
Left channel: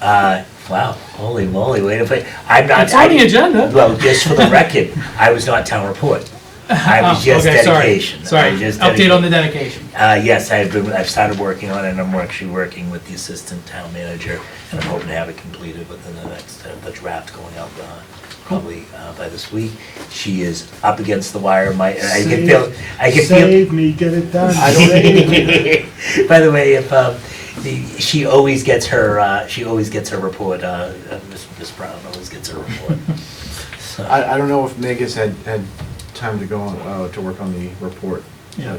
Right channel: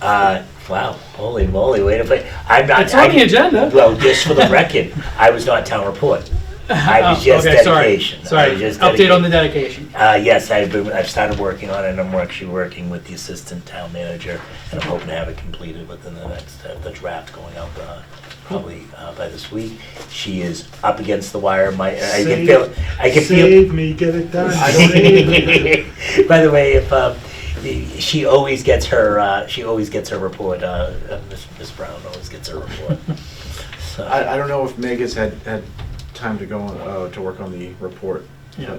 Wow, holy moly, wait a minute. I'm not. It's on the agenda. Well, just for the record, I was not town report. I was just okay, dedication. Sorry. I was just Update on the dedication. Yes, I've started working on it, and I'm actually working with the assistant town manager, and I'm hoping to have it completed within the next, the draft going up probably by this week. She is up against the wire. I can feel. Save me, get it done. By the way, if she always gets her report. Miss Brown always gets her report. So. I don't know if Meg has had time to go on, to work on the report. Yeah.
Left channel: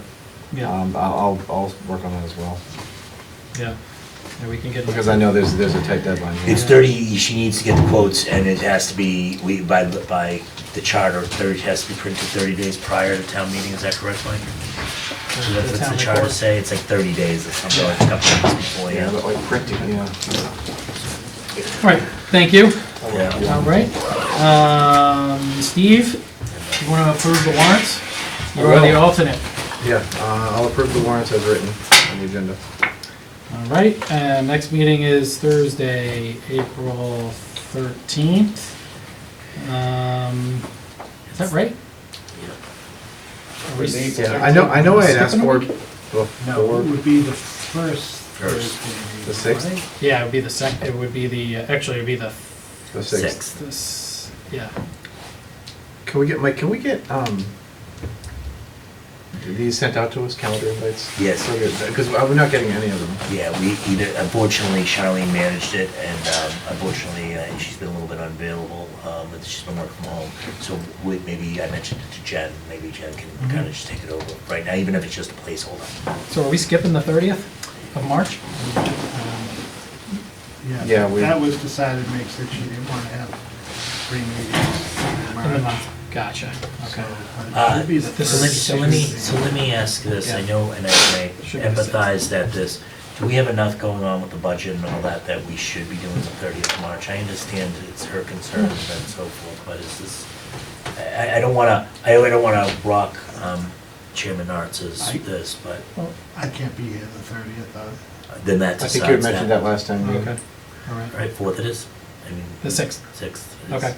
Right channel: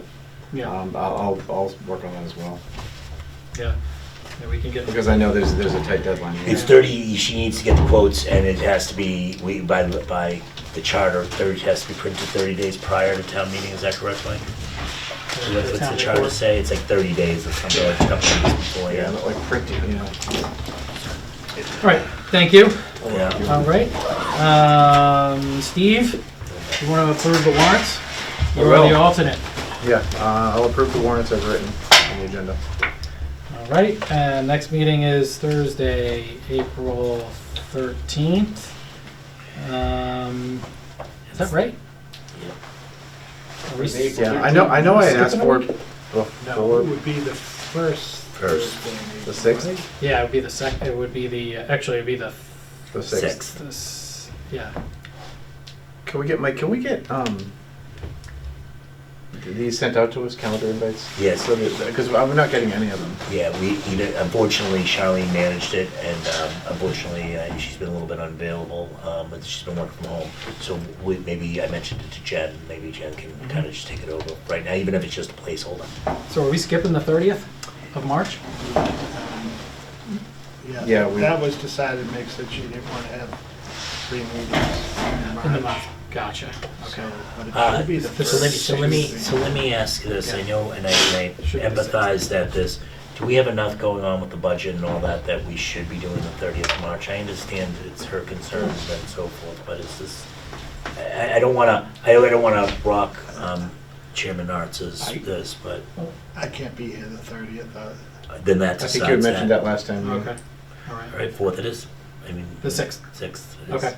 Yeah. I'll work on that as well. Yeah. Yeah, we can get. Because I know there's a tight deadline. It's 30. She needs to get the quotes, and it has to be by the charter. 30 has to be printed 30 days prior to town meeting. Is that correct, Mike? So what's the charter report? say? It's like 30 days or something, like a couple of weeks before. Yeah, like printing, you know. All right. Thank you. Yeah. All right. Steve, you want to approve the warrants? You are the alternate. Yeah, I'll approve the warrants as written on the agenda. All right. And next meeting is Thursday, April 13th. Is that right? we- Yeah, I know I had asked Skipping a for, week? well, No, for- it would be the first Thursday. the 6th? Yeah, it would be the it would be the, actually, it would be the, The 6th. yeah. Can we get, Mike, can we get, these sent out to us, calendar invites? Yes. Because I'm not getting any of them. Yeah, unfortunately, Charlene managed it, and unfortunately, she's been a little bit unavailable, and she's been working from home. So maybe I mentioned it to Jen, maybe Jen can kind of just take it over right now, even if it's just a placeholder. So are we skipping the 30th of March? Yeah, That was decided, makes that you didn't want to have 3 meetings In the month, gotcha, okay. But it should be the So first let me ask this, I know, and I Should be the empathize that do we have enough going on with the budget and all that, that we should be doing the 30th of March? I understand it's her concerns and so forth, but it's this, I don't wanna rock Chairman Arts' this, but I can't be here the 30th. then that I decides think you had mentioned that last time. Okay, all right. All right, 4th it is? I mean. The 6th. 6th. it is. Okay.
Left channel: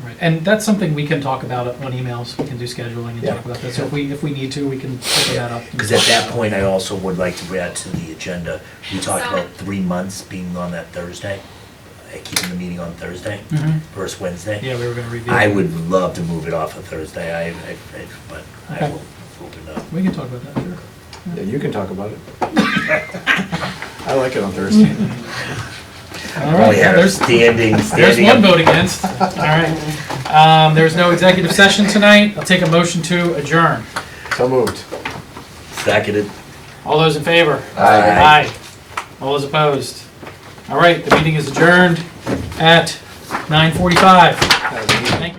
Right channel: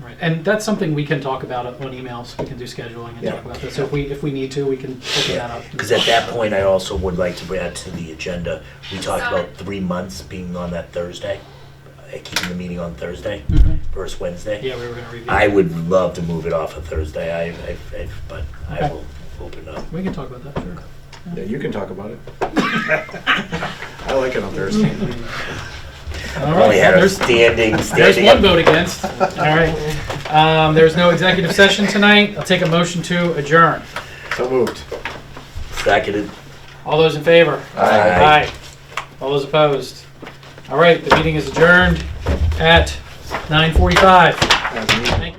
All right, and that's something we can talk about on emails, we can do scheduling and Yeah. talk about that. So if we need to, we can open that up. and Because at talk that about it. point, I also would like to add to the agenda, we talked about 3 months being on that Thursday, keeping the meeting on Thursday, Mhm. first Wednesday. Yeah, we were gonna review. I it. would love to move it off of Thursday, but I Okay. will open up. We can talk about that, sure. Yeah, you can talk about it. I like it on Thursday. All Probably right, had a there's standing one up. vote against. All right. There's no executive session tonight. I'll take a motion to adjourn. So moved. Seconded. All those in favor? Aye. All those opposed? All right, the meeting is adjourned at 9:45.